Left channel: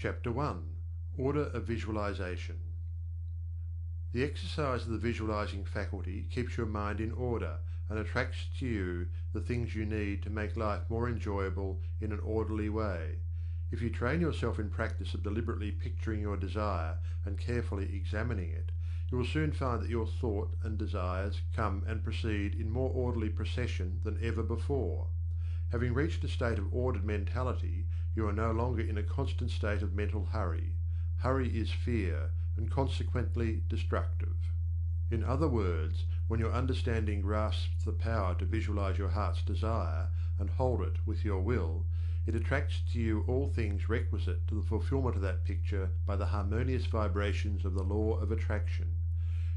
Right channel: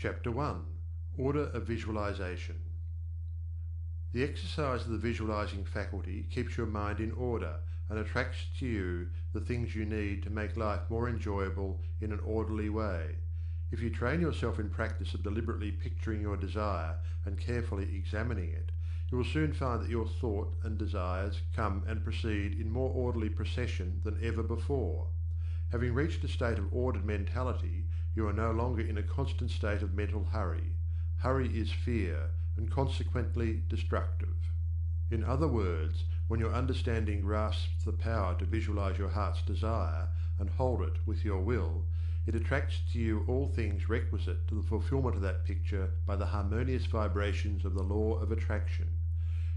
Chapter 1. Order of Visualization. The exercise of the visualizing faculty keeps your mind in order and attracts to you the things you need to make life more enjoyable in an orderly way. If you train yourself in practice of deliberately picturing your desire and carefully examining it, you will soon find that your thought and desires come and proceed in more orderly procession than ever before. Having reached a state of ordered mentality, you are no longer in a constant state of mental hurry. Hurry is fear, and consequently destructive. In other words, when your understanding grasps the power to visualize your heart's desire and hold it with your will, it attracts to you all things requisite to the fulfillment of that picture by the harmonious vibrations of the law of attraction.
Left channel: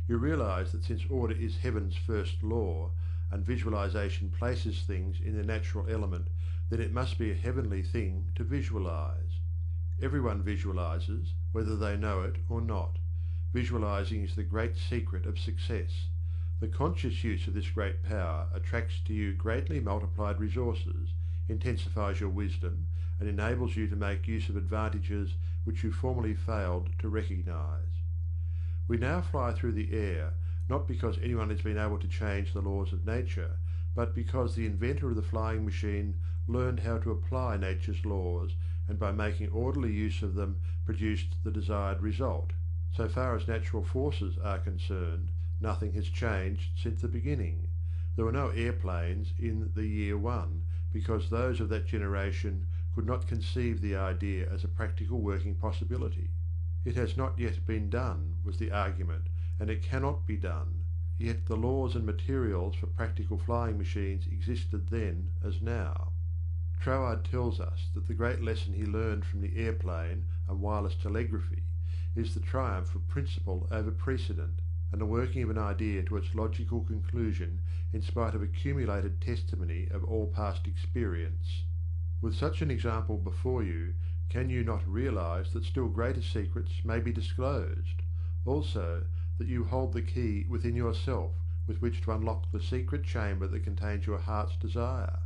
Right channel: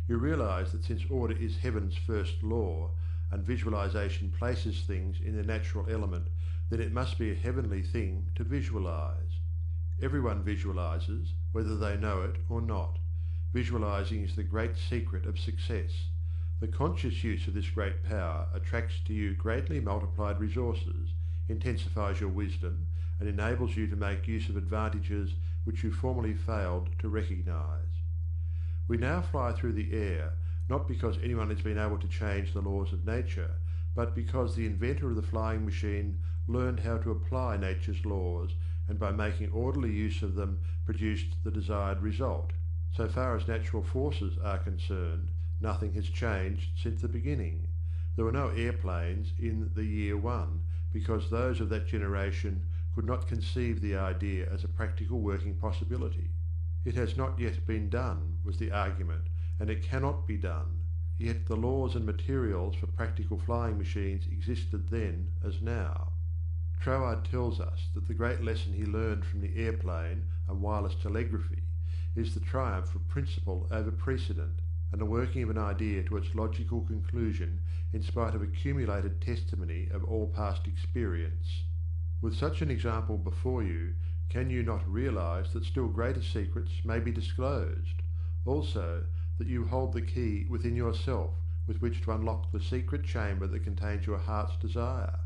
You realize that since order is heaven's first law, and visualization places things in their natural element, then it must be a heavenly thing to visualize. Everyone visualizes, whether they know it or not. Visualizing is the great secret of success. The conscious use of this great power attracts to you greatly multiplied resources, intensifies your wisdom, and enables you to make use of advantages which you formerly failed to recognize. We now fly through the air, not because anyone has been able to change the laws of nature, but because the inventor of the flying machine learned how to apply nature's laws, and by making orderly use of them produced the desired result. So far as natural forces are concerned, nothing has changed since the beginning. There were no airplanes in the year 1, because those of that generation could not conceive the idea as a practical working possibility. It has not yet been done, was the argument, and it cannot be done. Yet the laws and materials for practical flying machines existed then as now. Troward tells us that the great lesson he learned from the airplane and wireless telegraphy is the triumph of principle over precedent, and the working of an idea to its logical conclusion in spite of accumulated testimony of all past experience. With such an example before you, can you not realize that still greater secrets may be disclosed? Also, that you hold the key within yourself with which to unlock the secret chamber that contains your heart's desire?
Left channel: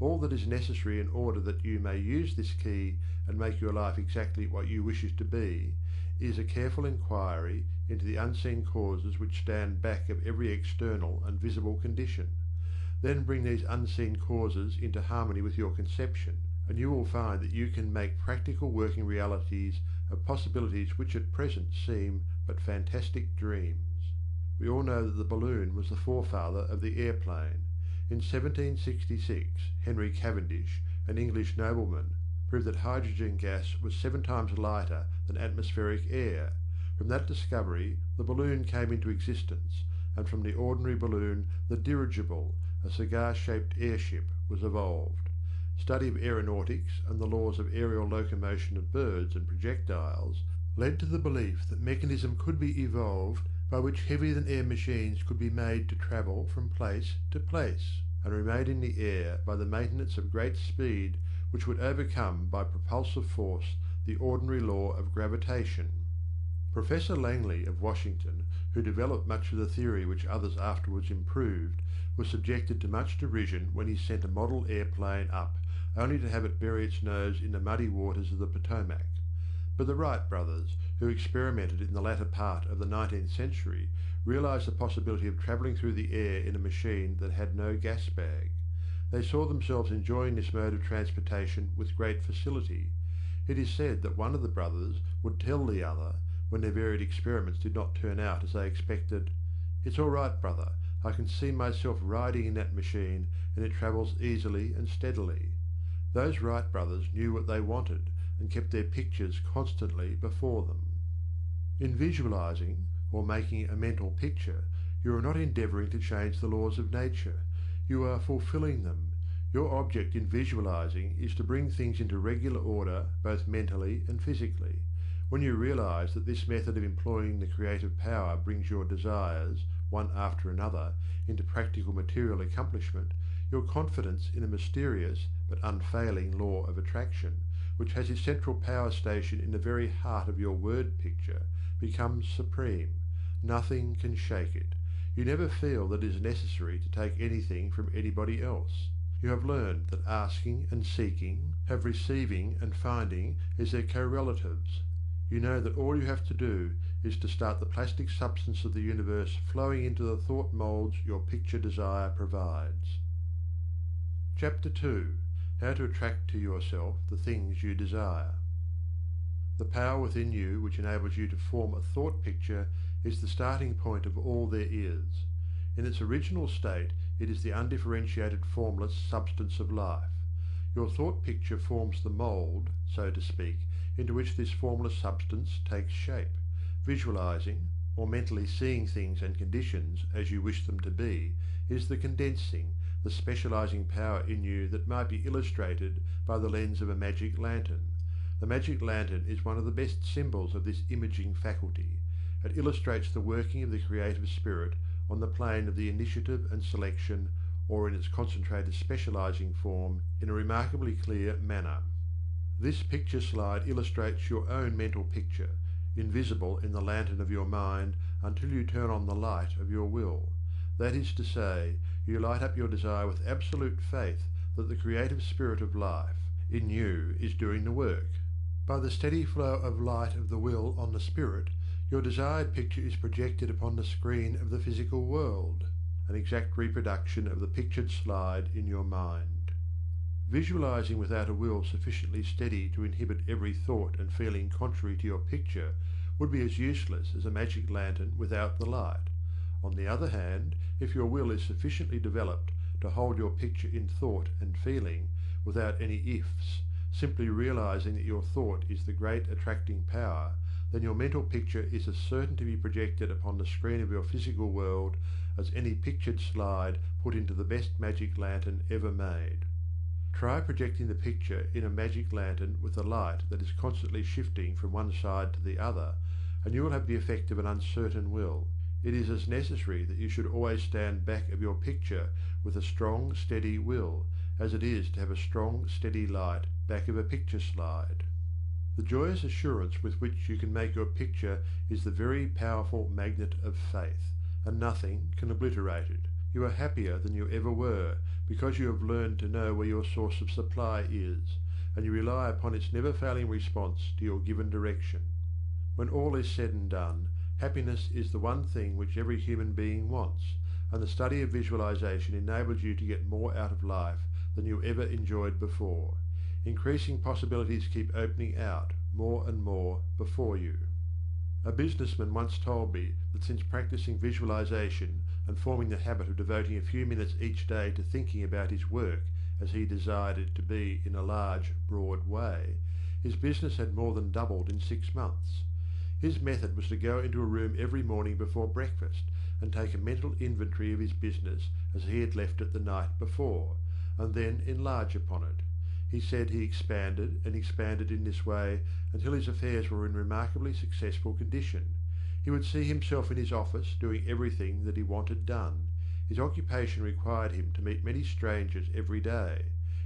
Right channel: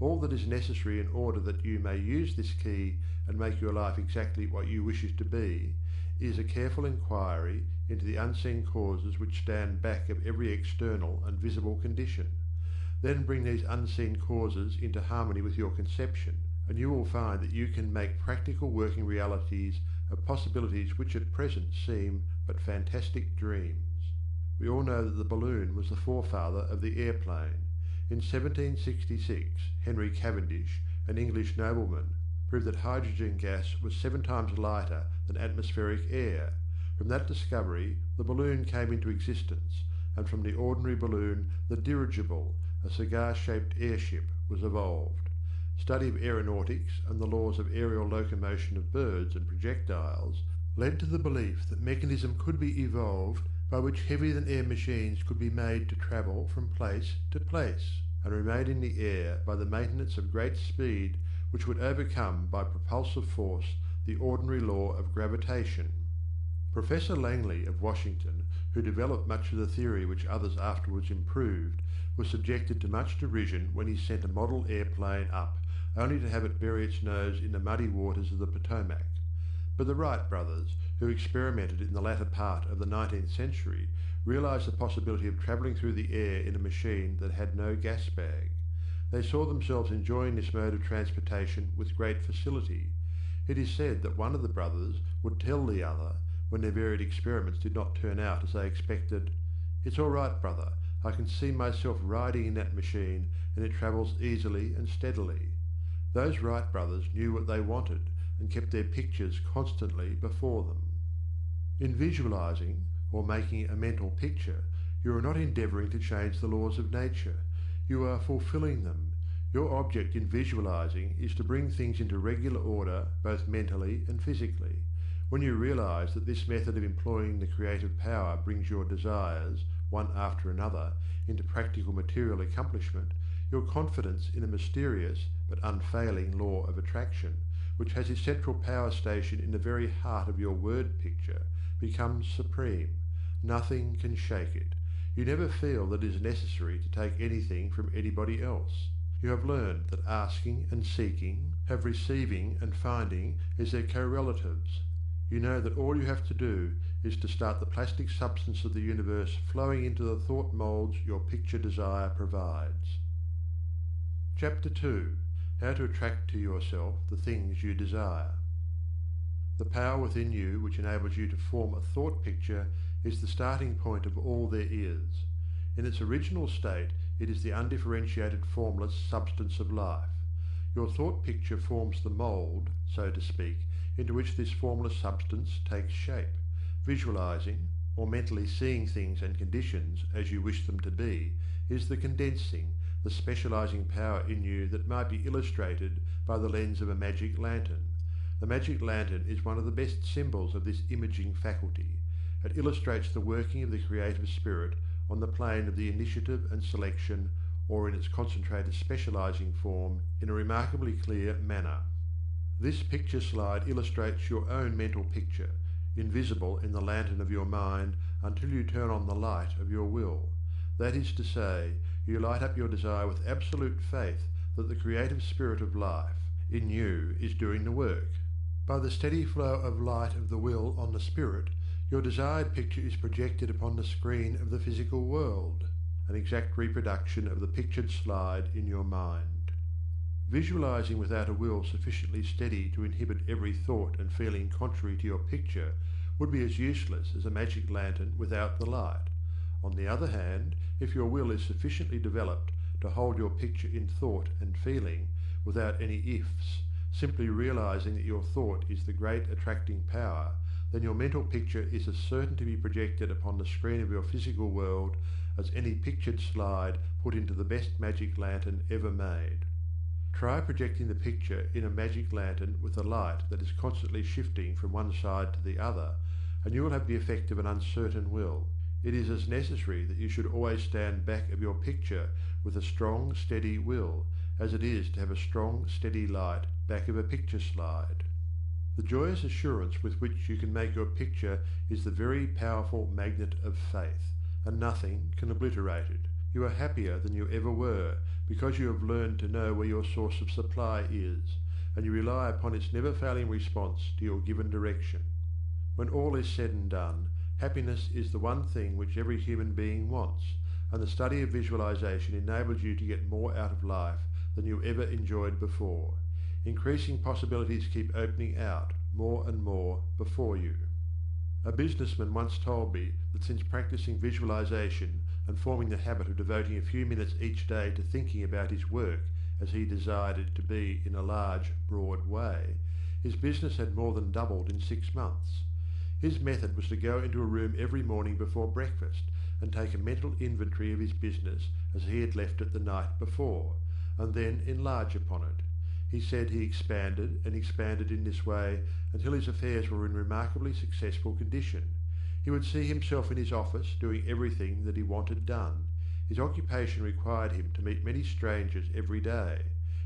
All that is necessary in order that you may use this key and make your life exactly what you wish it to be, is a careful inquiry into the unseen causes which stand back of every external and visible condition. Then bring these unseen causes into harmony with your conception, and you will find that you can make practical working realities of possibilities which at present seem but fantastic dreams. We all know that the balloon was the forefather of the airplane. In 1766, Henry Cavendish, an English nobleman, proved that hydrogen gas was 7 times lighter than atmospheric air. From that discovery the balloon came into existence, and from the ordinary balloon the dirigible, a cigar-shaped airship, was evolved. Study of aeronautics and the laws of aerial locomotion of birds and projectiles led to the belief that mechanism could be evolved by which heavier-than-air machines could be made to travel from place to place, and remain in the air by the maintenance of great speed which would overcome by propulsive force the ordinary law of gravitation. Professor Langley of Washington, who developed much of the theory which others afterwards improved, was subjected to much derision when he sent a model airplane up, only to have it bury its nose in the muddy waters of the Potomac. But the Wright brothers, who experimented in the latter part of the 19th century, realized the possibility of travelling through the air in a machine that had no gas bag. They saw themselves enjoying this mode of transportation with great facility. It is said that one of the brothers would tell the other, when their varied experiments did not turn out as they expected, "It's all right, brother, I can see myself riding in that machine, and it travels easily and steadily." Those Wright brothers knew what they wanted, and kept their pictures constantly before them. In visualizing, or making a mental picture, you are not endeavoring to change the laws of nature. You are fulfilling them. Your object in visualizing is to bring things into regular order both mentally and physically. When you realize that this method of employing the creative power brings your desires, one after another, into practical material accomplishment, your confidence in a mysterious but unfailing law of attraction, which has its central power station in the very heart of your word picture, becomes supreme. Nothing can shake it. You never feel that it is necessary to take anything from anybody else. You have learned that asking and seeking have receiving and finding as their correlatives. You know that all you have to do is to start the plastic substance of the universe flowing into the thought molds your picture desire provides. Chapter 2. How to attract to yourself the things you desire. The power within you which enables you to form a thought picture is the starting point of all there is. In its original state, it is the undifferentiated formless substance of life. Your thought picture forms the mould, so to speak, into which this formless substance takes shape. Visualizing, or mentally seeing things and conditions as you wish them to be, is the condensing, the specializing power in you that might be illustrated by the lens of a magic lantern. The magic lantern is one of the best symbols of this imaging faculty. It illustrates the working of the creative spirit on the plane of the initiative and selection, or in its concentrated specializing form, in a remarkably clear manner. This picture slide illustrates your own mental picture, invisible in the lantern of your mind until you turn on the light of your will. That is to say, you light up your desire with absolute faith that the creative spirit of life in you is doing the work. By the steady flow of light of the will on the spirit, your desired picture is projected upon the screen of the physical world, an exact reproduction of the pictured slide in your mind. Visualizing without a will sufficiently steady to inhibit every thought and feeling contrary to your picture would be as useless as a magic lantern without the light. On the other hand, if your will is sufficiently developed to hold your picture in thought and feeling without any ifs, simply realizing that your thought is the great attracting power, then your mental picture is as certain to be projected upon the screen of your physical world as any pictured slide put into the best magic lantern ever made. Try projecting the picture in a magic lantern with a light that is constantly shifting from one side to the other, and you will have the effect of an uncertain will. It is as necessary that you should always stand back of your picture with a strong, steady will, as it is to have a strong, steady light back of a picture slide. The joyous assurance with which you can make your picture is the very powerful magnet of faith, and nothing can obliterate it. You are happier than you ever were, because you have learned to know where your source of supply is, and you rely upon its never-failing response to your given direction. When all is said and done, happiness is the one thing which every human being wants, and the study of visualization enables you to get more out of life than you ever enjoyed before. Increasing possibilities keep opening out, more and more, before you. A businessman once told me that since practicing visualization and forming the habit of devoting a few minutes each day to thinking about his work as he desired it to be in a large, broad way, his business had more than doubled in 6 months. His method was to go into a room every morning before breakfast and take a mental inventory of his business as he had left it the night before, and then enlarge upon it. He said he expanded and expanded in this way until his affairs were in remarkably successful condition. He would see himself in his office doing everything that he wanted done. His occupation required him to meet many strangers every day.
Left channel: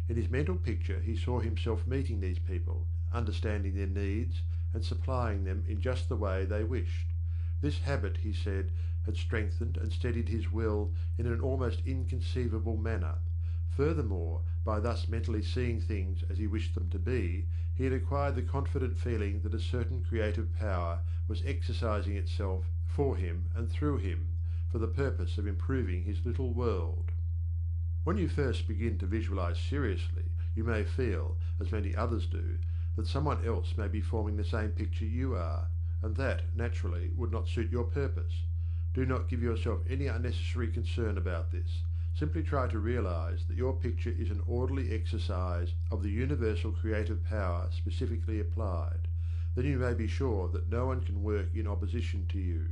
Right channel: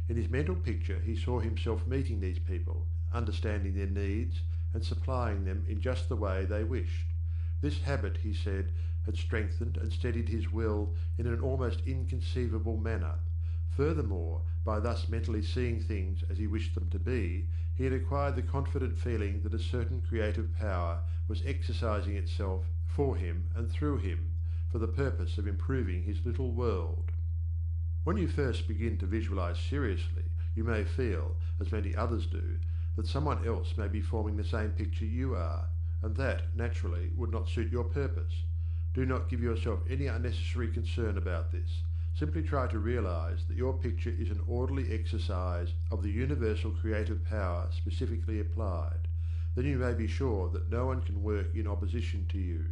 In his mental picture he saw himself meeting these people, understanding their needs, and supplying them in just the way they wished. This habit, he said, had strengthened and steadied his will in an almost inconceivable manner. Furthermore, by thus mentally seeing things as he wished them to be, he had acquired the confident feeling that a certain creative power was exercising itself for him and through him, for the purpose of improving his little world. When you first begin to visualize seriously, you may feel, as many others do, that someone else may be forming the same picture you are, and that, naturally, would not suit your purpose. Do not give yourself any unnecessary concern about this. Simply try to realize that your picture is an orderly exercise of the universal creative power specifically applied. Then you may be sure that no one can work in opposition to you.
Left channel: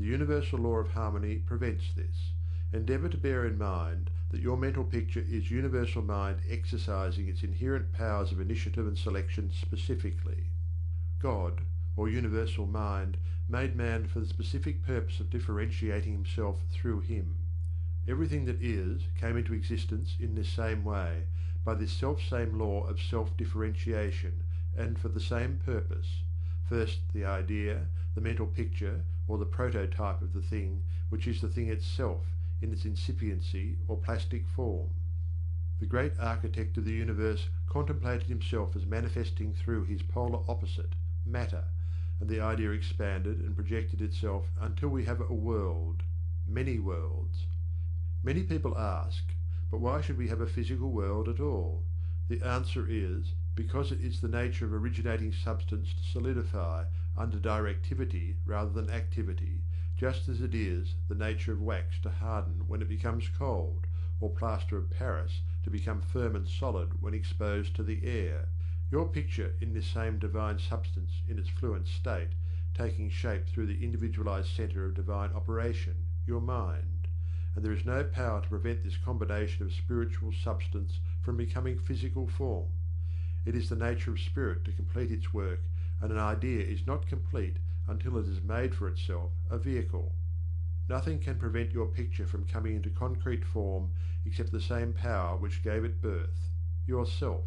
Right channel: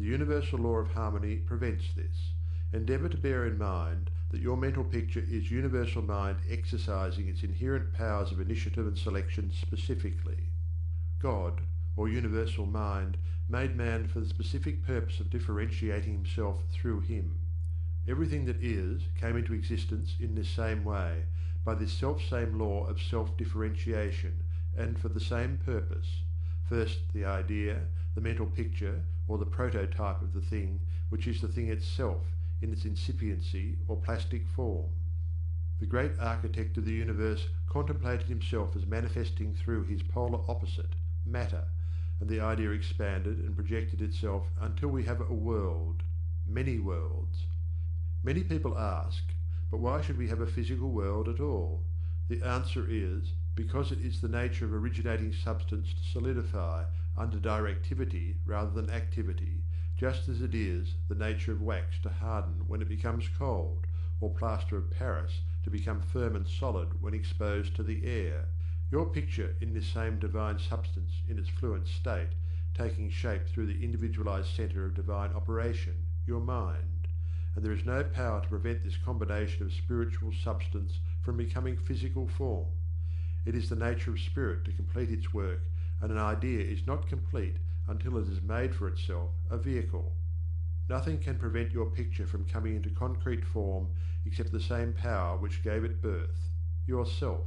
The universal law of harmony prevents this. Endeavor to bear in mind that your mental picture is universal mind exercising its inherent powers of initiative and selection specifically. God, or universal mind, made man for the specific purpose of differentiating himself through him. Everything that is came into existence in this same way, by this self-same law of self-differentiation, and for the same purpose. First the idea, the mental picture, or the prototype of the thing, which is the thing itself, in its incipiency or plastic form. The great architect of the universe contemplated himself as manifesting through his polar opposite, matter, and the idea expanded and projected itself until we have a world, many worlds. Many people ask, but why should we have a physical world at all? The answer is, because it is the nature of originating substance to solidify under directivity rather than activity, just as it is the nature of wax to harden when it becomes cold, or plaster of Paris to become firm and solid when exposed to the air. Your picture in this same divine substance in its fluent state, taking shape through the individualized centre of divine operation, your mind. And there is no power to prevent this combination of spiritual substance from becoming physical form. It is the nature of spirit to complete its work, and an idea is not complete until it has made for itself a vehicle. Nothing can prevent your picture from coming into concrete form except the same power which gave it birth, yourself.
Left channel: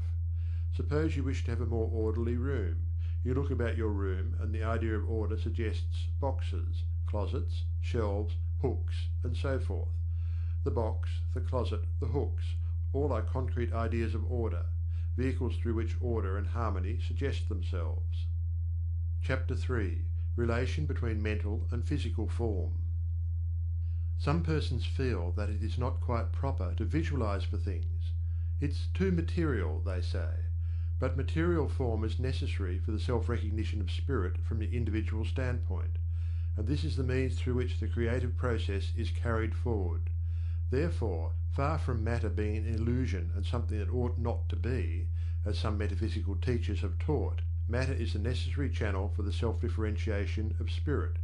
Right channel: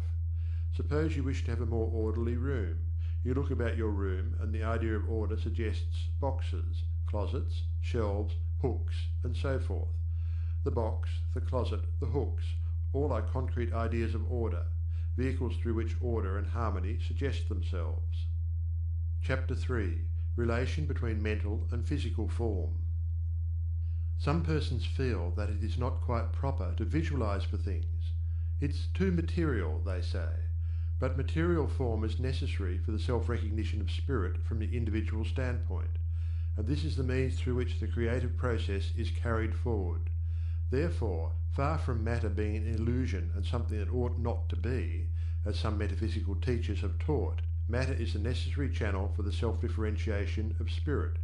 Suppose you wish to have a more orderly room. You look about your room, and the idea of order suggests boxes, closets, shelves, hooks, and so forth. The box, the closet, the hooks, all are concrete ideas of order, vehicles through which order and harmony suggest themselves. Chapter 3. Relation between mental and physical form. Some persons feel that it is not quite proper to visualize for things. It's too material, they say. But material form is necessary for the self-recognition of spirit from the individual standpoint, and this is the means through which the creative process is carried forward. Therefore, far from matter being an illusion and something that ought not to be, as some metaphysical teachers have taught, matter is the necessary channel for the self-differentiation of spirit.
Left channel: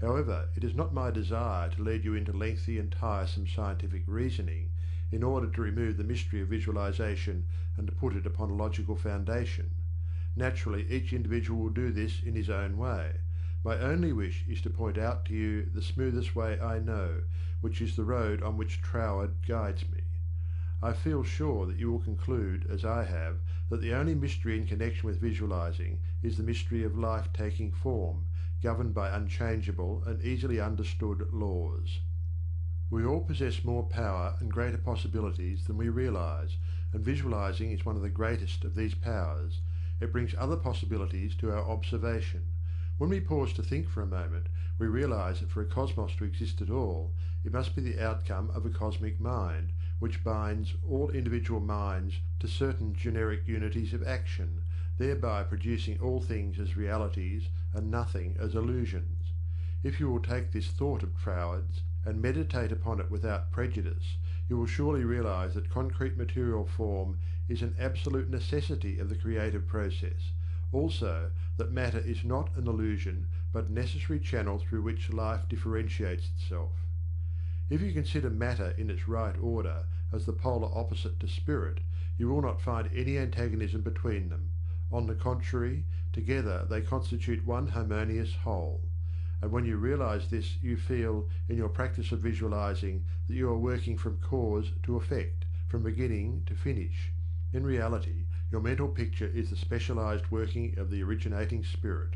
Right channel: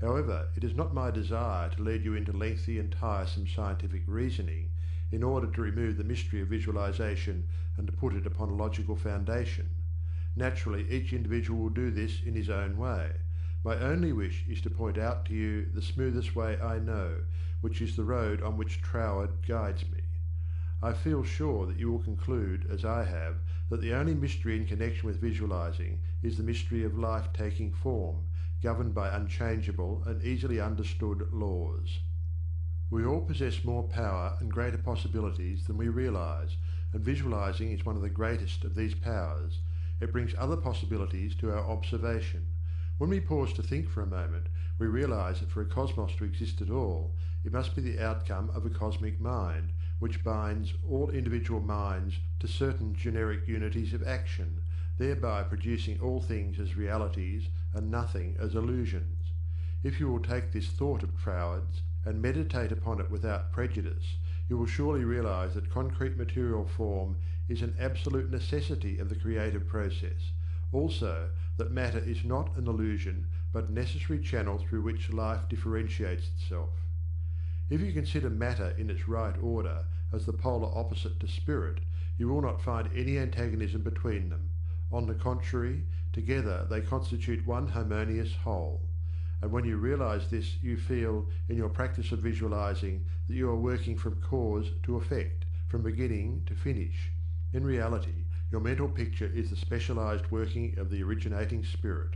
However, it is not my desire to lead you into lengthy and tiresome scientific reasoning in order to remove the mystery of visualization and to put it upon a logical foundation. Naturally, each individual will do this in his own way. My only wish is to point out to you the smoothest way I know, which is the road on which Troward guides me. I feel sure that you will conclude, as I have, that the only mystery in connection with visualizing is the mystery of life taking form, governed by unchangeable and easily understood laws. We all possess more power and greater possibilities than we realize, and visualizing is one of the greatest of these powers. It brings other possibilities to our observation. When we pause to think for a moment, we realize that for a cosmos to exist at all, it must be the outcome of a cosmic mind, which binds all individual minds to certain generic unities of action, thereby producing all things as realities and nothing as illusions. If you will take this thought of Troward's and meditate upon it without prejudice, you will surely realize that concrete material form is an absolute necessity of the creative process. Also, that matter is not an illusion, but a necessary channel through which life differentiates itself. If you consider matter in its right order as the polar opposite to spirit, you will not find any antagonism between them. On the contrary, together they constitute one harmonious whole. And when you realize this, you feel, in your practice of visualizing, that you are working from cause to effect, from beginning to finish. In reality, your mental picture is the specialized working of the originating spirit.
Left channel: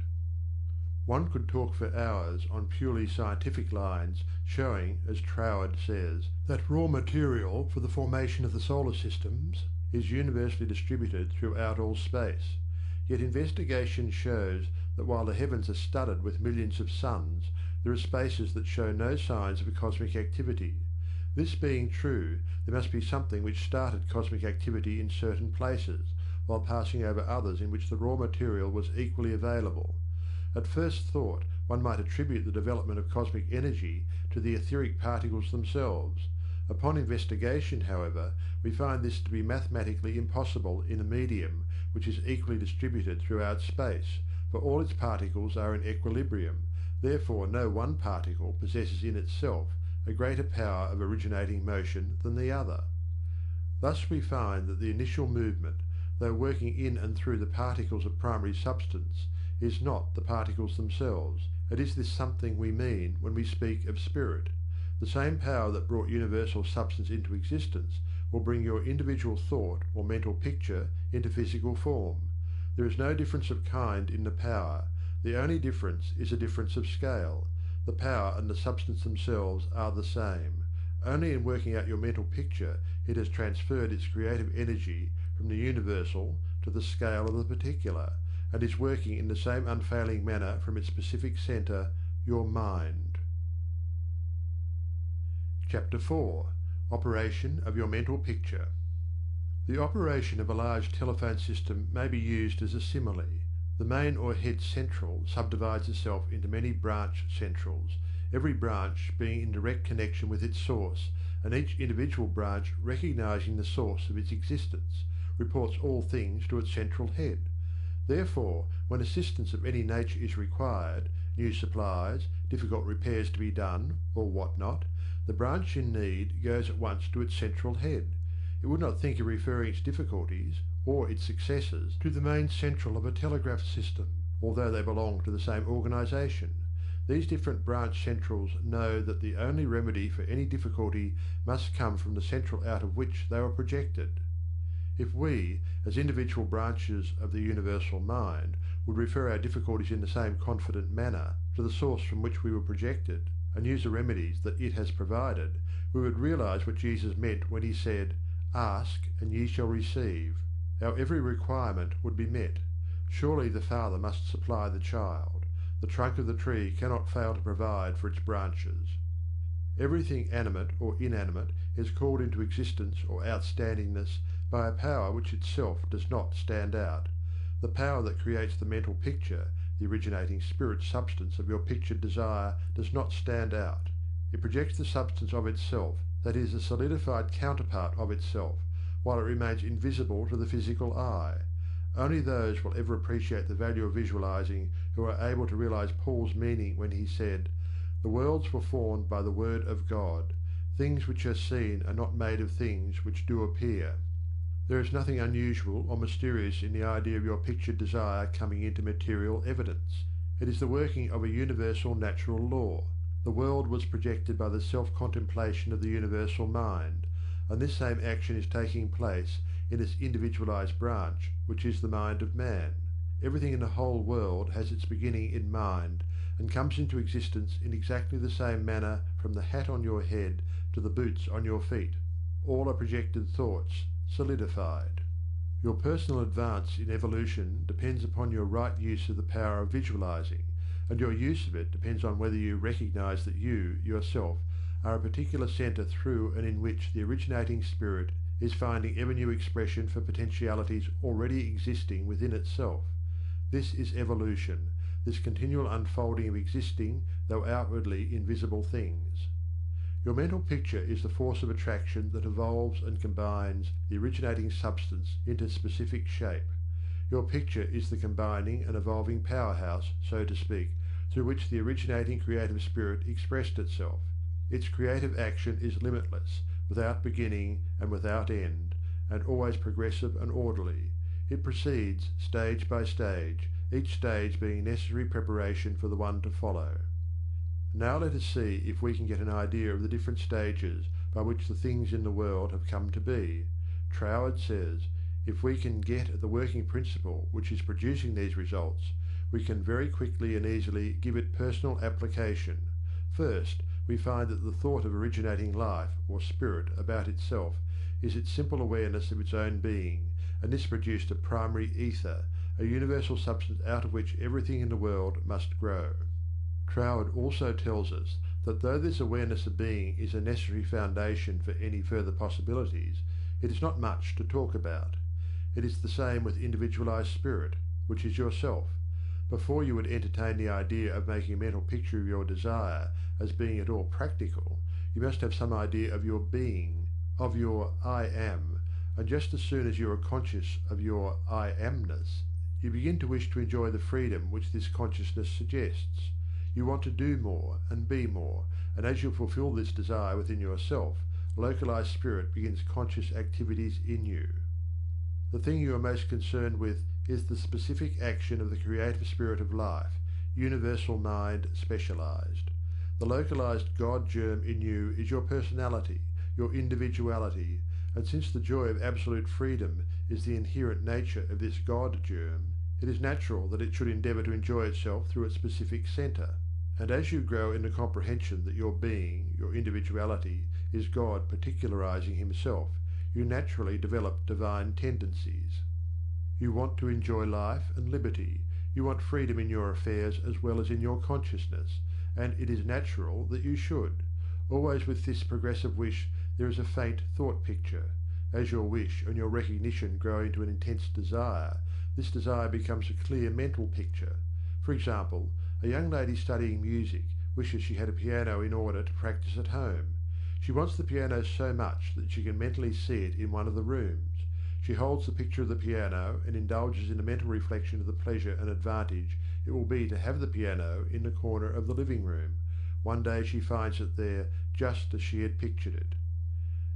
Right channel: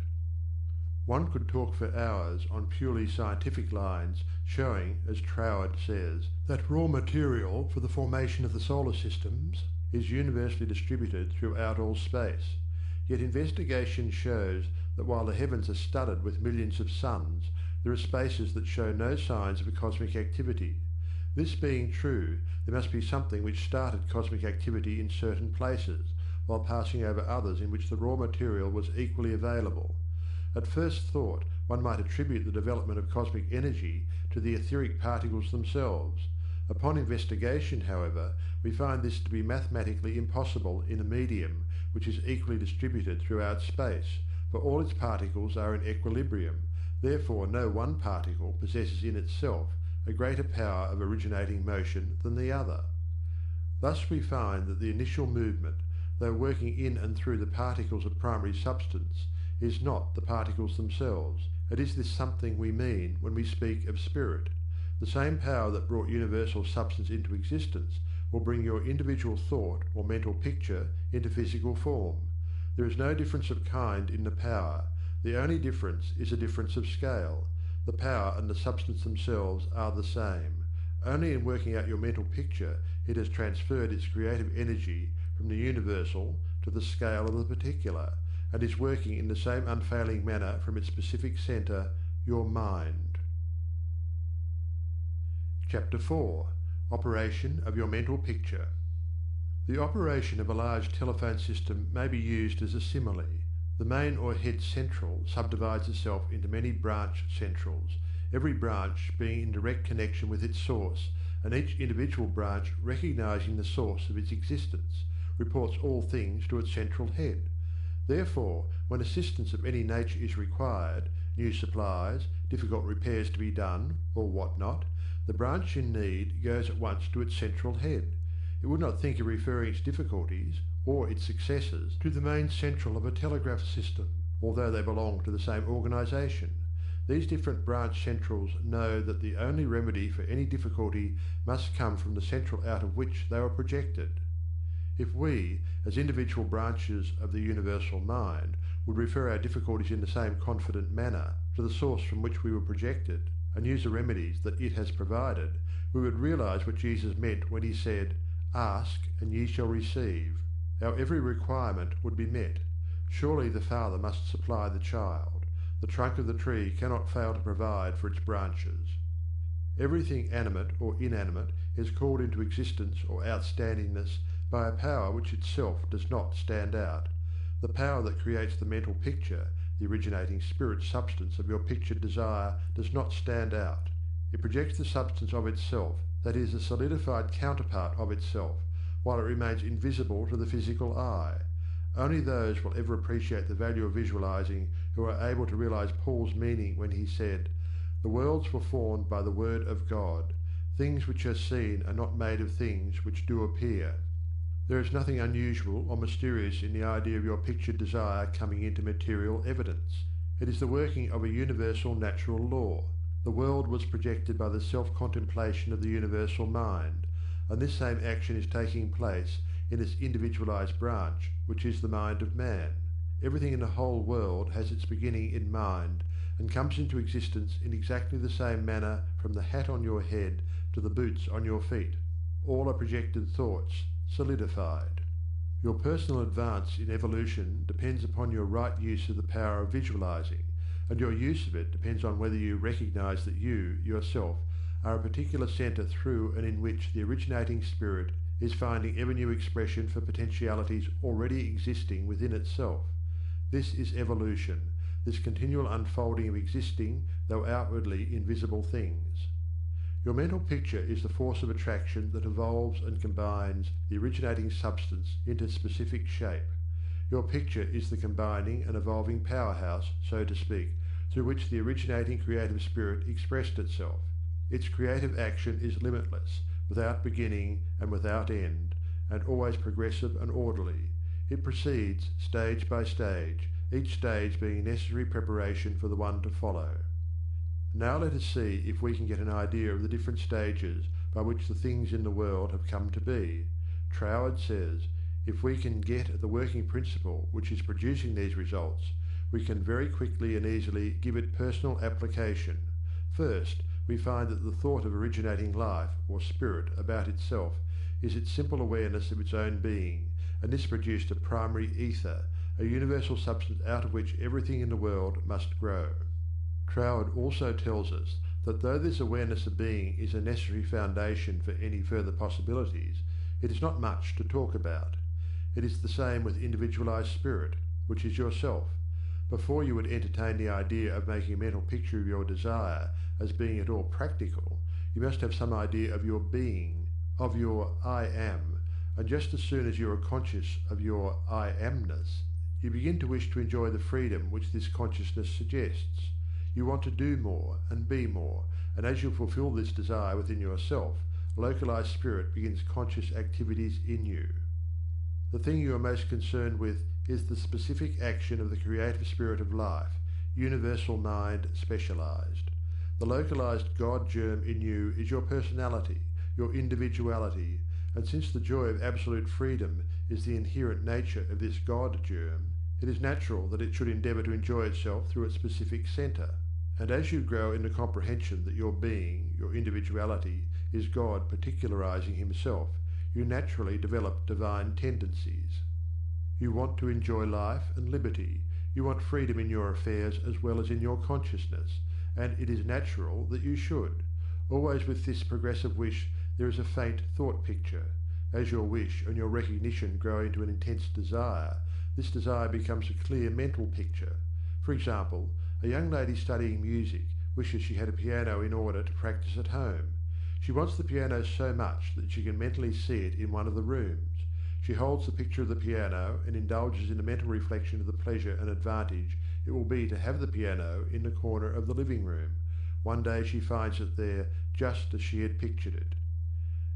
One could talk for hours on purely scientific lines, showing, as Troward says, that raw material for the formation of the solar systems is universally distributed throughout all space. Yet investigation shows that while the heavens are studded with millions of suns, there are spaces that show no signs of a cosmic activity. This being true, there must be something which started cosmic activity in certain places, while passing over others in which the raw material was equally available. At first thought, one might attribute the development of cosmic energy to the etheric particles themselves. Upon investigation, however, we find this to be mathematically impossible in a medium which is equally distributed throughout space, for all its particles are in equilibrium. Therefore no one particle possesses in itself a greater power of originating motion than the other. Thus we find that the initial movement, though working in and through the particles of primary substance, is not the particles themselves. It is this something we mean when we speak of spirit. The same power that brought universal substance into existence will bring your individual thought or mental picture into physical form. There is no difference of kind in the power. The only difference is a difference of scale. The power and the substance themselves are the same. Only in working out your mental picture it has transferred its creative energy from the universal to the scale of the particular, and is working in the same unfailing manner from its specific centre, your mind. Chapter 4. Operation of your mental picture. The operation of a large telephone system may be used as a simile. The main or head central subdivides itself into many branch centrals, every branch being in direct connection with its source, and each individual branch recognizing the source of its existence, reports all things to its central head. Therefore, when assistance of any nature is required, new supplies, difficult repairs to be done, or what not, the branch in need goes at once to its central head. It would not think of referring its difficulties, or its successes, to the main central of a telegraph system, although they belong to the same organisation. These different branch centrals know that the only remedy for any difficulty must come from the central out of which they were projected. If we, as individual branches of the universal mind, would refer our difficulties in the same confident manner to the source from which we were projected, and use the remedies that it has provided, we would realize what Jesus meant when he said, "Ask, and ye shall receive." Our every requirement would be met. Surely the Father must supply the child. The trunk of the tree cannot fail to provide for its branches. Everything animate or inanimate is called into existence or outstandingness by a power which itself does not stand out. The power that creates the mental picture, the originating spirit substance of your pictured desire, does not stand out. It projects the substance of itself, that is, a solidified counterpart of itself, while it remains invisible to the physical eye. Only those will ever appreciate the value of visualizing who are able to realize Paul's meaning when he said, "The worlds were formed by the word of God. Things which are seen are not made of things which do appear." There is nothing unusual or mysterious in the idea of your pictured desire coming into material evidence. It is the working of a universal natural law. The world was projected by the self-contemplation of the universal mind, and this same action is taking place in its individualized branch, which is the mind of man. Everything in the whole world has its beginning in mind, and comes into existence in exactly the same manner from the hat on your head to the boots on your feet. All are projected thoughts, solidified. Your personal advance in evolution depends upon your right use of the power of visualizing, and your use of it depends on whether you recognize that you, yourself, are a particular centre through and in which the originating spirit is finding ever new expression for potentialities already existing within itself. This is evolution, this continual unfolding of existing, though outwardly invisible things. Your mental picture is the force of attraction that evolves and combines the originating substance into specific shape. Your picture is the combining and evolving powerhouse, so to speak, through which the originating creative spirit expressed itself. Its creative action is limitless, without beginning and without end, and always progressive and orderly. It proceeds stage by stage, each stage being necessary preparation for the one to follow. Now let us see if we can get an idea of the different stages by which the things in the world have come to be. Troward says, if we can get at the working principle which is producing these results, we can very quickly and easily give it personal application. First, we find that the thought of originating life, or spirit, about itself is its simple awareness of its own being, and this produced a primary ether, a universal substance out of which everything in the world must grow. Troward also tells us that though this awareness of being is a necessary foundation for any further possibilities, it is not much to talk about. It is the same with individualized spirit, which is yourself. Before you would entertain the idea of making a mental picture of your desire as being at all practical, you must have some idea of your being, of your I am, and just as soon as you are conscious of your I amness, you begin to wish to enjoy the freedom which this consciousness suggests. You want to do more and be more, and as you fulfill this desire within yourself, localized spirit begins conscious activities in you. The thing you are most concerned with is the specific action of the creative spirit of life, universal mind specialized. The localized God germ in you is your personality, your individuality, and since the joy of absolute freedom is the inherent nature of this God germ, it is natural that it should endeavour to enjoy itself through its specific centre. And as you grow in the comprehension that your being, your individuality, is God particularizing himself, you naturally develop divine tendencies. You want to enjoy life and liberty. You want freedom in your affairs as well as in your consciousness, and it is natural that you should. Always with this progressive wish there is a faint thought picture. As your wish and your recognition grow into an intense desire, this desire becomes a clear mental picture. For example, a young lady studying music wishes she had a piano in order to practice at home. She wants the piano so much that she can mentally see it in one of the rooms. She holds the picture of the piano and indulges in a mental reflection of the pleasure and advantage it will be to have the piano in the corner of the living room. One day she finds it there just as she had pictured it.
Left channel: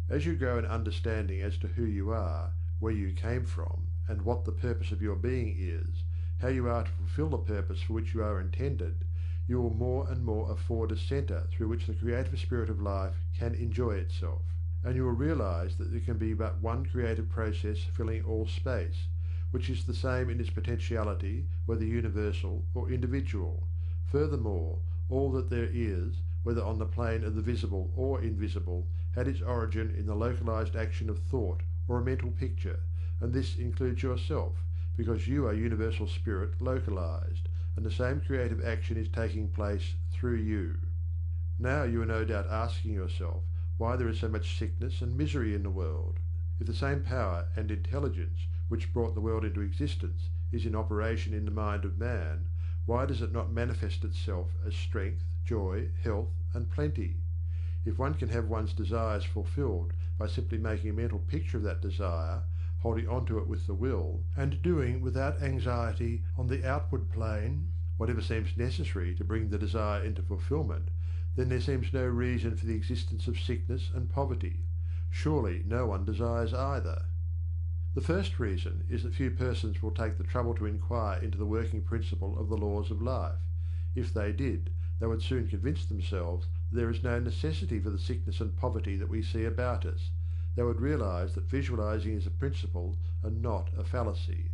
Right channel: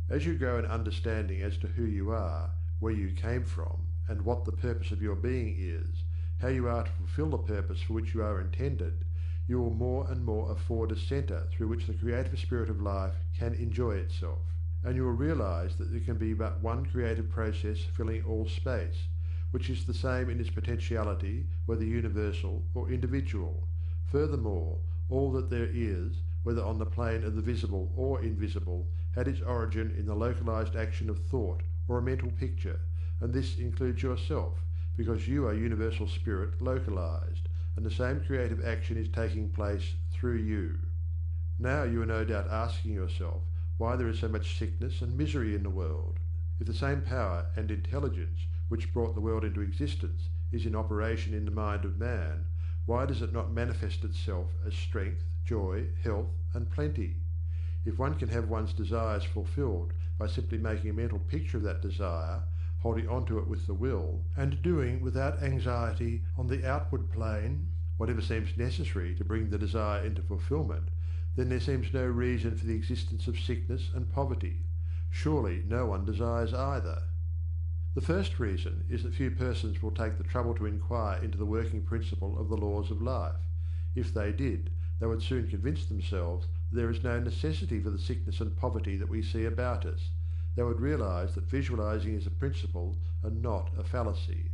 As you grow in understanding as to who you are, where you came from, and what the purpose of your being is, how you are to fulfill the purpose for which you are intended, you will more and more afford a centre through which the creative spirit of life can enjoy itself, and you will realize that there can be but one creative process filling all space, which is the same in its potentiality, whether universal or individual. Furthermore, all that there is, whether on the plane of the visible or invisible, had its origin in the localized action of thought or a mental picture, and this includes yourself, because you are universal spirit localized, and the same creative action is taking place through you. Now you are no doubt asking yourself why there is so much sickness and misery in the world. If the same power and intelligence which brought the world into existence is in operation in the mind of man, why does it not manifest itself as strength, joy, health, and plenty? If one can have one's desires fulfilled by simply making a mental picture of that desire, holding on to it with the will, and doing without anxiety on the outward plane whatever seems necessary to bring the desire into fulfillment, then there seems no reason for the existence of sickness and poverty. Surely no one desires either. The first reason is that few persons will take the trouble to inquire into the working principle of the laws of life. If they did, they would soon convince themselves that there is no necessity for the sickness and poverty that we see about us. They would realize that visualizing is a principle and not a fallacy.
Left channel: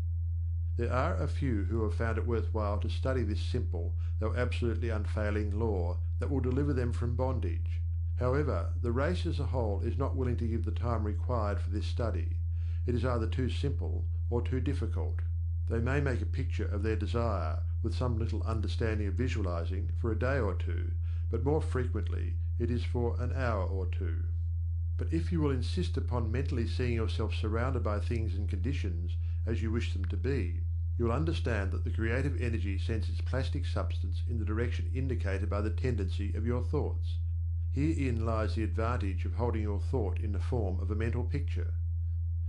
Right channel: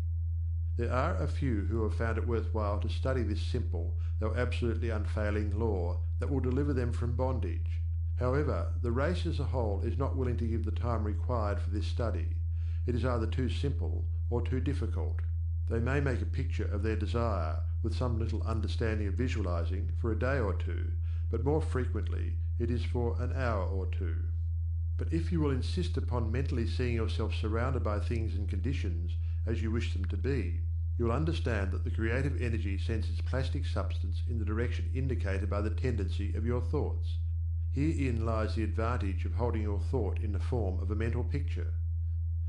There are a few who have found it worthwhile to study this simple, though absolutely unfailing law that will deliver them from bondage. However, the race as a whole is not willing to give the time required for this study. It is either too simple or too difficult. They may make a picture of their desire with some little understanding of visualizing for a day or two, but more frequently it is for an hour or two. But if you will insist upon mentally seeing yourself surrounded by things and conditions as you wish them to be, you will understand that the creative energy sends its plastic substance in the direction indicated by the tendency of your thoughts. Herein lies the advantage of holding your thought in the form of a mental picture.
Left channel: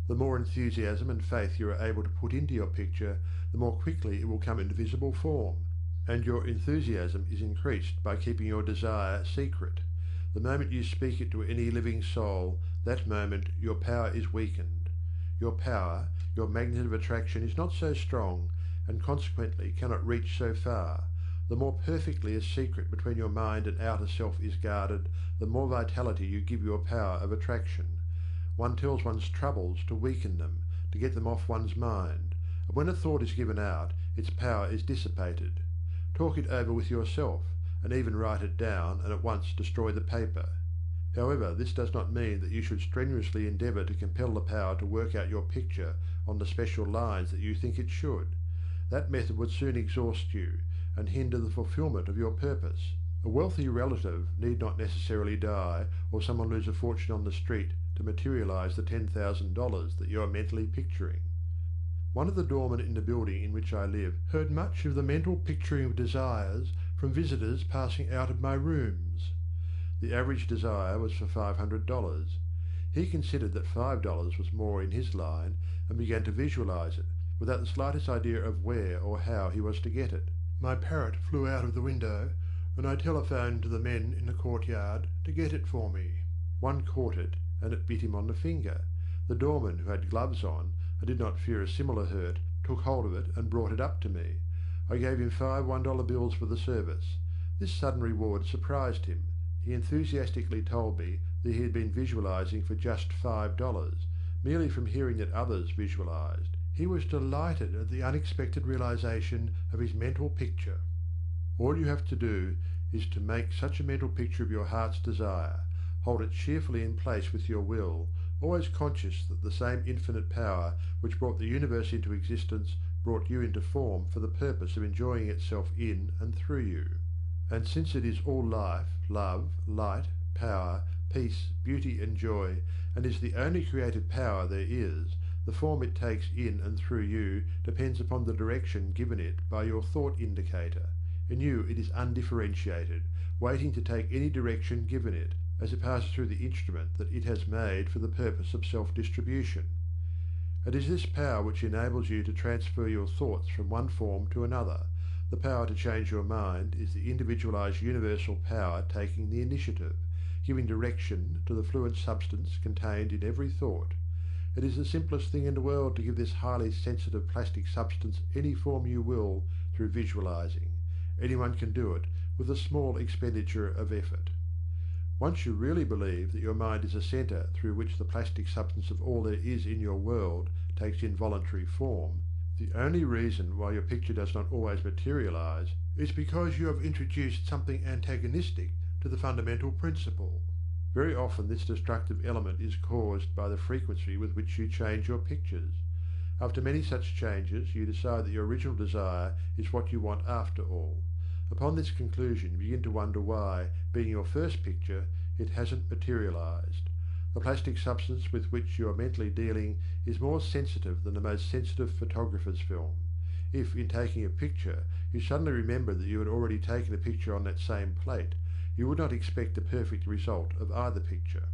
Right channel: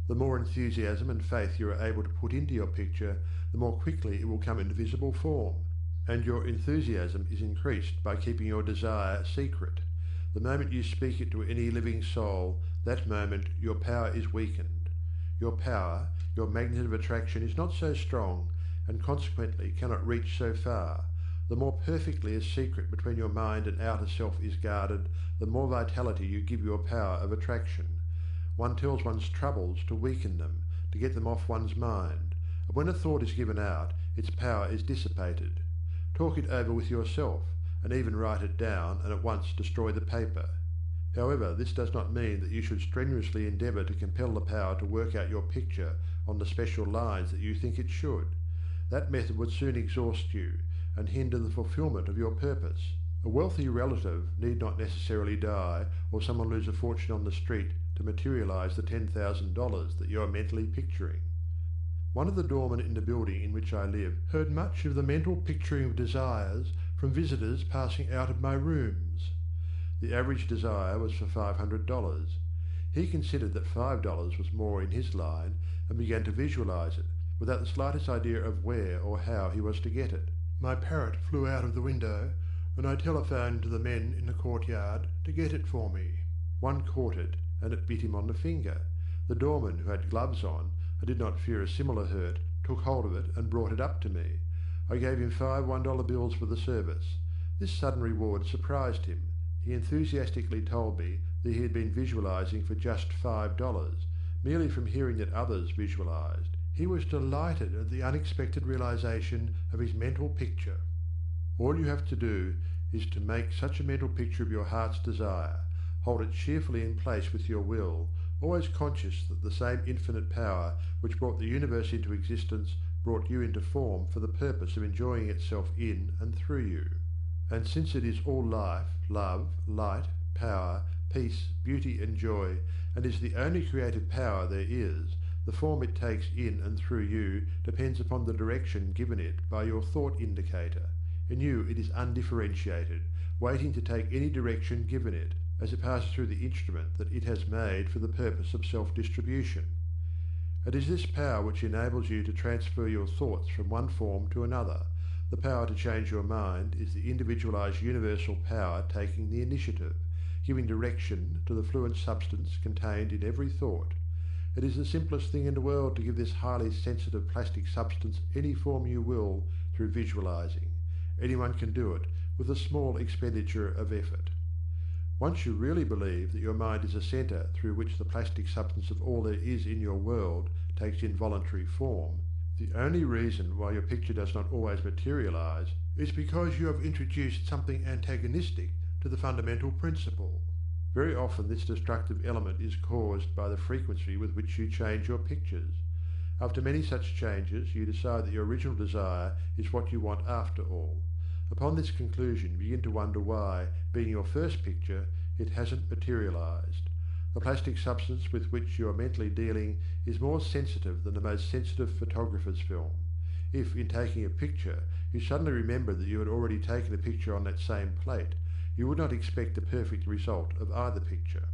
The more enthusiasm and faith you are able to put into your picture, the more quickly it will come into visible form, and your enthusiasm is increased by keeping your desire secret. The moment you speak it to any living soul, that moment your power is weakened. Your power, your magnet of attraction is not so strong, and consequently cannot reach so far. The more perfectly a secret between your mind and outer self is guarded, the more vitality you give your power of attraction. One tells one's troubles to weaken them, to get them off one's mind, and when a thought is given out, its power is dissipated. Talk it over with yourself, and even write it down and at once destroy the paper. However, this does not mean that you should strenuously endeavour to compel the power to work out your picture on the special lines that you think it should. That method would soon exhaust you, and hinder the fulfilment of your purpose. A wealthy relative need not necessarily die, or someone lose a fortune on the street to materialize the $10,000 that you are mentally picturing. One of the doormen in the building in which I live heard much of the mental picturing of desires from visitors passing out of my rooms. The average desire was for $500. He considered that $5 was more in his line and began to visualize it, without the slightest idea of where or how he was to get it. My parrot flew out of the window, and I telephoned to the men in the courtyard to get it for me. One caught it, and it bit him on the finger. The doorman, who had gloves on, and did not fear a similar hurt, took hold of it and brought it up to me. I gave him 5 $1 bills for the service. This sudden reward surprised him. He enthusiastically told me that he had been visualizing for just $5, merely from hearing that others visualized. He was delighted at the unexpected realization of his mental picture. All you have to do is to make such a mental picture of your heart's desire, hold it cheerfully in place with your will, always conscious that the same infinite power which brought the universe into existence brought you into form for the purpose of enjoying itself in and through you. And since it is all life, love, light, power, peace, beauty and joy, and is the only creative power there is, the form it takes in and through you depends upon the direction given it by your thought indicator. In you it is undifferentiated, waiting to take any direction given it, as it passes through the instrument that it has made for the purpose of self-distribution. It is this power which enables you to transfer your thoughts from one form to another. The power to change your mind is the individualized universal power taking the initiative, giving direction to the fluent substance contained in every thought. It is the simplest thing in the world to give this highly sensitive plastic substance any form you will through visualizing. Anyone can do it with a small expenditure of effort. Once you really believe that your mind is a centre through which the plastic substance of all there is in your world takes involuntary form, the only reason why your picture does not always materialize is because you have introduced something antagonistic to the fundamental principle. Very often this destructive element is caused by the frequency with which you change your pictures. After many such changes, you decide that your original desire is what you want after all. Upon this conclusion, you begin to wonder why, being your first picture, it hasn't materialized. The plastic substance with which you are mentally dealing is more sensitive than the most sensitive photographer's film. If, in taking a picture, you suddenly remember that you had already taken a picture on that same plate, you would not expect a perfect result of either picture.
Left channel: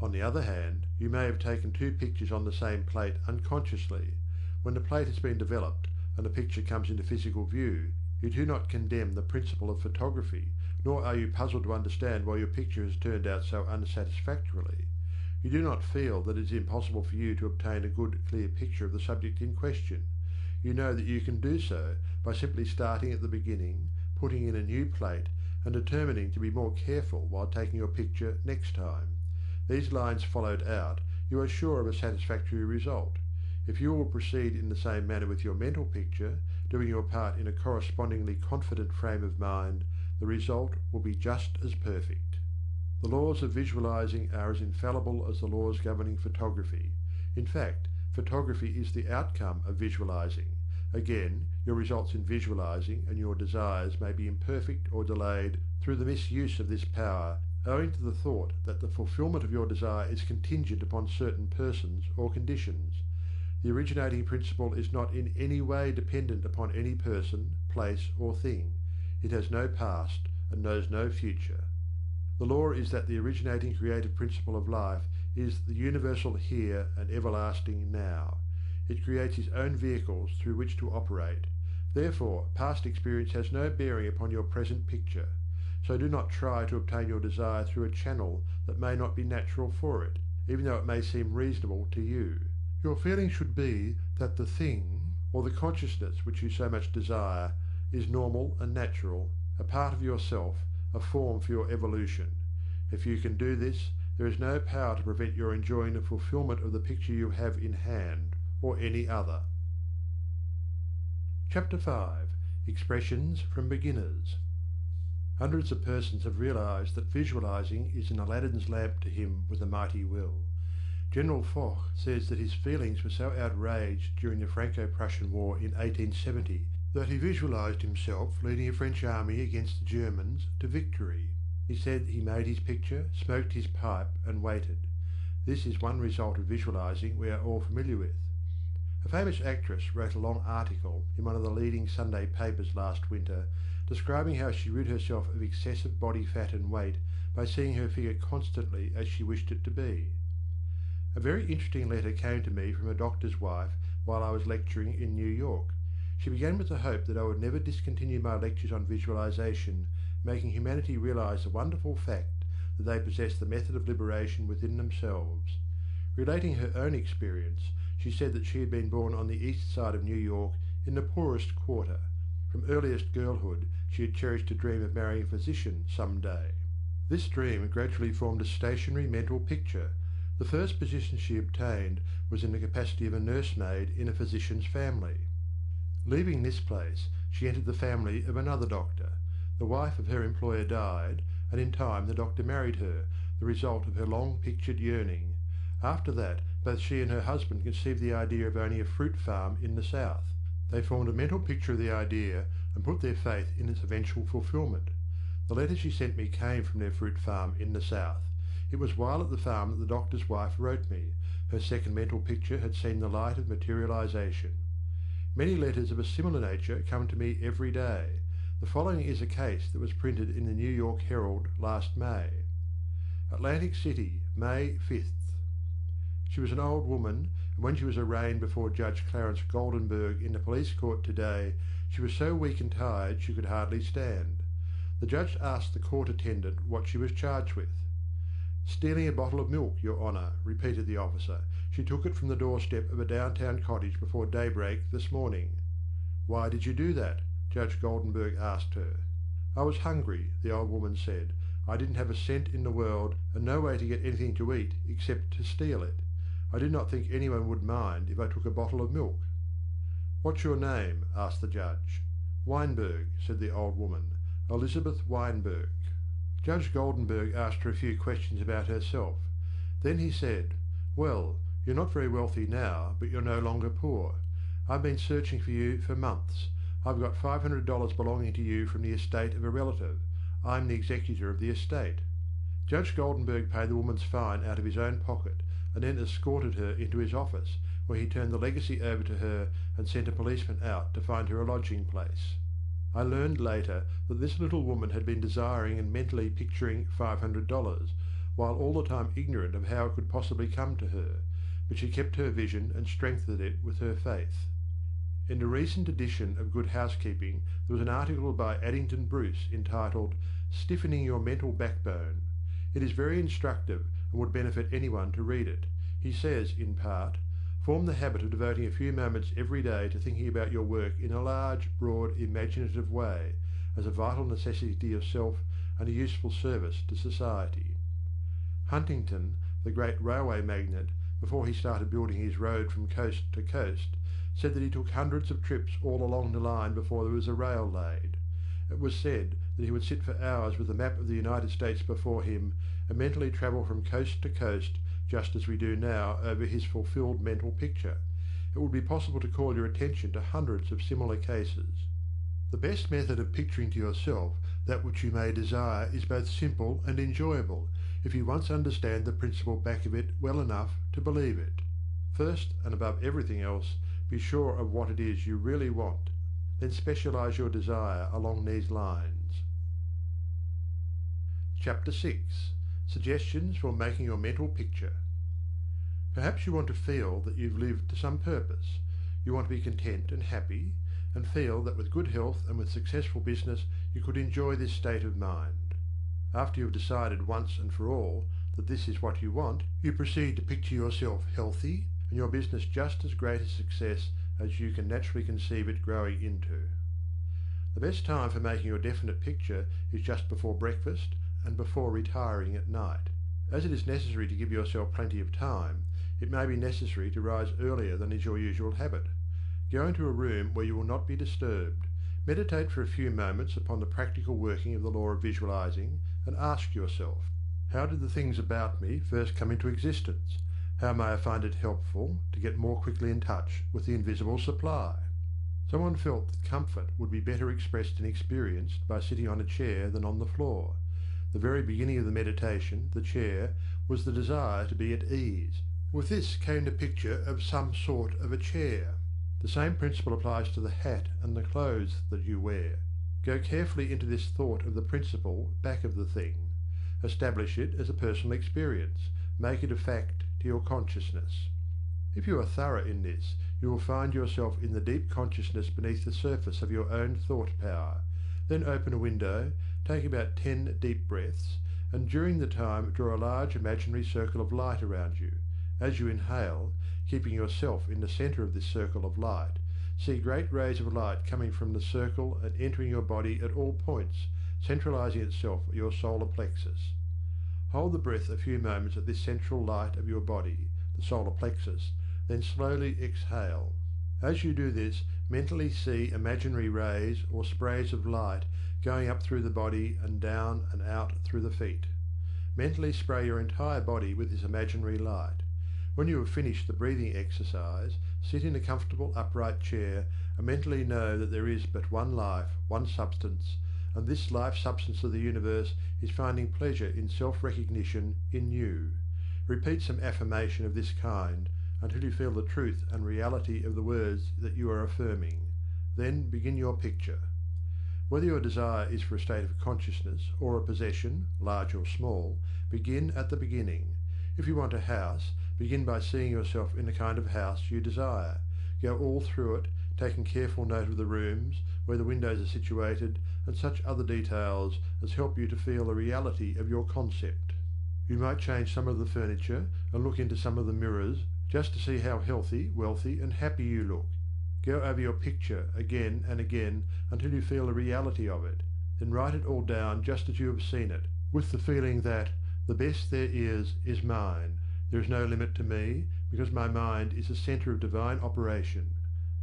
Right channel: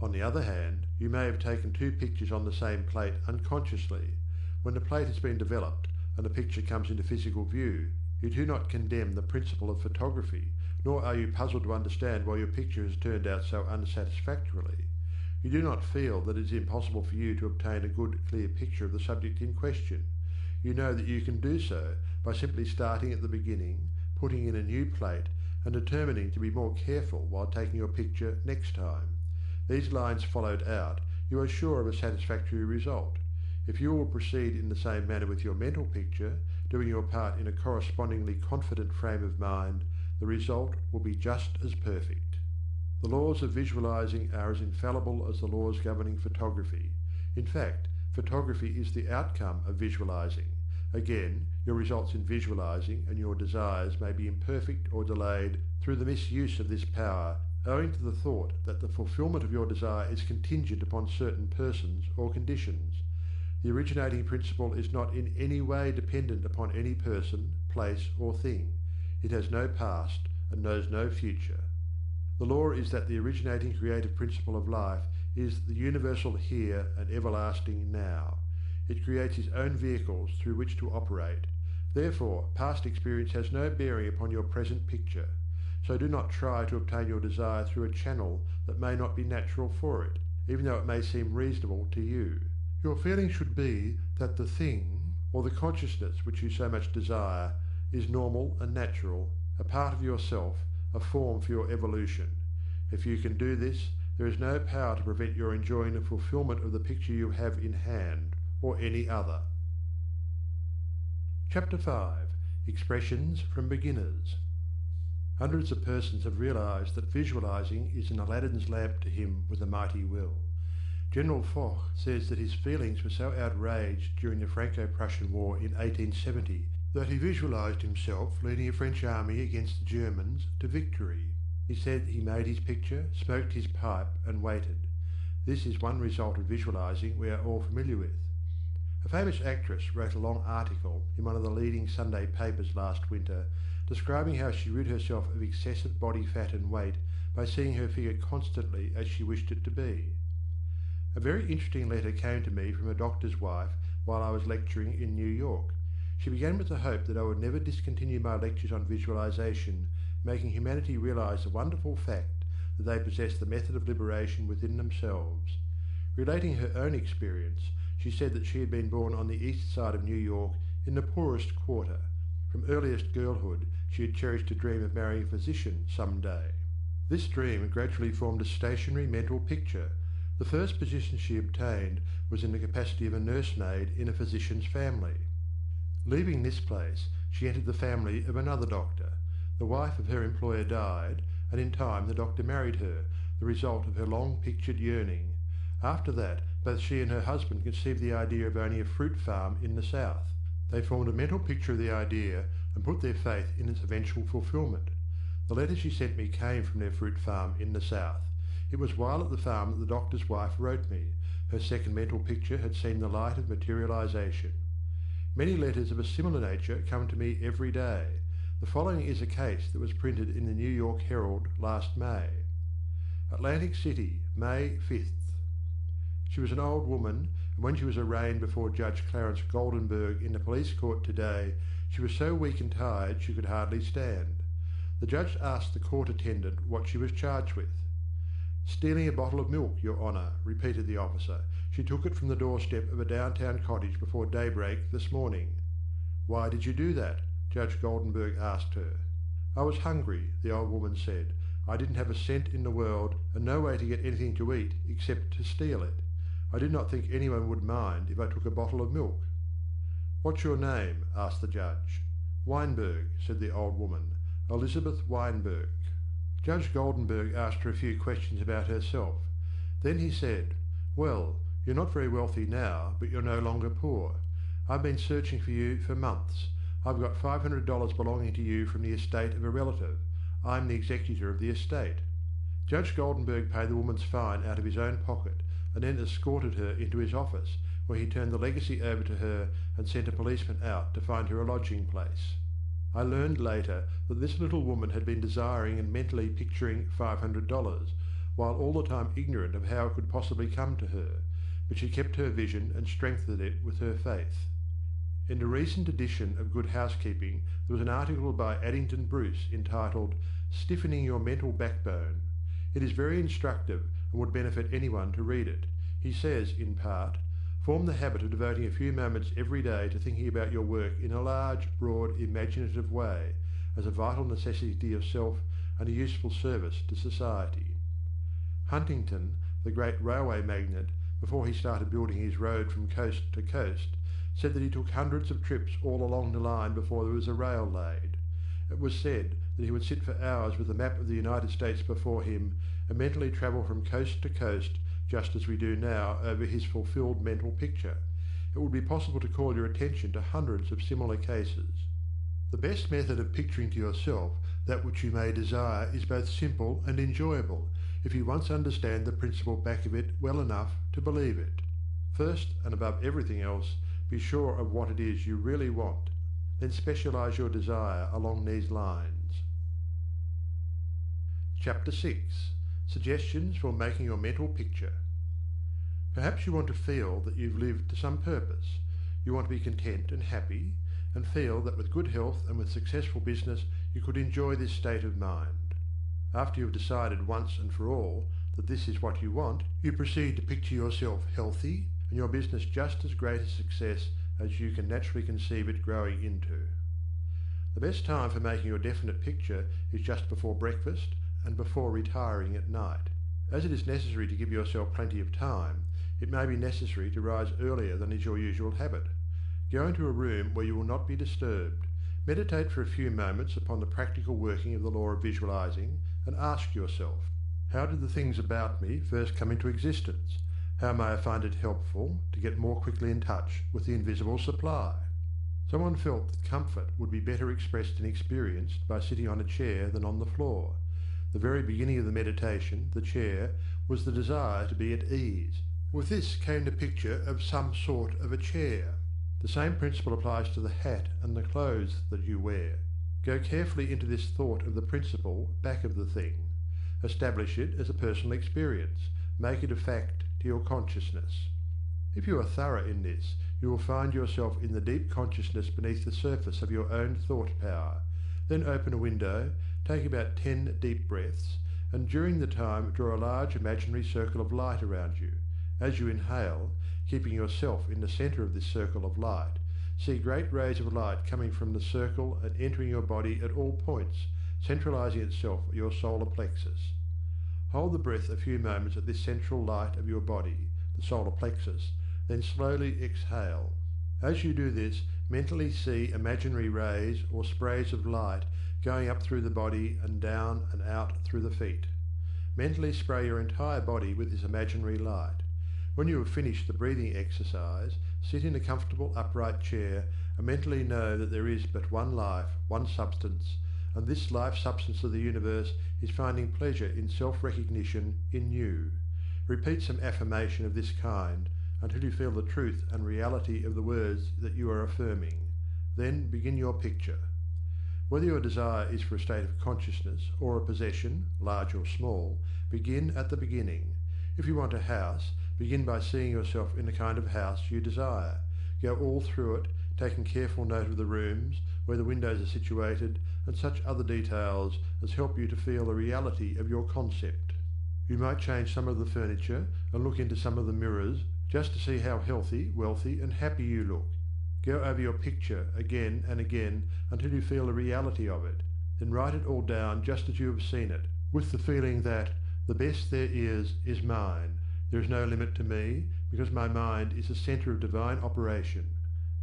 On the other hand, you may have taken two pictures on the same plate unconsciously. When the plate has been developed and the picture comes into physical view, you do not condemn the principle of photography, nor are you puzzled to understand why your picture has turned out so unsatisfactorily. You do not feel that it is impossible for you to obtain a good, clear picture of the subject in question. You know that you can do so by simply starting at the beginning, putting in a new plate, and determining to be more careful while taking your picture next time. These lines followed out, you are sure of a satisfactory result. If you will proceed in the same manner with your mental picture, doing your part in a correspondingly confident frame of mind, the result will be just as perfect. The laws of visualizing are as infallible as the laws governing photography. In fact, photography is the outcome of visualizing. Again, your results in visualizing and your desires may be imperfect or delayed through the misuse of this power, owing to the thought that the fulfillment of your desire is contingent upon certain persons or conditions. The originating principle is not in any way dependent upon any person, place, or thing. It has no past and knows no future. The law is that the originating creative principle of life is the universal here and everlasting now. It creates its own vehicles through which to operate. Therefore, past experience has no bearing upon your present picture. So do not try to obtain your desire through a channel that may not be natural for it, even though it may seem reasonable to you. Your feeling should be that the thing, or the consciousness which you so much desire, is normal and natural, a part of yourself, a form for your evolution. If you can do this, there is no power to prevent your enjoying the fulfillment of the picture you have in hand, or any other. Chapter 5. Expressions from Beginners. Hundreds of persons have realized that visualizing is an Aladdin's lamp to him with a mighty will. General Foch says that his feelings were so outraged during the Franco-Prussian War in 1870 that he visualized himself leading a French army against the Germans to victory. He said he made his picture, smoked his pipe, and waited. This is one result of visualizing we are all familiar with. A famous actress wrote a long article in one of the leading Sunday papers last winter describing how she rid herself of excessive body fat and weight by seeing her figure constantly as she wished it to be. A very interesting letter came to me from a doctor's wife while I was lecturing in New York. She began with the hope that I would never discontinue my lectures on visualization, making humanity realize the wonderful fact that they possess the method of liberation within themselves. Relating her own experience, she said that she had been born on the east side of New York in the poorest quarter. From earliest girlhood, she had cherished a dream of marrying a physician some day. This dream gradually formed a stationary mental picture. The first position she obtained was in the capacity of a nursemaid in a physician's family. Leaving this place, she entered the family of another doctor. The wife of her employer died, and in time the doctor married her, the result of her long-pictured yearning. After that, both she and her husband conceived the idea of owning a fruit farm in the south. They formed a mental picture of the idea and put their faith in its eventual fulfilment. The letter she sent me came from their fruit farm in the south. It was while at the farm that the doctor's wife wrote me. Her second mental picture had seen the light of materialization. Many letters of a similar nature come to me every day. The following is a case that was printed in the New York Herald last May. Atlantic City, May 5th. She was an old woman, and when she was arraigned before Judge Clarence Goldenberg in the police court today, she was so weak and tired she could hardly stand. The judge asked the court attendant what she was charged with. "Stealing a bottle of milk, Your Honour," repeated the officer. "She took it from the doorstep of a downtown cottage before daybreak this morning." "Why did you do that?" Judge Goldenberg asked her. "I was hungry," the old woman said. "I didn't have a cent in the world and no way to get anything to eat except to steal it. I did not think anyone would mind if I took a bottle of milk." "What's your name?" asked the judge. "Weinberg," said the old woman. "Elizabeth Weinberg." Judge Goldenberg asked her a few questions about herself. Then he said, "Well, you're not very wealthy now, but you're no longer poor. I've been searching for you for months. I've got $500 belonging to you from the estate of a relative. I'm the executor of the estate." Judge Goldenberg paid the woman's fine out of his own pocket and then escorted her into his office, where he turned the legacy over to her and sent a policeman out to find her a lodging place. I learned later that this little woman had been desiring and mentally picturing $500, while all the time ignorant of how it could possibly come to her, but she kept her vision and strengthened it with her faith. In a recent edition of Good Housekeeping there was an article by Addington Bruce entitled "Stiffening Your Mental Backbone." It is very instructive and would benefit anyone to read it. He says, in part, "Form the habit of devoting a few moments every day to thinking about your work in a large, broad, imaginative way, as a vital necessity of self and a useful service to society." Huntington, the great railway magnate, before he started building his road from coast to coast, said that he took hundreds of trips all along the line before there was a rail laid. It was said that he would sit for hours with a map of the United States before him and mentally travel from coast to coast just as we do now over his fulfilled mental picture. It would be possible to call your attention to hundreds of similar cases. The best method of picturing to yourself that which you may desire is both simple and enjoyable, if you once understand the principle back of it well enough to believe it. First, and above everything else, be sure of what it is you really want. Then specialize your desire along these lines. Chapter 6. Suggestions for making your mental picture. Perhaps you want to feel that you've lived to some purpose. You want to be content and happy, and feel that with good health and with successful business you could enjoy this state of mind. After you have decided once and for all that this is what you want, you proceed to picture yourself healthy and your business just as great a success as you can naturally conceive it growing into. The best time for making your definite picture is just before breakfast and before retiring at night. As it is necessary to give yourself plenty of time, it may be necessary to rise earlier than is your usual habit. Go into a room where you will not be disturbed. Meditate for a few moments upon the practical working of the law of visualizing and ask yourself, how did the things about me first come into existence? How may I find it helpful to get more quickly in touch with the invisible supply? Someone felt that comfort would be better expressed and experienced by sitting on a chair than on the floor. The very beginning of the meditation, the chair, was the desire to be at ease. With this came the picture of some sort of a chair. The same principle applies to the hat and the clothes that you wear. Go carefully into this thought of the principle back of the thing. Establish it as a personal experience. Make it a fact to your consciousness. If you are thorough in this, you will find yourself in the deep consciousness beneath the surface of your own thought power. Then open a window, take about 10 deep breaths, and during the time draw a large imaginary circle of light around you. As you inhale, keeping yourself in the center of this circle of light, see great rays of light coming from the circle and entering your body at all points, centralizing itself at your solar plexus. Hold the breath a few moments at this central light of your body, the solar plexus, then slowly exhale. As you do this, mentally see imaginary rays or sprays of light going up through the body and down and out through the feet. Mentally spray your entire body with this imaginary light. When you have finished the breathing exercise, sit in a comfortable upright chair and mentally know that there is but one life, one substance, and this life substance of the universe is finding pleasure in self-recognition in you. Repeat some affirmation of this kind until you feel the truth and reality of the words that you are affirming. Then begin your picture. Whether your desire is for a state of consciousness or a possession, large or small, begin at the beginning. If you want a house, begin by seeing yourself in the kind of house you desire. Go all through it, taking careful note of the rooms, where the windows are situated, and such other details as help you to feel the reality of your concept. You might change some of the furniture and look into some of the mirrors just to see how healthy, wealthy, and happy you look. Go over your picture again and again until you feel the reality of it. Then write it all down just as you have seen it, with the feeling that the best there is mine. There is no limit to me, because my mind is the centre of divine operation,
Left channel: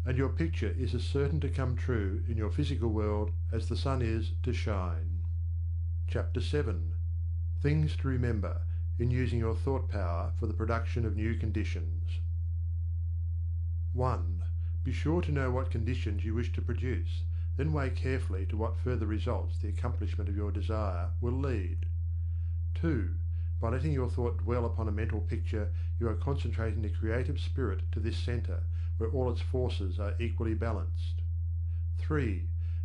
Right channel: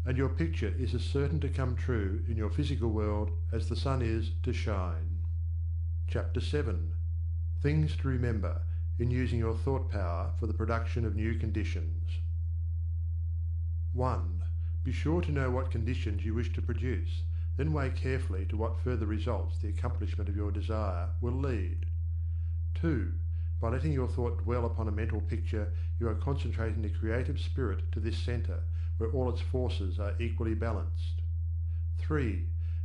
and your picture is as certain to come true in your physical world as the sun is to shine. Chapter 7. Things to remember in using your thought power for the production of new conditions. 1. Be sure to know what conditions you wish to produce, then weigh carefully to what further results the accomplishment of your desire will lead. 2. By letting your thought dwell upon a mental picture, you are concentrating the creative spirit to this centre, where all its forces are equally balanced. 3.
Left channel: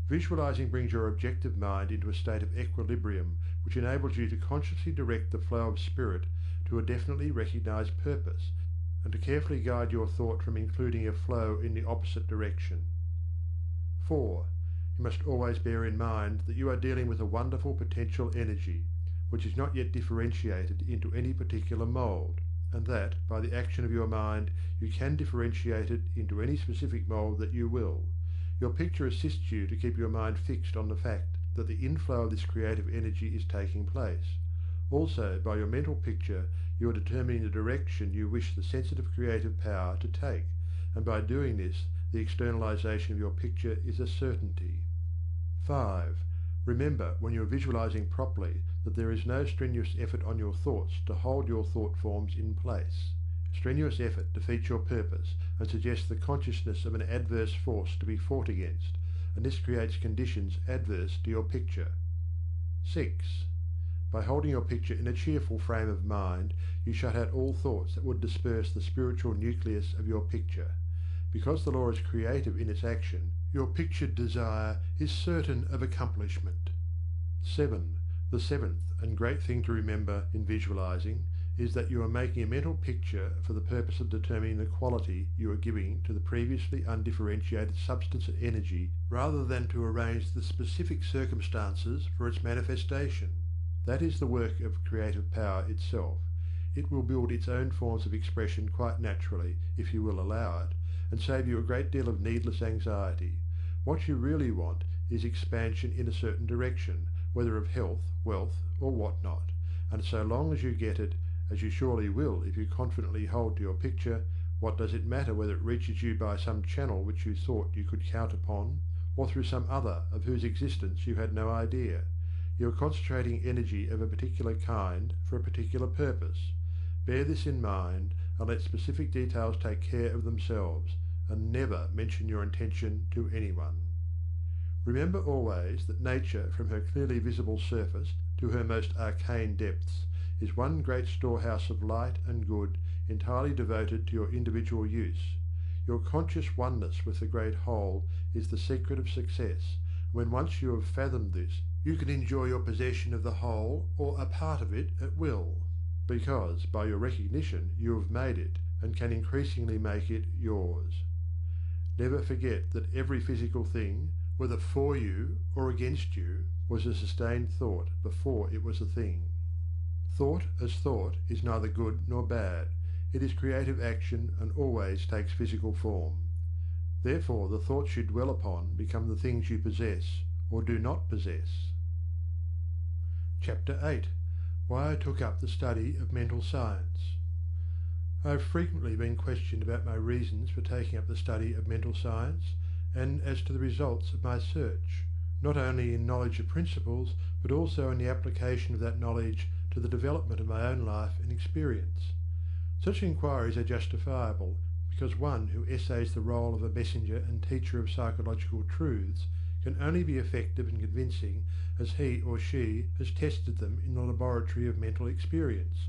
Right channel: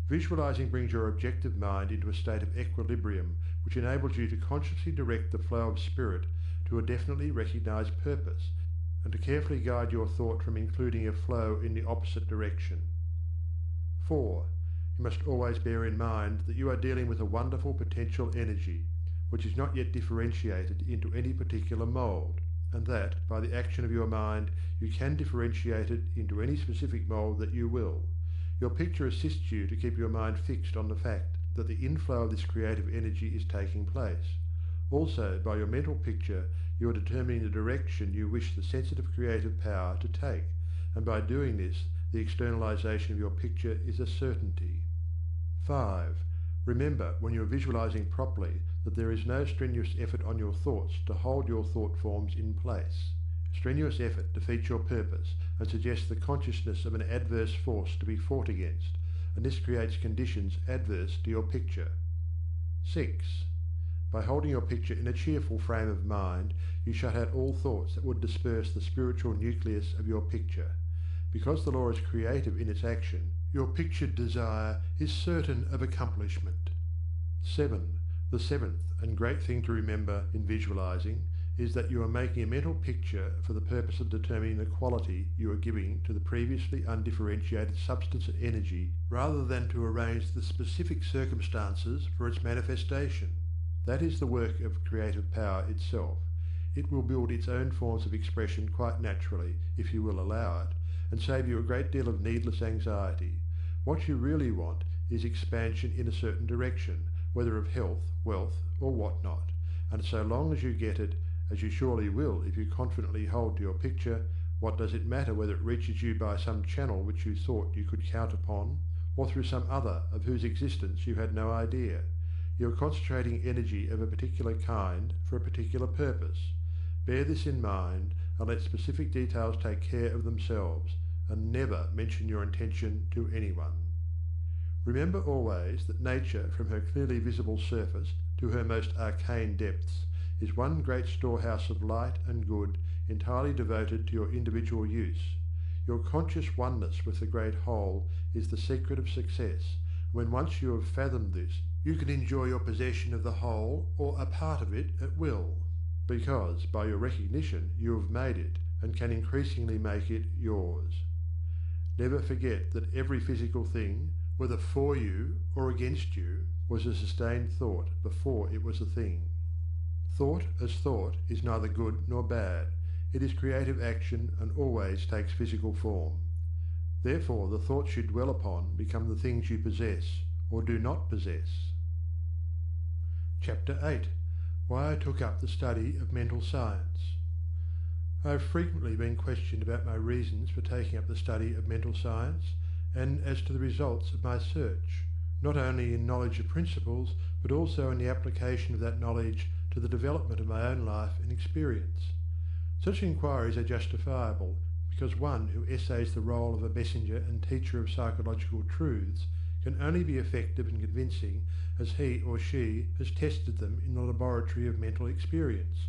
Visualizing brings your objective mind into a state of equilibrium, which enables you to consciously direct the flow of spirit to a definitely recognized purpose, and to carefully guide your thought from including a flow in the opposite direction. 4. You must always bear in mind that you are dealing with a wonderful potential energy, which is not yet differentiated into any particular mould, and that, by the action of your mind, you can differentiate it into any specific mould that you will. Your picture assists you to keep your mind fixed on the fact that the inflow of this creative energy is taking place. Also, by your mental picture, you are determining the direction you wish the sensitive creative power to take, and by doing this, the externalization of your picture is a certainty. 5. Remember, when you are visualizing properly, that there is no strenuous effort on your thoughts to hold your thought forms in place. Strenuous effort defeats your purpose and suggests the consciousness of an adverse force to be fought against, and this creates conditions adverse to your picture. 6. By holding your picture in a cheerful frame of mind, you shut out all thoughts that would disperse the spiritual nucleus of your picture. Because the law is creative in its action, your pictured desire is certain of accomplishment. 7. The seventh and great thing to remember in visualizing is that you are making a mental picture for the purpose of determining the quality you are giving to the previously undifferentiated substance and energy, rather than to arrange the specific circumstances for its manifestation. That is the work of creative power itself. It will build its own forms of expression quite naturally, if you will allow it, and save you a great deal of needless anxiety. What you really want is expansion in a certain direction, whether of health, wealth, or what not, and so long as you get it, as you surely will if you confidently hold to your picture, what does it matter whether it reaches you by some channel which you thought you could count upon, or through some other of whose existence you had no idea? You are concentrating energy of a particular kind for a particular purpose. Bear this in mind, and let specific details take care of themselves, and never mention your intention to anyone. Remember always that nature, from her clearly visible surface to her most arcane depths, is one great storehouse of light and good, entirely devoted to your individual use. Your conscious oneness with the great whole is the secret of success. When once you have fathomed this, you can enjoy your possession of the whole or a part of it at will, because by your recognition you have made it and can increasingly make it yours. Never forget that every physical thing, whether for you or against you, was a sustained thought before it was a thing. Thought as thought is neither good nor bad. It is creative action and always takes physical form. Therefore the thoughts you dwell upon become the things you possess or do not possess. Chapter 8. Why I took up the study of mental science. I have frequently been questioned about my reasons for taking up the study of mental science, and as to the results of my search, not only in knowledge of principles, but also in the application of that knowledge to the development of my own life and experience. Such inquiries are justifiable, because one who essays the role of a messenger and teacher of psychological truths can only be effective and convincing as he or she has tested them in the laboratory of mental experience.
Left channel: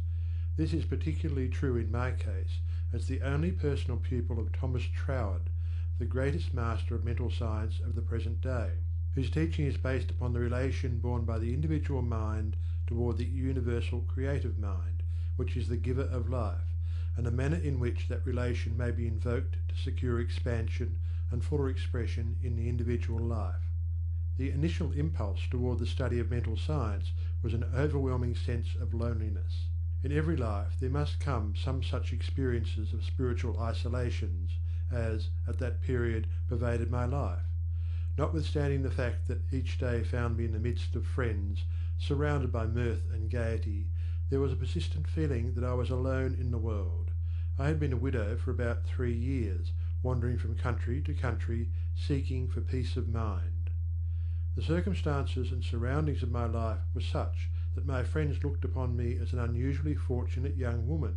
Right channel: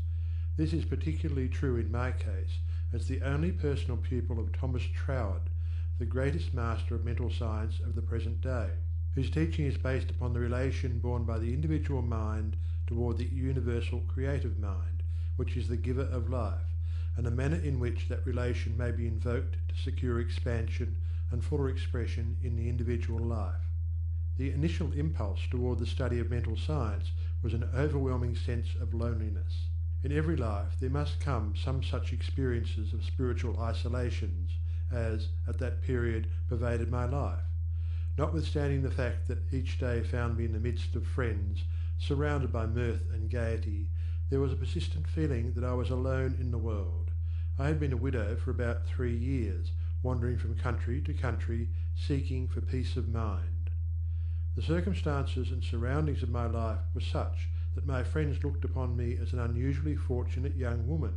This is particularly true in my case, as the only personal pupil of Thomas Troward, the greatest master of mental science of the present day, whose teaching is based upon the relation borne by the individual mind toward the universal creative mind, which is the giver of life, and the manner in which that relation may be invoked to secure expansion and fuller expression in the individual life. The initial impulse toward the study of mental science was an overwhelming sense of loneliness. In every life there must come some such experiences of spiritual isolations as, at that period, pervaded my life. Notwithstanding the fact that each day found me in the midst of friends, surrounded by mirth and gaiety, there was a persistent feeling that I was alone in the world. I had been a widow for about 3 years, wandering from country to country, seeking for peace of mind. The circumstances and surroundings of my life were such that my friends looked upon me as an unusually fortunate young woman.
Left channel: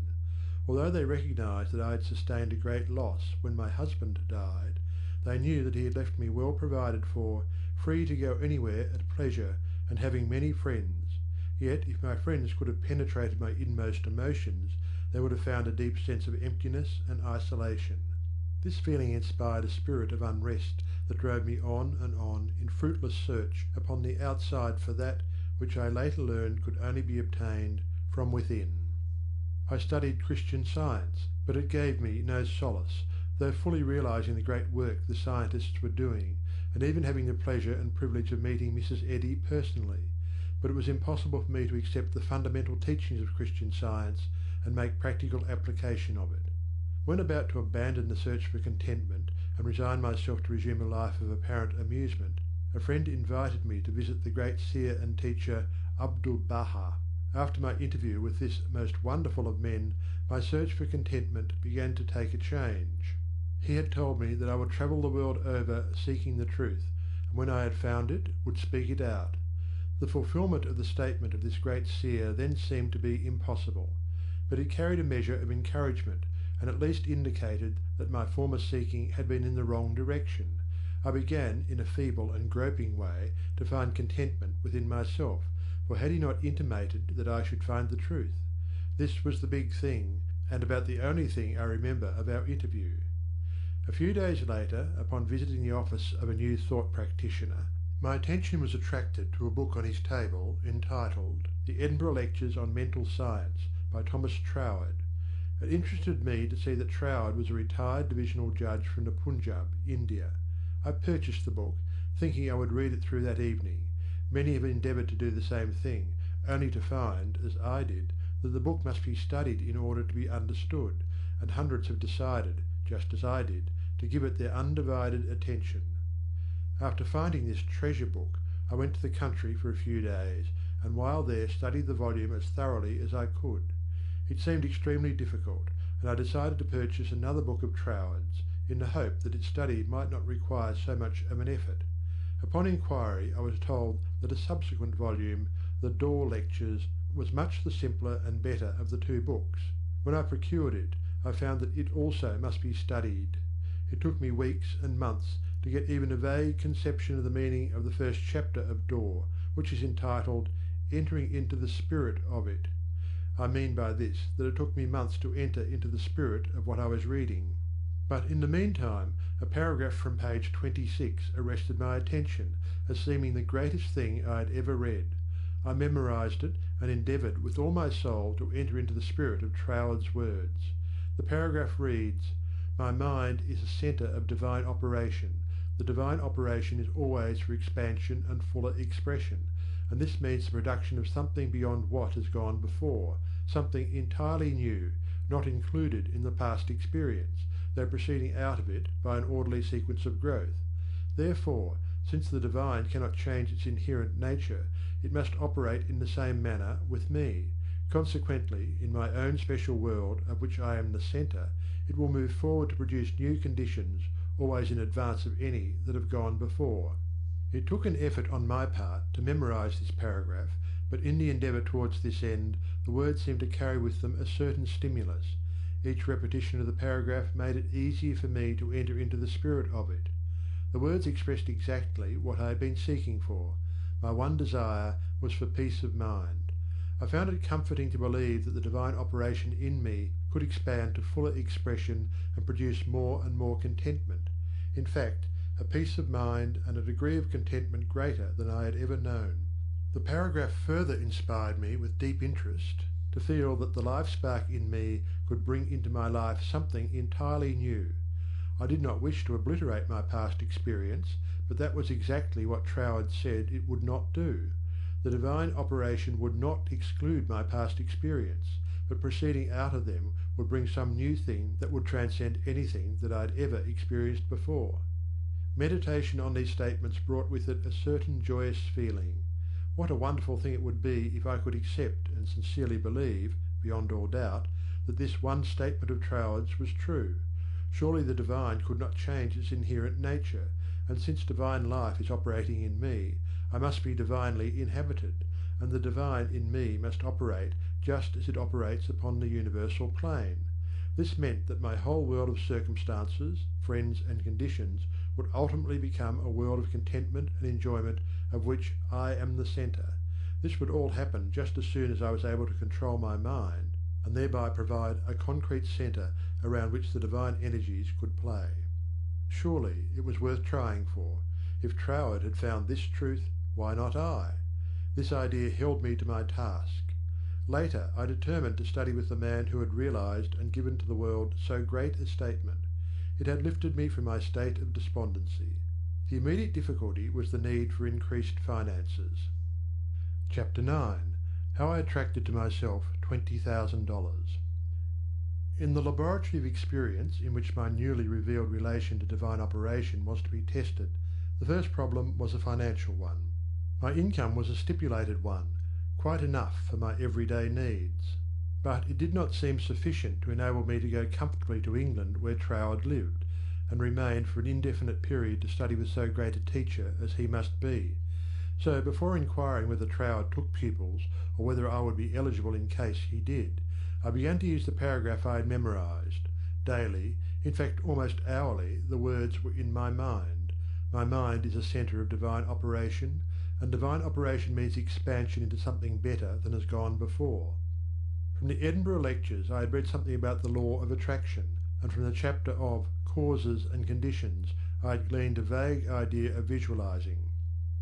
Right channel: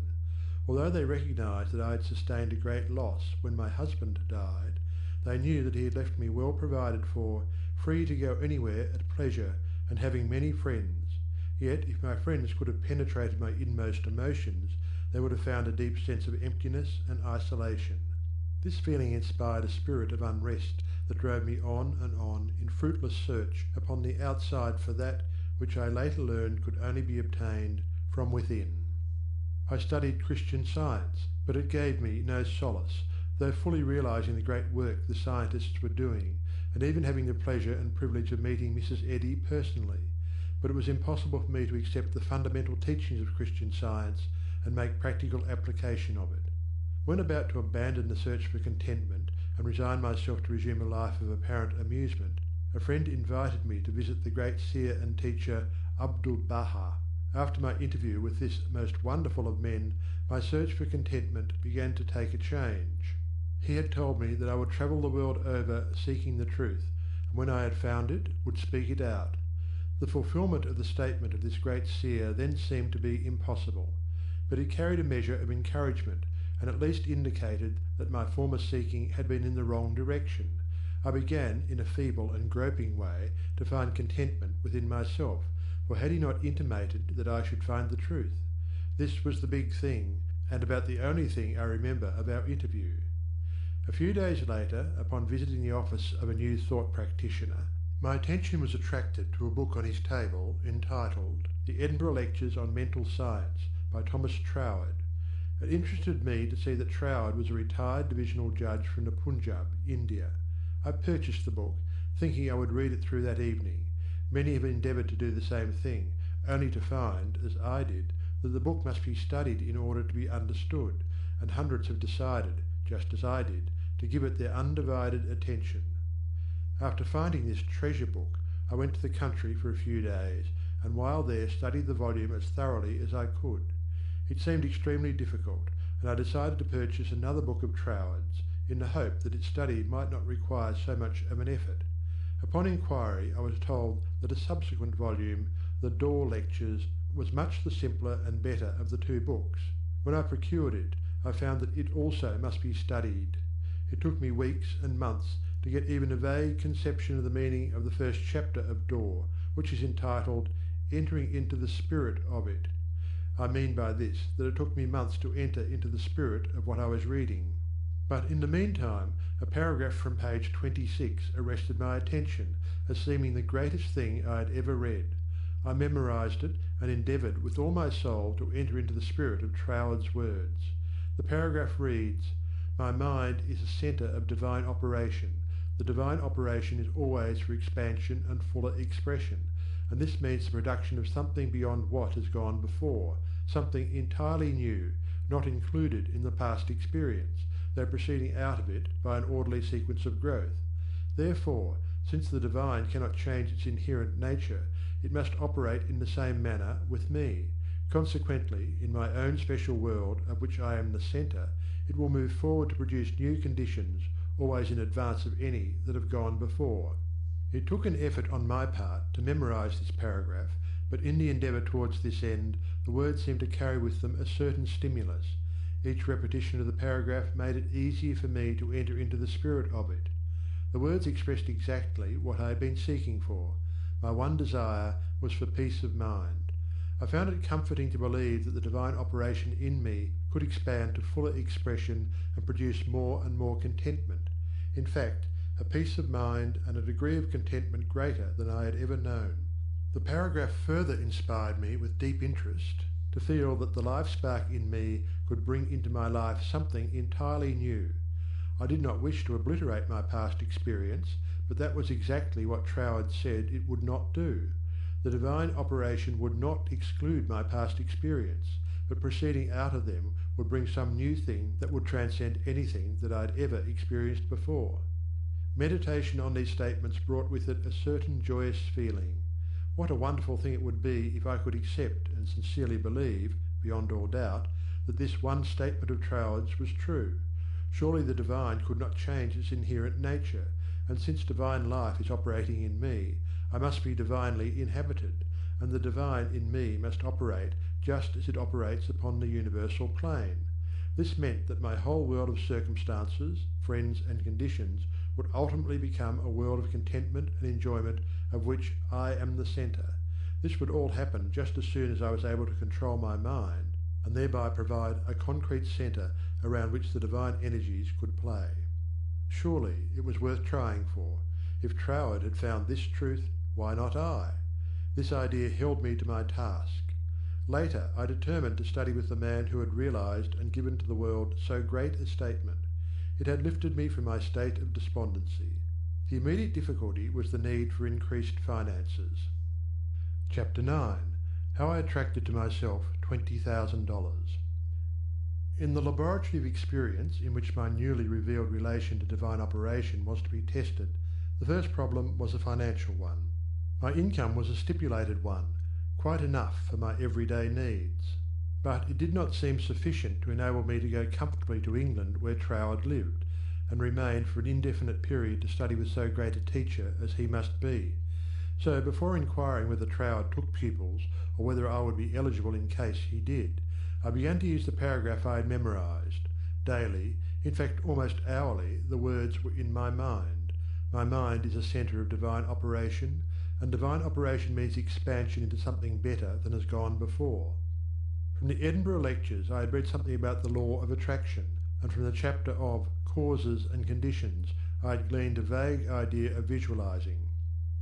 Although they recognized that I had sustained a great loss when my husband died, they knew that he had left me well provided for, free to go anywhere at pleasure, and having many friends. Yet if my friends could have penetrated my inmost emotions, they would have found a deep sense of emptiness and isolation. This feeling inspired a spirit of unrest that drove me on and on in fruitless search upon the outside for that which I later learned could only be obtained from within. I studied Christian Science, but it gave me no solace, though fully realizing the great work the scientists were doing, and even having the pleasure and privilege of meeting Mrs. Eddy personally. But it was impossible for me to accept the fundamental teachings of Christian Science and make practical application of it. When about to abandon the search for contentment and resign myself to resume a life of apparent amusement, a friend invited me to visit the great seer and teacher Abdu'l-Baha. After my interview with this most wonderful of men, my search for contentment began to take a change. He had told me that I would travel the world over seeking the truth, and when I had found it, would speak it out. The fulfilment of the statement of this great seer then seemed to be impossible, but it carried a measure of encouragement, and at least indicated that my former seeking had been in the wrong direction. I began, in a feeble and groping way, to find contentment within myself, for had he not intimated that I should find the truth? This was the big thing, and about the only thing I remember of our interview. A few days later, upon visiting the office of a New Thought practitioner, my attention was attracted to a book on his table entitled The Edinburgh Lectures on Mental Science by Thomas Troward. It interested me to see that Troward was a retired divisional judge from the Punjab, India. I purchased the book, thinking I would read it through that evening. Many have endeavoured to do the same thing, only to find, as I did, that the book must be studied in order to be understood, and hundreds have decided, just as I did, to give it their undivided attention. After finding this treasure book, I went to the country for a few days, and while there studied the volume as thoroughly as I could. It seemed extremely difficult, and I decided to purchase another book of Troward's, in the hope that its study might not require so much of an effort. Upon inquiry I was told that a subsequent volume, The Door Lectures, was much the simpler and better of the two books. When I procured it, I found that it also must be studied. It took me weeks and months to get even a vague conception of the meaning of the first chapter of Door, which is entitled Entering into the Spirit of It. I mean by this that it took me months to enter into the spirit of what I was reading. But in the meantime a paragraph from page 26 arrested my attention as seeming the greatest thing I had ever read. I memorized it and endeavoured with all my soul to enter into the spirit of Troward's words. The paragraph reads, "My mind is a centre of divine operation. The divine operation is always for expansion and fuller expression, and this means the production of something beyond what has gone before, something entirely new, not included in the past experience, though proceeding out of it by an orderly sequence of growth. Therefore, since the divine cannot change its inherent nature, it must operate in the same manner with me, Consequently, in my own special world of which I am the centre, it will move forward to produce new conditions, always in advance of any that have gone before. It took an effort on my part to memorize this paragraph, but in the endeavour towards this end, the words seemed to carry with them a certain stimulus. Each repetition of the paragraph made it easier for me to enter into the spirit of it. The words expressed exactly what I had been seeking for. My one desire was for peace of mind. I found it comforting to believe that the divine operation in me could expand to fuller expression and produce more and more contentment. In fact, a peace of mind and a degree of contentment greater than I had ever known. The paragraph further inspired me with deep interest to feel that the life spark in me could bring into my life something entirely new. I did not wish to obliterate my past experience, but that was exactly what Troward said it would not do. The divine operation would not exclude my past experience, but proceeding out of them would bring some new thing that would transcend anything that I had ever experienced before. Meditation on these statements brought with it a certain joyous feeling. What a wonderful thing it would be if I could accept and sincerely believe, beyond all doubt, that this one statement of Troward's was true. Surely the divine could not change its inherent nature, and since divine life is operating in me, I must be divinely inhabited, and the divine in me must operate just as it operates upon the universal plane. This meant that my whole world of circumstances, friends and conditions would ultimately become a world of contentment and enjoyment of which I am the centre. This would all happen just as soon as I was able to control my mind, and thereby provide a concrete centre around which the divine energies could play. Surely it was worth trying for. If Troward had found this truth, why not I? This idea held me to my task. Later I determined to study with the man who had realized and given to the world so great a statement. It had lifted me from my state of despondency. The immediate difficulty was the need for increased finances. Chapter 9. How I attracted to myself $20,000. In the laboratory of experience in which my newly revealed relation to divine operation was to be tested, the first problem was a financial one. My income was a stipulated one, quite enough for my everyday needs. But it did not seem sufficient to enable me to go comfortably to England where Troward lived, and remain for an indefinite period to study with so great a teacher as he must be. So before inquiring whether Troward took pupils, or whether I would be eligible in case he did, I began to use the paragraph I had memorized. Daily, in fact almost hourly, the words were in my mind. My mind is a centre of divine operation, and divine operation means expansion into something better than has gone before. From the Edinburgh lectures I had read something about the law of attraction, and from the chapter of Causes and Conditions I had gleaned a vague idea of visualizing.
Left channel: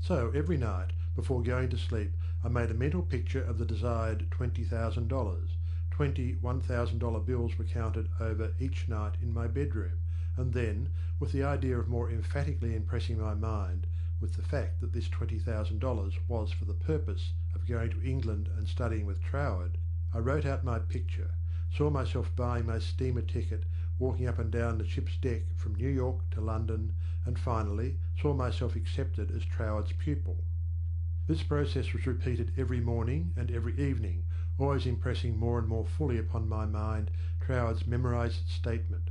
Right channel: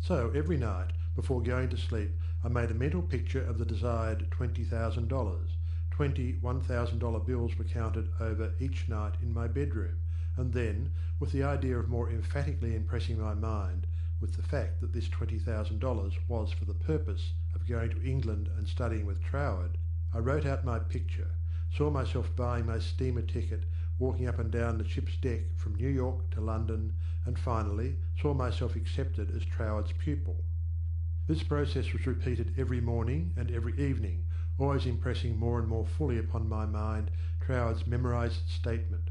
So every night, before going to sleep, I made a mental picture of the desired $20,000. 20 $1,000 bills were counted over each night in my bedroom, and then, with the idea of more emphatically impressing my mind with the fact that this $20,000 was for the purpose of going to England and studying with Troward, I wrote out my picture, saw myself buying my steamer ticket, walking up and down the ship's deck from New York to London, and finally saw myself accepted as Troward's pupil. This process was repeated every morning and every evening, always impressing more and more fully upon my mind Troward's memorized statement,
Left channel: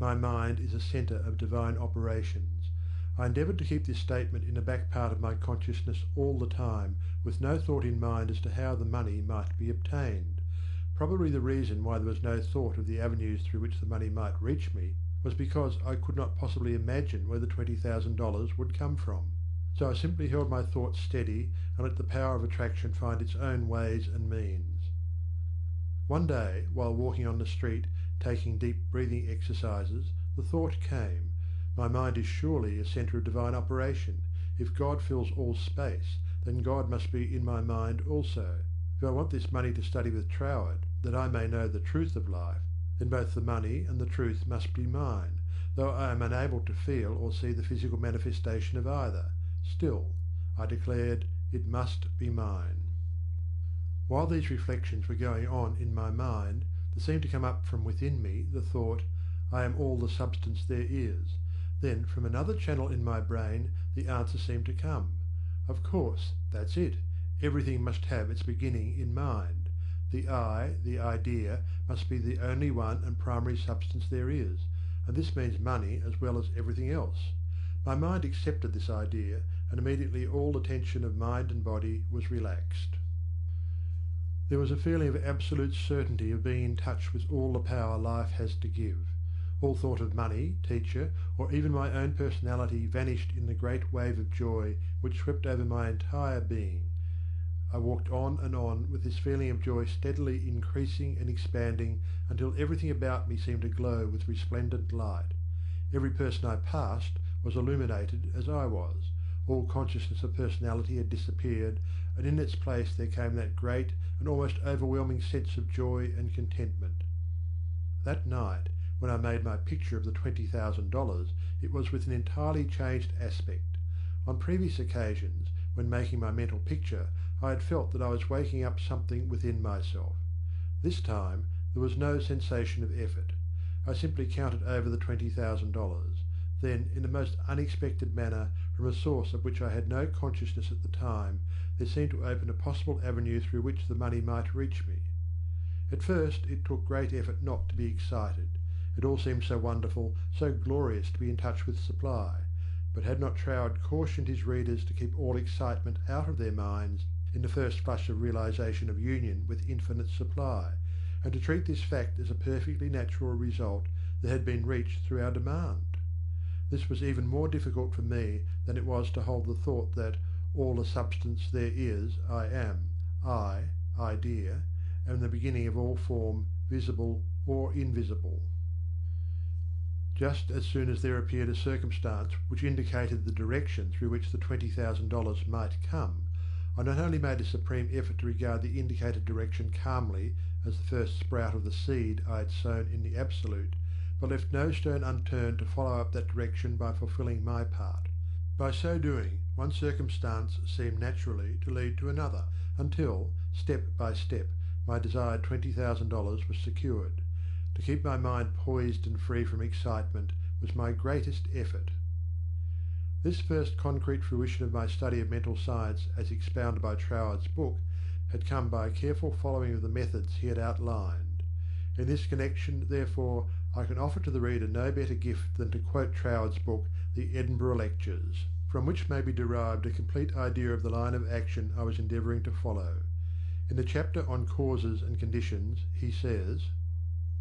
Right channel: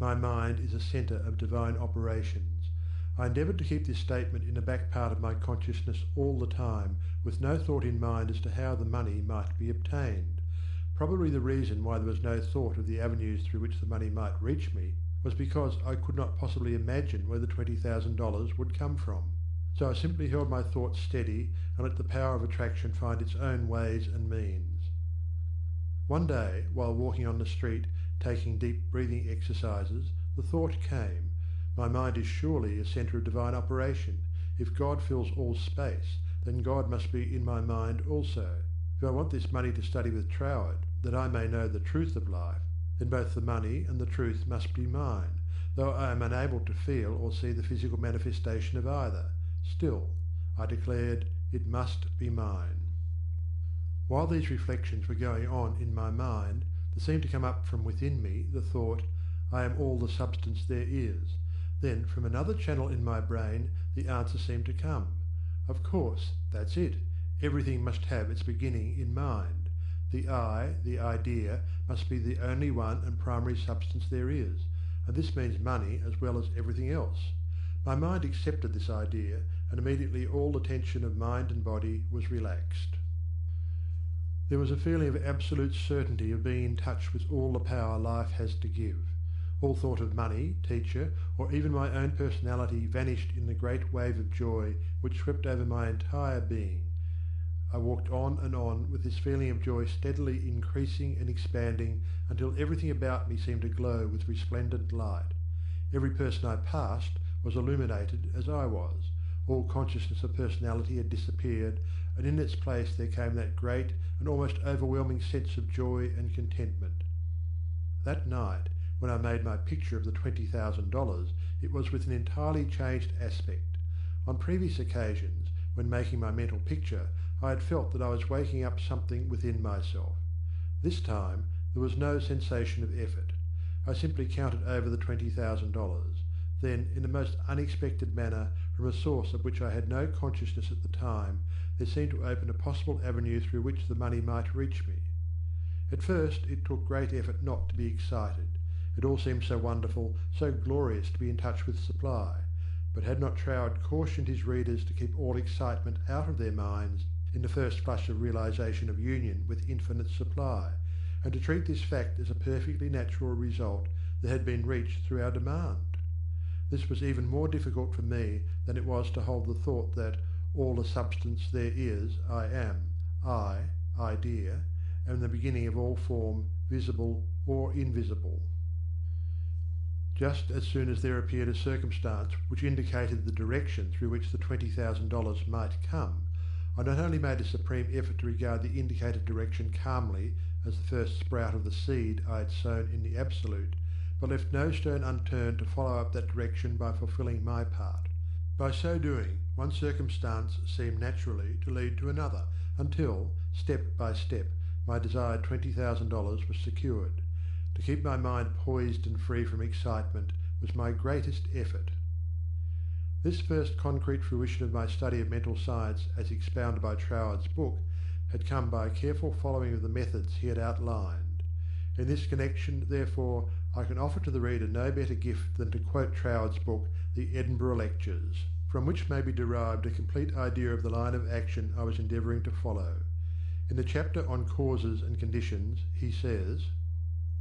"My mind is a centre of divine operations." I endeavoured to keep this statement in the back part of my consciousness all the time, with no thought in mind as to how the money might be obtained. Probably the reason why there was no thought of the avenues through which the money might reach me was because I could not possibly imagine where the $20,000 would come from. So I simply held my thoughts steady and let the power of attraction find its own ways and means. One day, while walking on the street, taking deep breathing exercises, the thought came, "My mind is surely a centre of divine operation. If God fills all space, then God must be in my mind also. If I want this money to study with Troward, that I may know the truth of life, then both the money and the truth must be mine, though I am unable to feel or see the physical manifestation of either. Still, I declared, it must be mine." While these reflections were going on in my mind, there seemed to come up from within me the thought, "I am all the substance there is." Then from another channel in my brain the answer seemed to come. Of course, that's it. Everything must have its beginning in mind. The I, the idea, must be the only one and primary substance there is, and this means money as well as everything else. My mind accepted this idea, and immediately all the tension of mind and body was relaxed. There was a feeling of absolute certainty of being in touch with all the power life has to give. All thought of money, teacher, or even my own personality vanished in the great wave of joy which swept over my entire being. I walked on with this feeling of joy steadily increasing and expanding until everything about me seemed to glow with resplendent light. Every person I passed was illuminated as I was. All consciousness of personality had disappeared, and in its place there came that great and almost overwhelming sense of joy and contentment. That night, when I made my picture of the $20,000, it was with an entirely changed aspect. On previous occasions, when making my mental picture, I had felt that I was waking up something within myself. This time there was no sensation of effort. I simply counted over the $20,000. Then, in the most unexpected manner, from a source of which I had no consciousness at the time, there seemed to open a possible avenue through which the money might reach me. At first it took great effort not to be excited. It all seemed so wonderful, so glorious to be in touch with supply. But had not Troward cautioned his readers to keep all excitement out of their minds in the first flush of realization of union with infinite supply, and to treat this fact as a perfectly natural result that had been reached through our demand? This was even more difficult for me than it was to hold the thought that all the substance there is, I am, idea, am the beginning of all form, visible or invisible. Just as soon as there appeared a circumstance which indicated the direction through which the $20,000 might come, I not only made a supreme effort to regard the indicated direction calmly as the first sprout of the seed I had sown in the Absolute, but left no stone unturned to follow up that direction by fulfilling my part. By so doing, one circumstance seemed naturally to lead to another, until, step by step, my desired $20,000 was secured. To keep my mind poised and free from excitement was my greatest effort. This first concrete fruition of my study of mental science as expounded by Troward's book had come by a careful following of the methods he had outlined. In this connection, therefore, I can offer to the reader no better gift than to quote Troward's book, The Edinburgh Lectures, from which may be derived a complete idea of the line of action I was endeavouring to follow. In the chapter on causes and conditions, he says,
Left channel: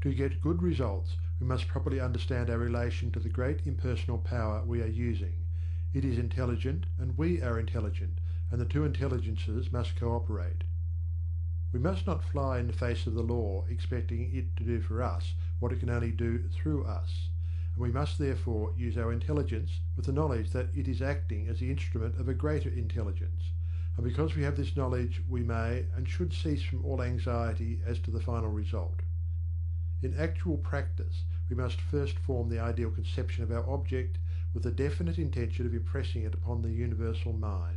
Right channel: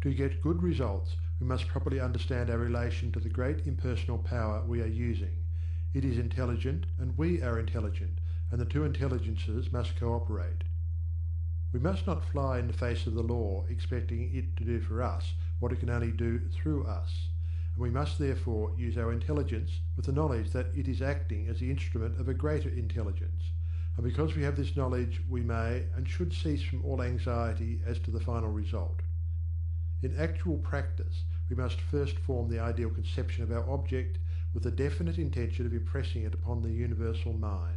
"To get good results, we must properly understand our relation to the great impersonal power we are using. It is intelligent, and we are intelligent, and the two intelligences must cooperate. We must not fly in the face of the law, expecting it to do for us what it can only do through us, and we must therefore use our intelligence with the knowledge that it is acting as the instrument of a greater intelligence, and because we have this knowledge we may and should cease from all anxiety as to the final result. In actual practice we must first form the ideal conception of our object with the definite intention of impressing it upon the universal mind.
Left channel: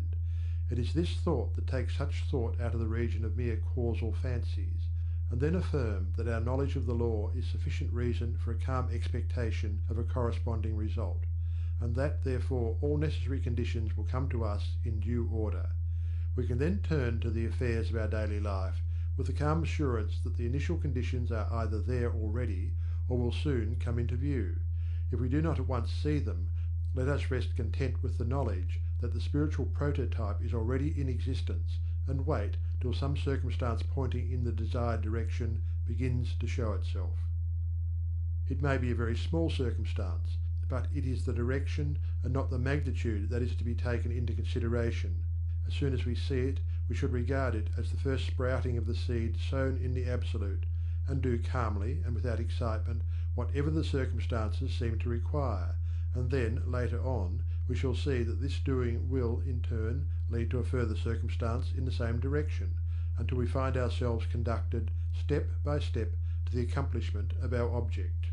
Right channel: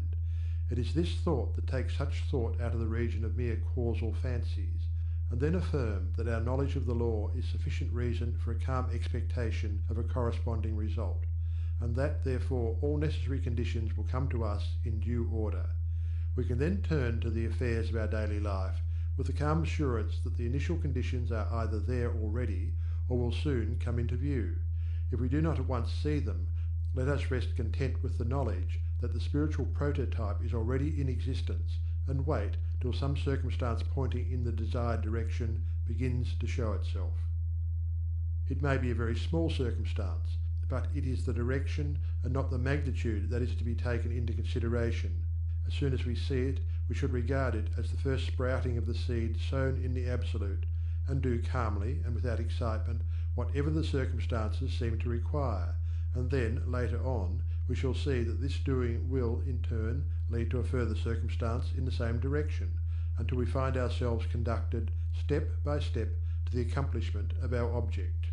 It is this thought that takes such thought out of the region of mere causal fancies, and then affirm that our knowledge of the law is sufficient reason for a calm expectation of a corresponding result, and that therefore all necessary conditions will come to us in due order. We can then turn to the affairs of our daily life with the calm assurance that the initial conditions are either there already or will soon come into view. If we do not at once see them, let us rest content with the knowledge that the spiritual prototype is already in existence, and wait till some circumstance pointing in the desired direction begins to show itself. It may be a very small circumstance, but it is the direction and not the magnitude that is to be taken into consideration. As soon as we see it, we should regard it as the first sprouting of the seed sown in the Absolute, and do calmly and without excitement whatever the circumstances seem to require, and then, later on, we shall see that this doing will, in turn, lead to a further circumstance in the same direction, until we find ourselves conducted, step by step, to the accomplishment of our object.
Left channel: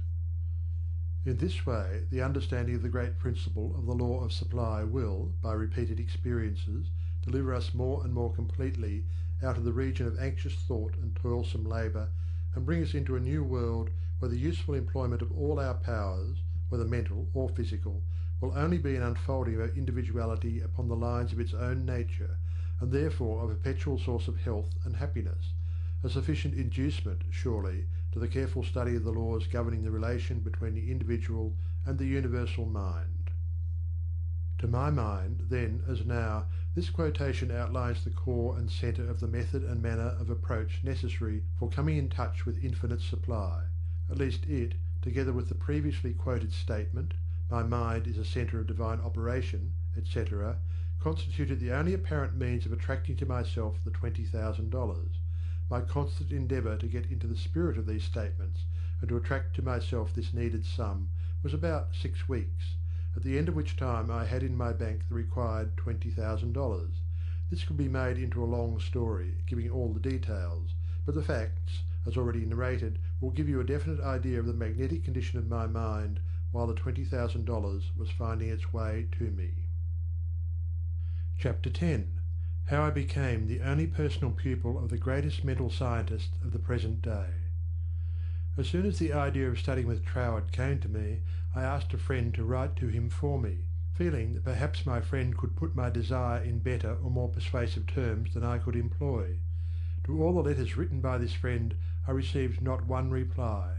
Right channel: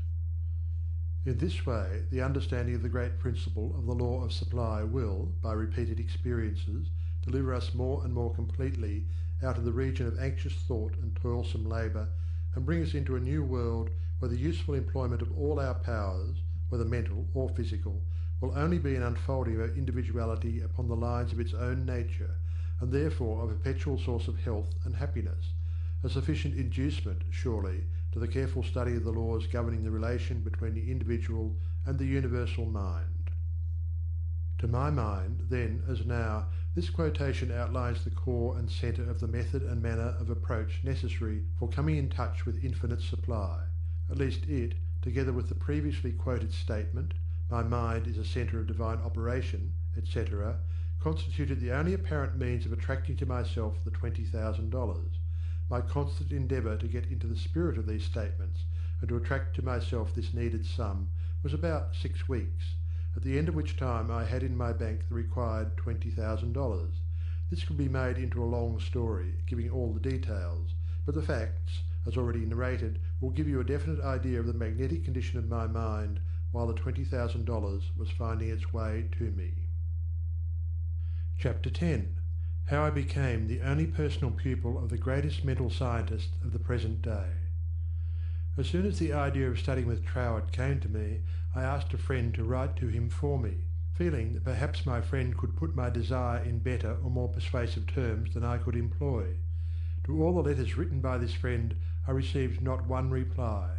In this way, the understanding of the great principle of the law of supply will, by repeated experiences, deliver us more and more completely out of the region of anxious thought and toilsome labour, and bring us into a new world where the useful employment of all our powers, whether mental or physical, will only be an unfolding of our individuality upon the lines of its own nature, and therefore a perpetual source of health and happiness, a sufficient inducement, surely, to the careful study of the laws governing the relation between the individual and the universal mind. To my mind, then as now, this quotation outlines the core and centre of the method and manner of approach necessary for coming in touch with infinite supply. At least it, together with the previously quoted statement, "My mind is a centre of divine operation," etc., constituted the only apparent means of attracting to myself the $20,000. My constant endeavour to get into the spirit of these statements and to attract to myself this needed sum was about 6 weeks, at the end of which time I had in my bank the required $20,000. This could be made into a long story, giving all the details, but the facts, as already narrated, will give you a definite idea of the magnetic condition of my mind while the $20,000 was finding its way to me. Chapter 10. How I became the only personal pupil of the greatest mental scientist of the present day. As soon as the idea of studying with Troward came to me, I asked a friend to write to him for me, feeling that perhaps my friend could put my desire in better or more persuasive terms than I could employ. To all the letters written by this friend I received not one reply.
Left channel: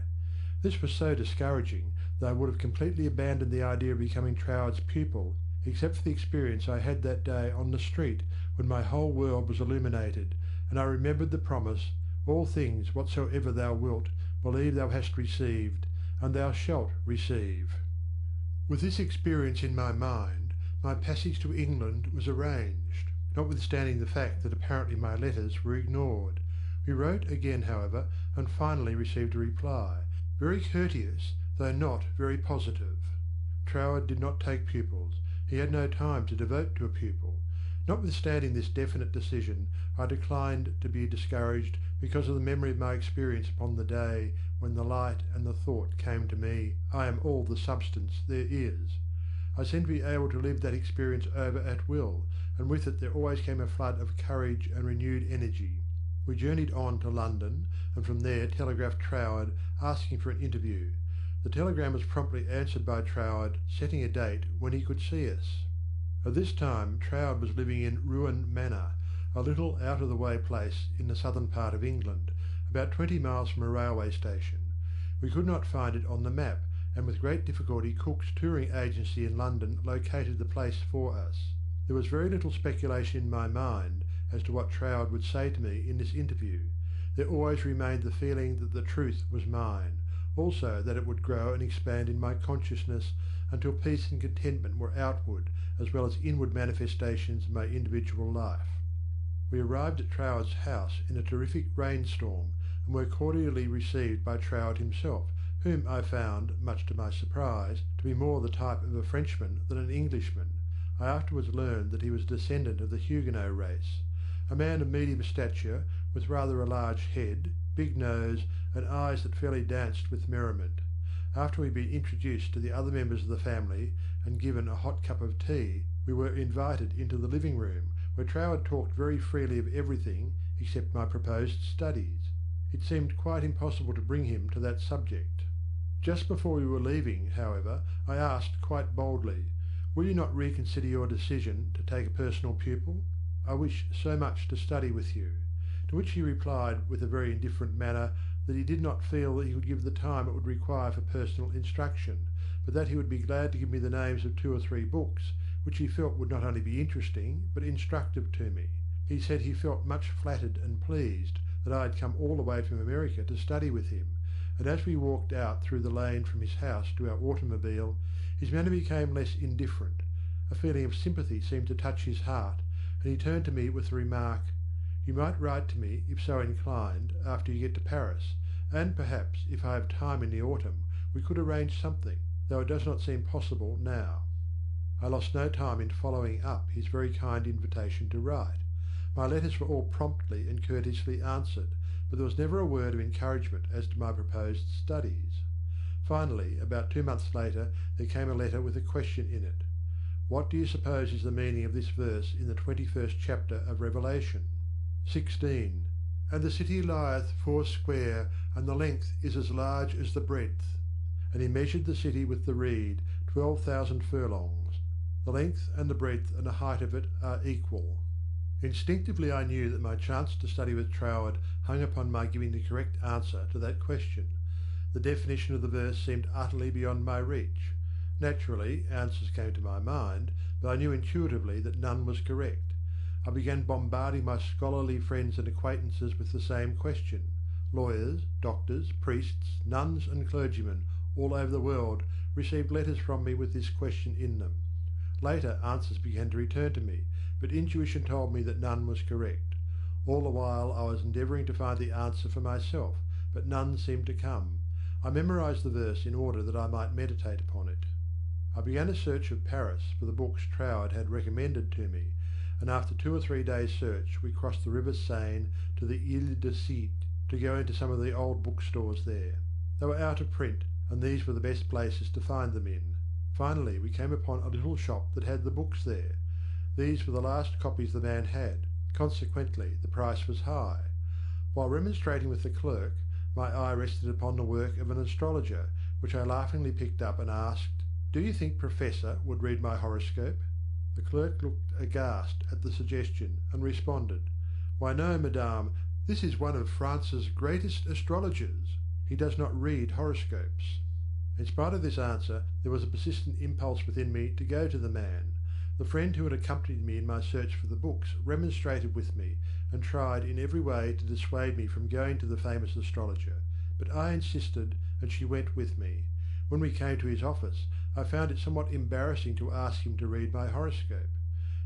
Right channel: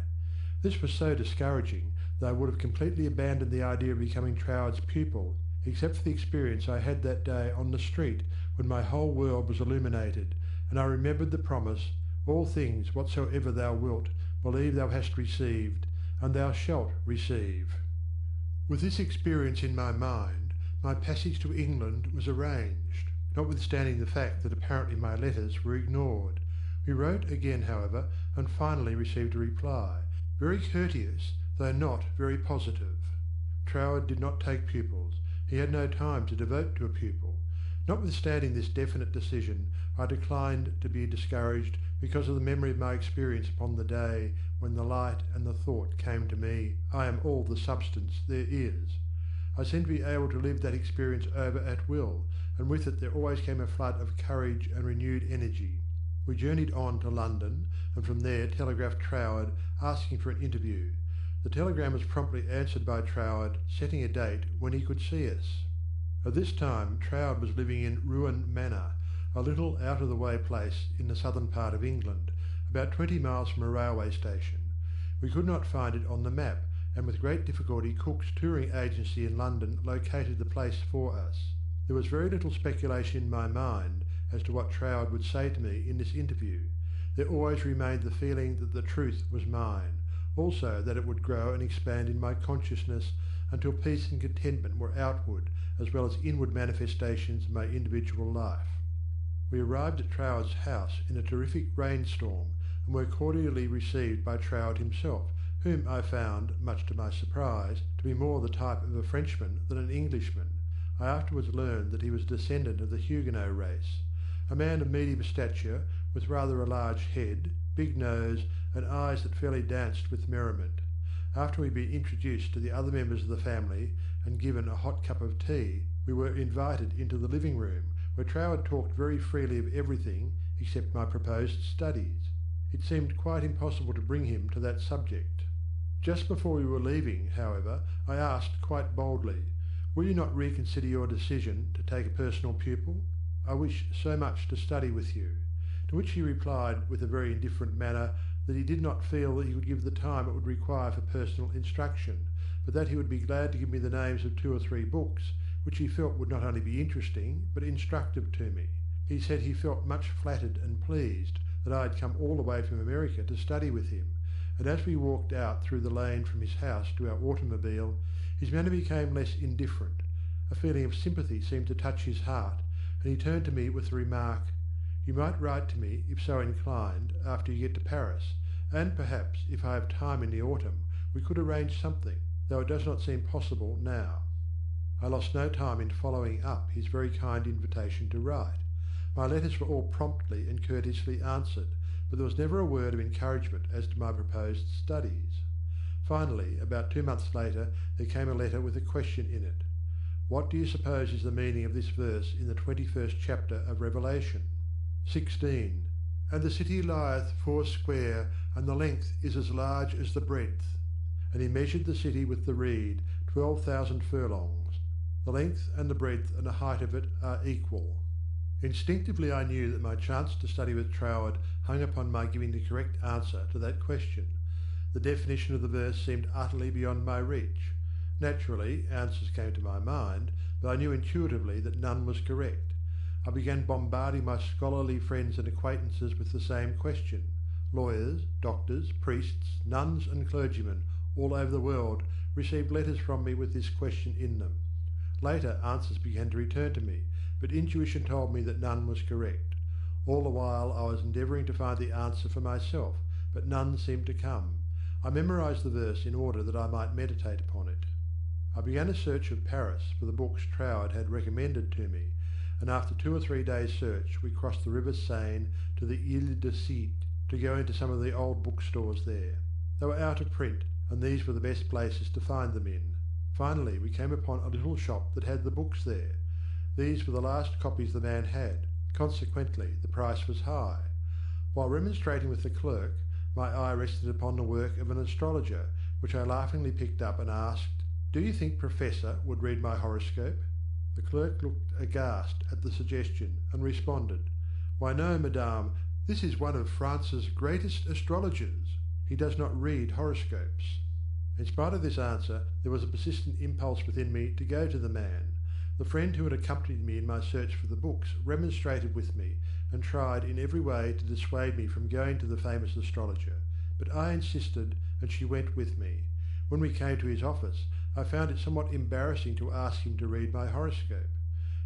This was so discouraging that I would have completely abandoned the idea of becoming Troward's pupil, except for the experience I had that day on the street when my whole world was illuminated, and I remembered the promise, "All things whatsoever thou wilt, believe thou hast received, and thou shalt receive." With this experience in my mind, my passage to England was arranged, notwithstanding the fact that apparently my letters were ignored. We wrote again, however, and finally received a reply, very courteous, though not very positive. Troward did not take pupils. He had no time to devote to a pupil. Notwithstanding this definite decision, I declined to be discouraged because of the memory of my experience upon the day when the light and the thought came to me, "I am all the substance there is." I seemed to be able to live that experience over at will, and with it there always came a flood of courage and renewed energy. We journeyed on to London, and from there telegraphed Troward asking for an interview. The telegram was promptly answered by Troward, setting a date when he could see us. At this time Troward was living in Ruan Manor, a little out-of-the-way place in the southern part of England, about 20 miles from a railway station. We could not find it on the map, and with great difficulty Cook's touring agency in London located the place for us. There was very little speculation in my mind as to what Troward would say to me in this interview. There always remained the feeling that the truth was mine, also that it would grow and expand in my consciousness until peace and contentment were outward as well as inward manifestations of my individual life. We arrived at Troward's house in a terrific rainstorm, and were cordially received by Troward himself, whom I found, much to my surprise, to be more the type of a Frenchman than an Englishman. I afterwards learned that he was a descendant of the Huguenot race. A man of medium stature, with rather a large head, big nose, and eyes that fairly danced with merriment. After we had been introduced to the other members of the family, and given a hot cup of tea, we were invited into the living room, where Troward talked very freely of everything except my proposed studies. It seemed quite impossible to bring him to that subject. Just before we were leaving, however, I asked quite boldly, "Will you not reconsider your decision to take a personal pupil? I wish so much to study with you." To which he replied with a very indifferent manner that he did not feel that he could give the time it would require for personal instruction, but that he would be glad to give me the names of 2 or 3 books, which he felt would not only be interesting but instructive to me. He said he felt much flattered and pleased that I had come all the way from America to study with him, and as we walked out through the lane from his house to our automobile, his manner became less indifferent. A feeling of sympathy seemed to touch his heart, and he turned to me with the remark, "You might write to me, if so inclined, after you get to Paris, and perhaps, if I have time in the autumn, we could arrange something, though it does not seem possible now." I lost no time in following up his very kind invitation to write. My letters were all promptly and courteously answered, but there was never a word of encouragement as to my proposed studies. Finally, about 2 months later, there came a letter with a question in it. "What do you suppose is the meaning of this verse in the 21st chapter of Revelation?" 16. "And the city lieth foursquare, and the length is as large as the breadth. And he measured the city with the reed, 12,000 furlongs. The length and the breadth and the height of it are equal." Instinctively I knew that my chance to study with Troward hung upon my giving the correct answer to that question. The definition of the verse seemed utterly beyond my reach. Naturally, answers came to my mind, but I knew intuitively that none was correct. I began bombarding my scholarly friends and acquaintances with the same question. Lawyers, doctors, priests, nuns and clergymen all over the world received letters from me with this question in them. Later answers began to return to me, but intuition told me that none was correct. All the while I was endeavouring to find the answer for myself, but none seemed to come. I memorized the verse in order that I might meditate upon it. I began a search of Paris for the books Troward had recommended to me, and after 2 or 3 days' search we crossed the river Seine to the Ile de Cite to go into some of the old bookstores there. They were out of print, and these were the best places to find them in. Finally we came upon a little shop that had the books there. These were the last copies the man had, consequently the price was high. While remonstrating with the clerk, my eye rested upon the work of an astrologer, which I laughingly picked up and asked, "Do you think Professor would read my horoscope?" The clerk looked aghast at the suggestion, and responded, "Why no, madame, this is one of France's greatest astrologers. He does not read horoscopes." In spite of this answer, there was a persistent impulse within me to go to the man. The friend who had accompanied me in my search for the books remonstrated with me, and tried in every way to dissuade me from going to the famous astrologer, but I insisted, and she went with me. When we came to his office, I found it somewhat embarrassing to ask him to read my horoscope.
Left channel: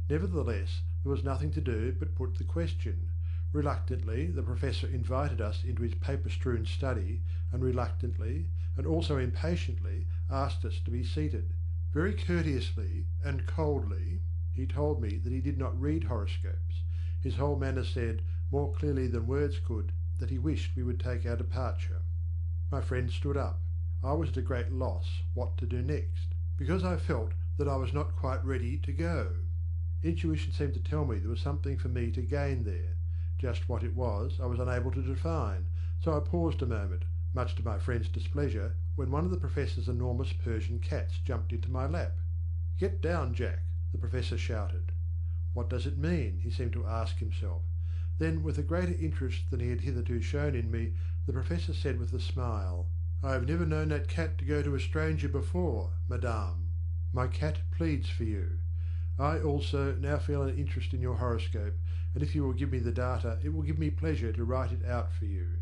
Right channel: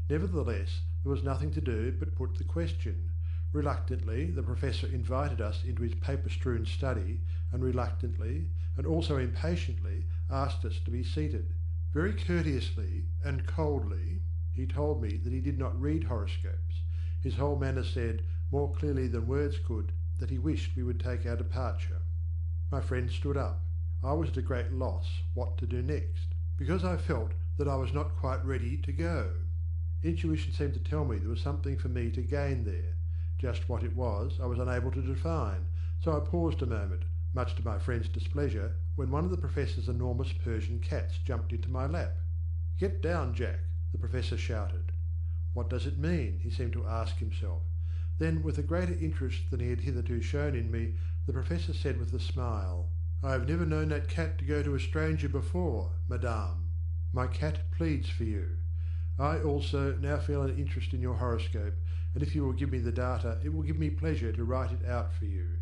Nevertheless, there was nothing to do but put the question. Reluctantly, the professor invited us into his paper-strewn study, and reluctantly, and also impatiently, asked us to be seated. Very courteously and coldly, he told me that he did not read horoscopes. His whole manner said, more clearly than words could, that he wished we would take our departure. My friend stood up. I was at a great loss what to do next, because I felt that I was not quite ready to go. Intuition seemed to tell me there was something for me to gain there. Just what it was I was unable to define, so I paused a moment, much to my friend's displeasure, when one of the professor's enormous Persian cats jumped into my lap. "Get down, Jack," the professor shouted. What does it mean? He seemed to ask himself. Then, with a greater interest than he had hitherto shown in me, the professor said with a smile, "I have never known that cat to go to a stranger before, madame. My cat pleads for you. I also now feel an interest in your horoscope, and if you will give me the data, it will give me pleasure to write it out for you."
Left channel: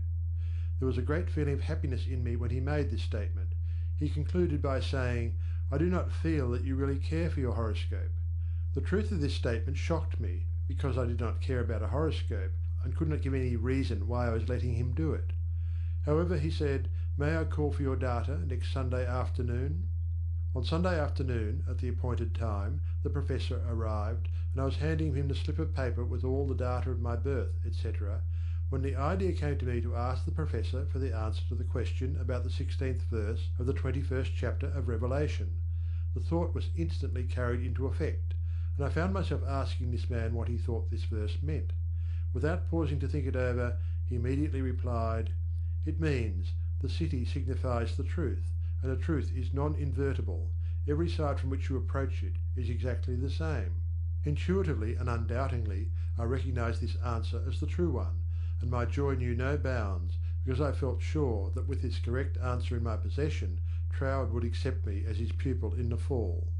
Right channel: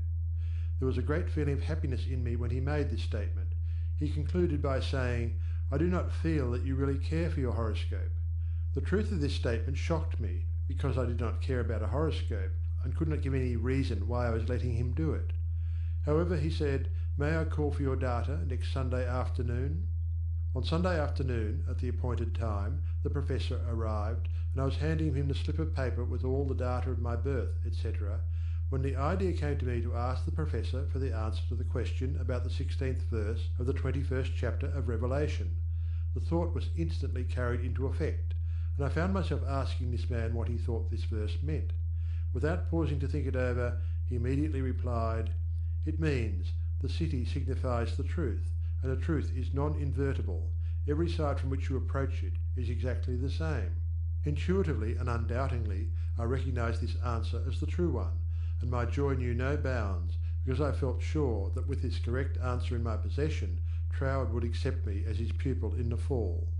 There was a great feeling of happiness in me when he made this statement. He concluded by saying, "I do not feel that you really care for your horoscope." The truth of this statement shocked me, because I did not care about a horoscope, and could not give any reason why I was letting him do it. However, he said, "May I call for your data next Sunday afternoon?" On Sunday afternoon, at the appointed time, the professor arrived, and I was handing him the slip of paper with all the data of my birth, etc., when the idea came to me to ask the professor for the answer to the question about the 16th verse of the 21st chapter of Revelation. The thought was instantly carried into effect, and I found myself asking this man what he thought this verse meant. Without pausing to think it over, he immediately replied, "It means, the city signifies the truth, and the truth is non-invertible. Every side from which you approach it is exactly the same." Intuitively and undoubtingly, I recognized this answer as the true one, and my joy knew no bounds, because I felt sure that with this correct answer in my possession, Troward would accept me as his pupil in the fall.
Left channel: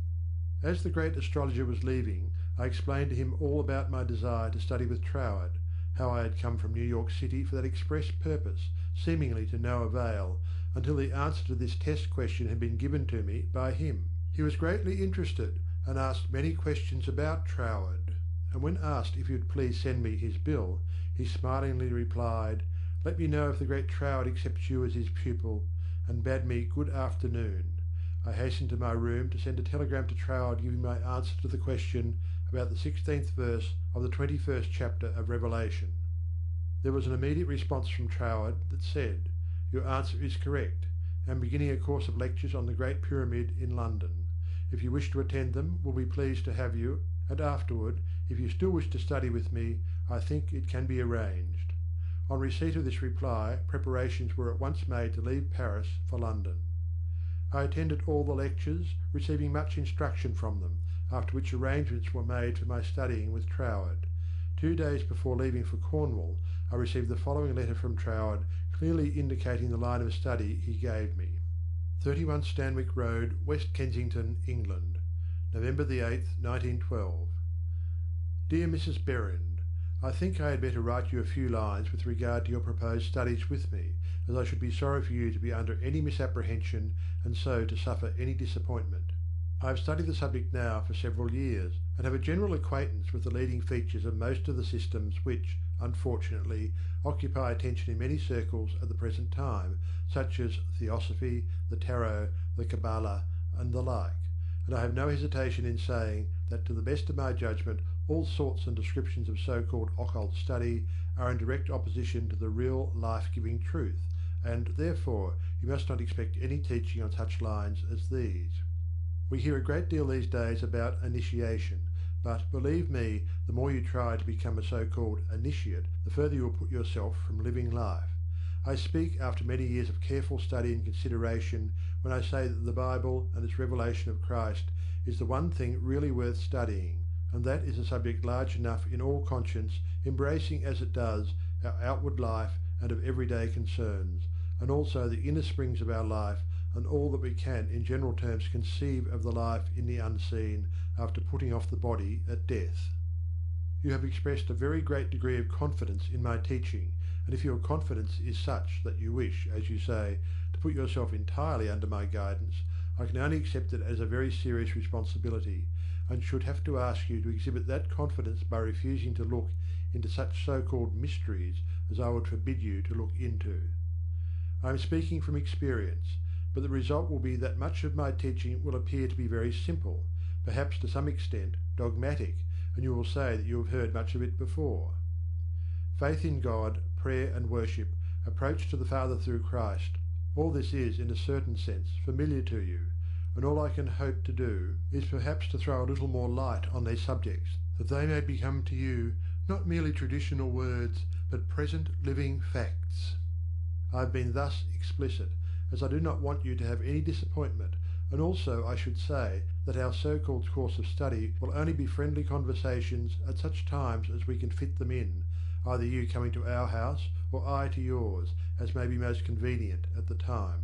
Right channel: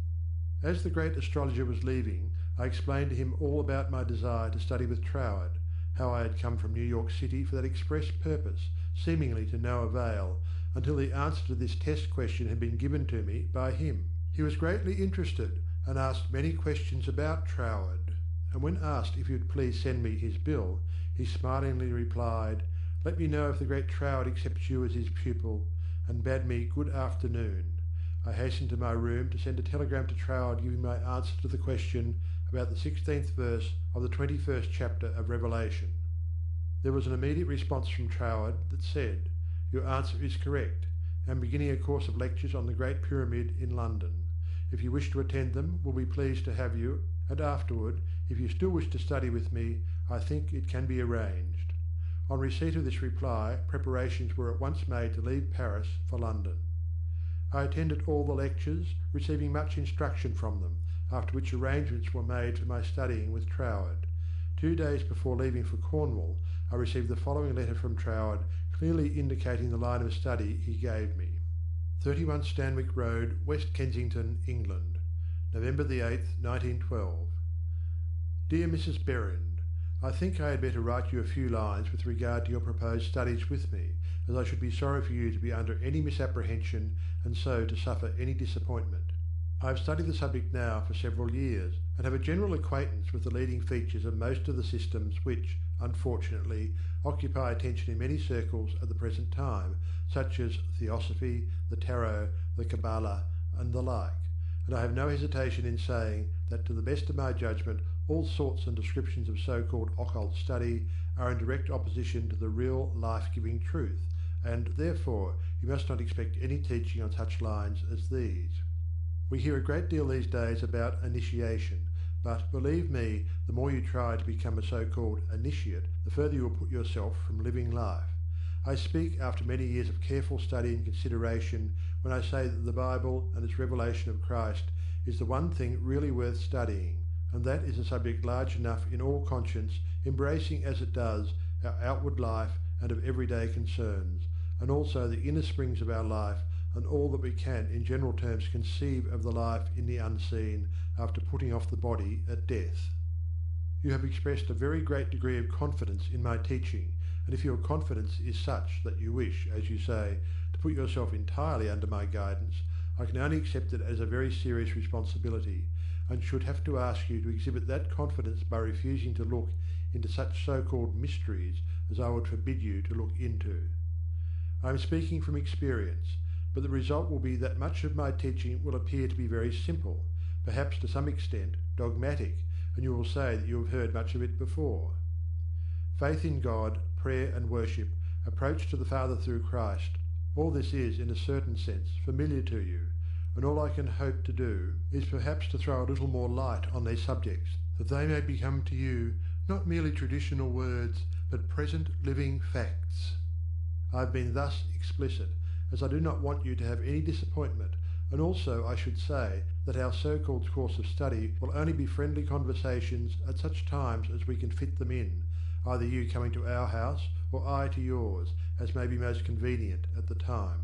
As the great astrologer was leaving, I explained to him all about my desire to study with Troward, how I had come from New York City for that express purpose, seemingly to no avail, until the answer to this test question had been given to me by him. He was greatly interested, and asked many questions about Troward, and when asked if he would please send me his bill, he smilingly replied, "Let me know if the great Troward accepts you as his pupil," and bade me good afternoon. I hastened to my room to send a telegram to Troward giving my answer to the question about the 16th verse of the 21st chapter of Revelation. There was an immediate response from Troward that said, "Your answer is correct. I am beginning a course of lectures on the Great Pyramid in London. If you wish to attend them, will be pleased to have you, and afterward, if you still wish to study with me, I think it can be arranged." On receipt of this reply, preparations were at once made to leave Paris for London. I attended all the lectures, receiving much instruction from them, after which arrangements were made for my studying with Troward. 2 days before leaving for Cornwall, I received the following letter from Troward, clearly indicating the line of study he gave me. 31 Stanwick Road, West Kensington, England, November the 8th, 1912. Dear Mrs. Berrind, I think I had better write you a few lines with regard to your proposed studies with me, as I should be sorry for you to be under any misapprehension and so to suffer any disappointment. I have studied the subject now for several years, and have a general acquaintance with the leading features of most of the systems which, unfortunately, occupy attention in many circles at the present time, such as Theosophy, the Tarot, the Kabbalah, and the like, and I have no hesitation in saying that to the best of my judgment all sorts and descriptions of so-called occult study are in direct opposition to the real life-giving truth, and therefore you must not expect any teaching on such lines as these. We hear a great deal these days about initiation, but believe me, the more you try to become a so-called initiate, the further you will put yourself from living life. I speak after many years of careful study and consideration when I say that the Bible and its revelation of Christ is the one thing really worth studying, and that is a subject large enough in all conscience, embracing as it does our outward life and of everyday concerns, and also the inner springs of our life, and all that we can in general terms conceive of the life in the unseen after putting off the body at death. You have expressed a very great degree of confidence in my teaching, and if your confidence is such that you wish, as you say, to put yourself entirely under my guidance, I can only accept it as a very serious responsibility, and should have to ask you to exhibit that confidence by refusing to look into such so-called mysteries as I would forbid you to look into. I am speaking from experience, but the result will be that much of my teaching will appear to be very simple, perhaps to some extent dogmatic, and you will say that you have heard much of it before. Faith in God, prayer and worship, approach to the Father through Christ, all this is, in a certain sense, familiar to you, and all I can hope to do is perhaps to throw a little more light on these subjects, that they may become to you not merely traditional words, but present living facts. I have been thus explicit, as I do not want you to have any disappointment, and also I should say that our so-called course of study will only be friendly conversations at such times as we can fit them in, either you coming to our house or I to yours, as may be most convenient at the time.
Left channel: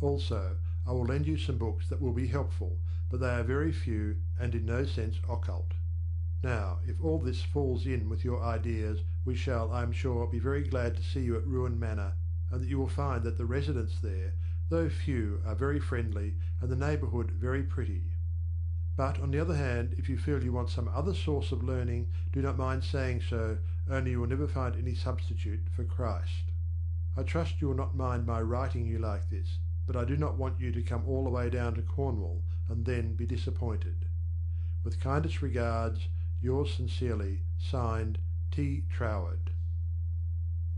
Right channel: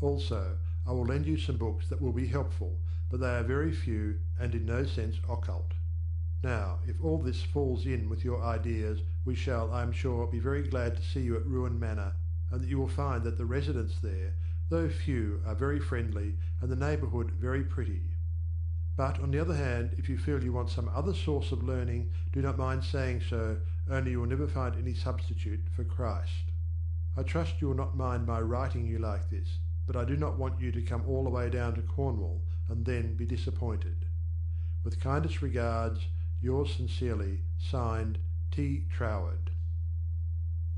Also, I will lend you some books that will be helpful, but they are very few and in no sense occult. Now, if all this falls in with your ideas, we shall, I am sure, be very glad to see you at Ruan Manor, and that you will find that the residents there, though few, are very friendly, and the neighbourhood very pretty. But, on the other hand, if you feel you want some other source of learning, do not mind saying so, only you will never find any substitute for Christ. I trust you will not mind my writing you like this, but I do not want you to come all the way down to Cornwall and then be disappointed. With kindest regards, yours sincerely, signed, T. Troward.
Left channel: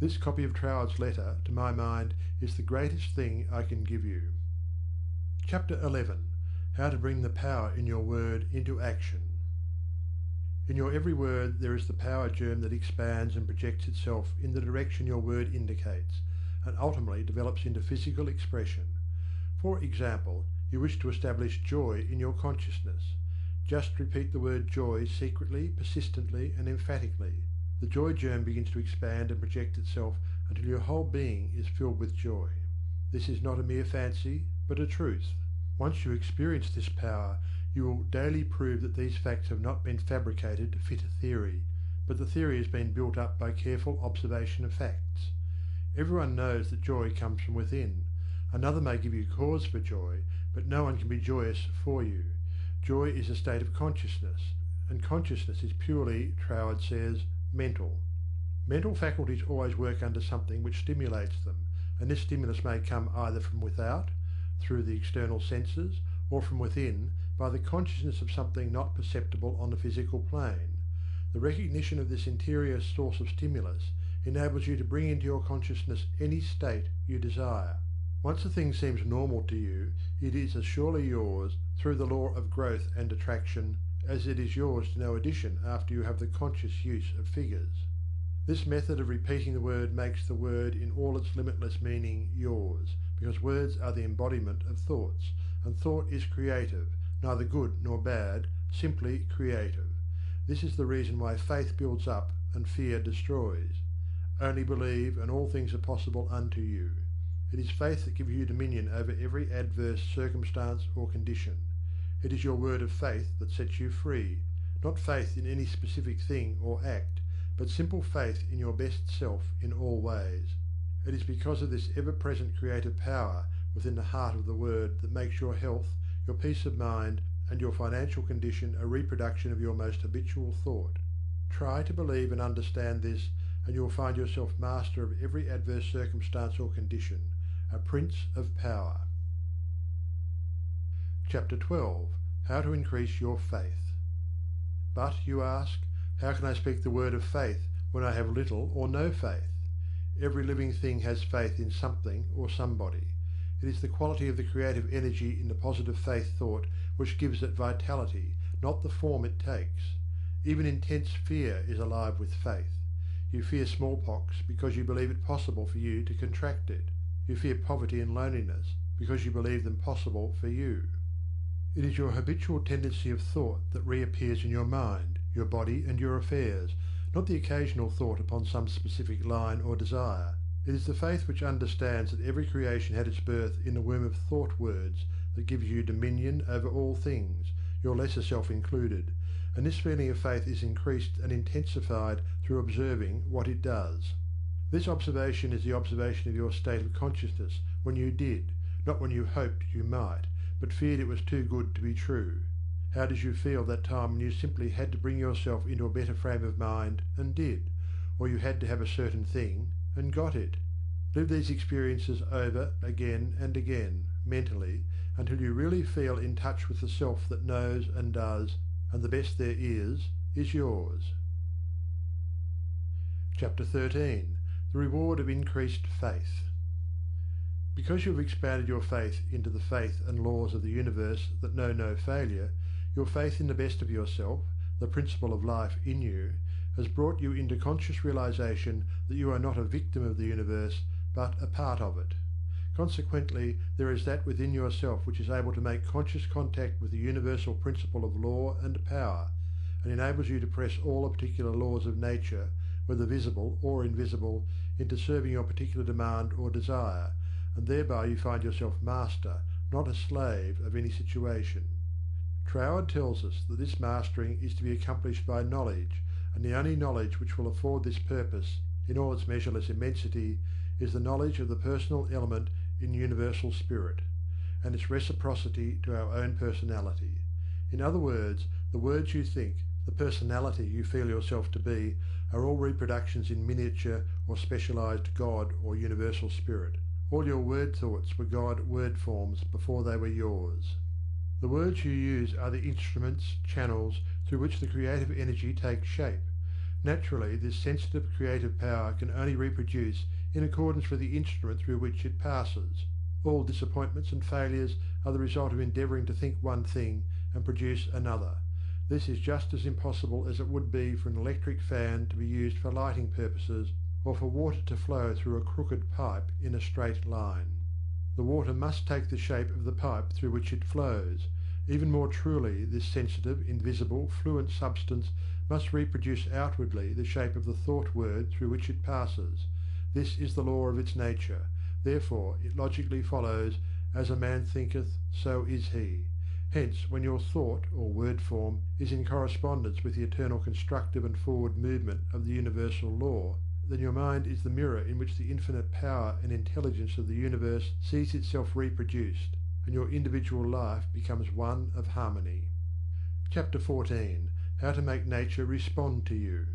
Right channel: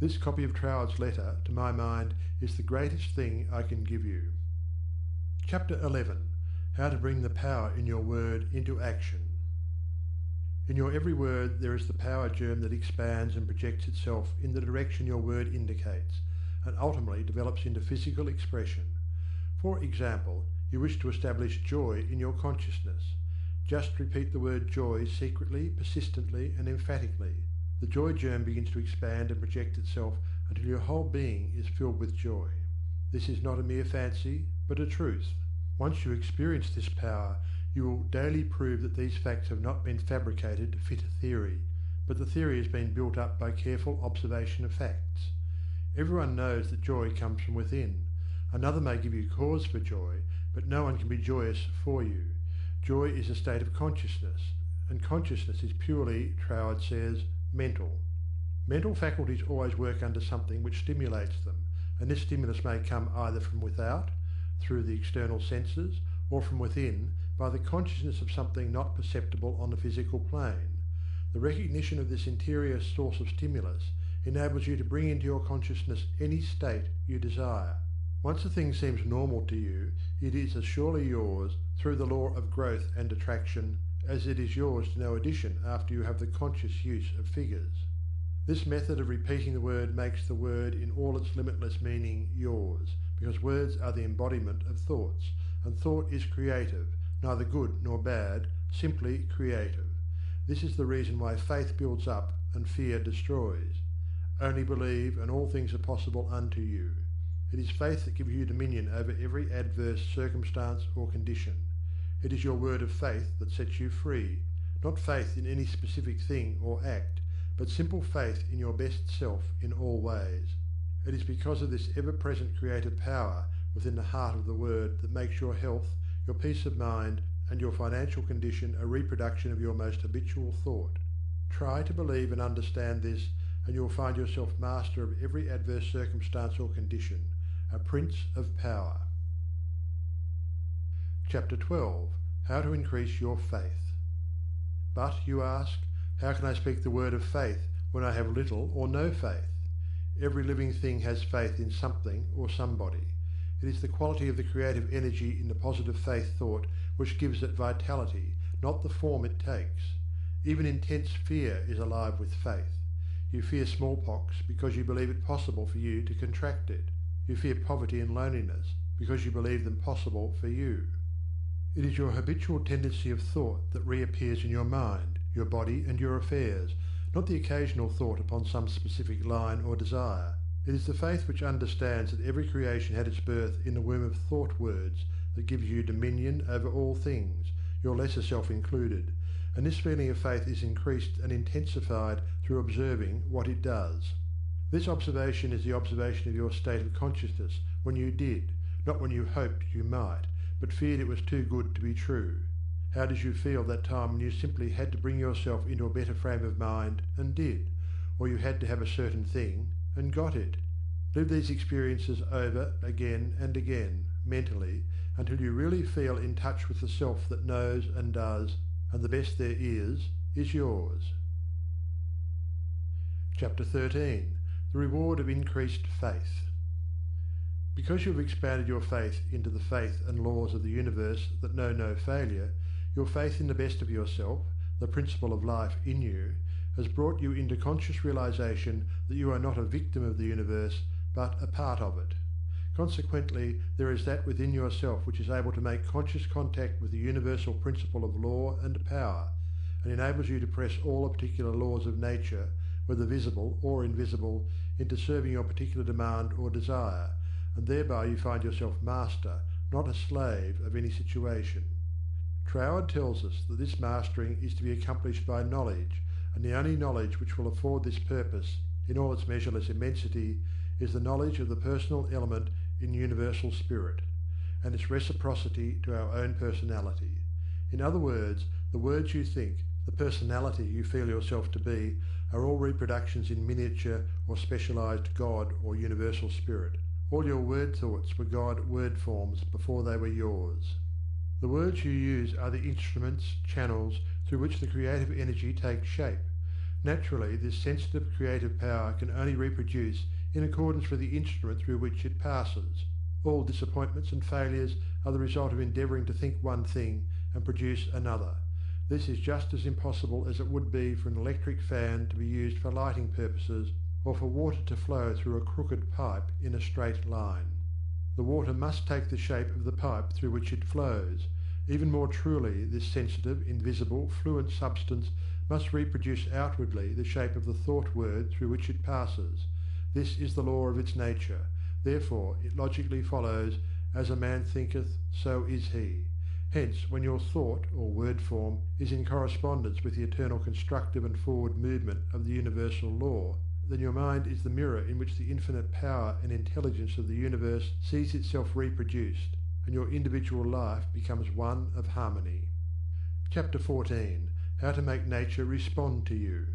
This copy of Troward's letter, to my mind, is the greatest thing I can give you. Chapter 11. How to bring the power in your word into action. In your every word there is the power germ that expands and projects itself in the direction your word indicates, and ultimately develops into physical expression. For example, you wish to establish joy in your consciousness. Just repeat the word joy secretly, persistently, and emphatically. The joy germ begins to expand and project itself until your whole being is filled with joy. This is not a mere fancy, but a truth. Once you experience this power, you will daily prove that these facts have not been fabricated to fit a theory, but the theory has been built up by careful observation of facts. Everyone knows that joy comes from within. Another may give you cause for joy, but no one can be joyous for you. Joy is a state of consciousness, and consciousness is purely, Troward says, mental. Mental faculties always work under something which stimulates them, and this stimulus may come either from without, through the external senses, or from within, by the consciousness of something not perceptible on the physical plane. The recognition of this interior source of stimulus enables you to bring into your consciousness any state you desire. Once a thing seems normal to you, it is as surely yours, through the law of growth and attraction, as it is yours to no addition after you have the conscious use of figures. This method of repeating the word makes the word in all its limitless meaning yours, because words are the embodiment of thoughts, and thought is creative, neither good nor bad, simply creative. This is the reason why faith builds up and fear destroys. Only believe, and all things are possible unto you. It is faith that gives you dominion over every adverse circumstance or condition. It is your word of faith that sets you free, not faith in any specific thing or act, but simple faith in your best self in all ways. It is because of this ever-present creative power within the heart of the Word that makes your health, your peace of mind, and your financial condition a reproduction of your most habitual thought. Try to believe and understand this, and you will find yourself master of every adverse circumstance or condition, a prince of power. Chapter 12. How to increase your faith. But, you ask, how can I speak the word of faith when I have little or no faith? Every living thing has faith in something or somebody. It is the quality of the creative energy in the positive faith thought which gives it vitality, not the form it takes. Even intense fear is alive with faith. You fear smallpox because you believe it possible for you to contract it. You fear poverty and loneliness because you believe them possible for you. It is your habitual tendency of thought that reappears in your mind, your body, and your affairs, not the occasional thought upon some specific line or desire. It is the faith which understands that every creation had its birth in the womb of thought words that gives you dominion over all things, your lesser self included, and this feeling of faith is increased and intensified through observing what it does. This observation is the observation of your state of consciousness when you did, not when you hoped you might, but feared it was too good to be true. How did you feel that time when you simply had to bring yourself into a better frame of mind and did, or you had to have a certain thing and got it? Live these experiences over again and again, mentally, until you really feel in touch with the self that knows and does, and the best there is yours. Chapter 13. The Reward of Increased Faith. Because you have expanded your faith into the faith and laws of the universe that know no failure, your faith in the best of yourself, the principle of life in you, has brought you into conscious realization that you are not a victim of the universe, but a part of it. Consequently, there is that within yourself which is able to make conscious contact with the universal principle of law and power, and enables you to press all the particular laws of nature, whether visible or invisible, into serving your particular demand or desire, and thereby you find yourself master, not a slave, of any situation. Troward tells us that this mastering is to be accomplished by knowledge, and the only knowledge which will afford this purpose, in all its measureless immensity, is the knowledge of the personal element in universal spirit, and its reciprocity to our own personality. In other words, the words you think, the personality you feel yourself to be, are all reproductions in miniature or specialized God or universal spirit. All your word thoughts were God word forms before they were yours. The words you use are the instruments, channels, through which the creative energy takes shape. Naturally, this sensitive creative power can only reproduce in accordance with the instrument through which it passes. All disappointments and failures are the result of endeavouring to think one thing and produce another. This is just as impossible as it would be for an electric fan to be used for lighting purposes, or for water to flow through a crooked pipe in a straight line. The water must take the shape of the pipe through which it flows. Even more truly, this sensitive, invisible, fluent substance must reproduce outwardly the shape of the thought word through which it passes. This is the law of its nature. Therefore, it logically follows, as a man thinketh, so is he. Hence, when your thought, or word form, is in correspondence with the eternal constructive and forward movement of the universal law, then your mind is the mirror in which the infinite power and intelligence of the universe sees itself reproduced, and your individual life becomes one of harmony. Chapter 14. How to make nature respond to you.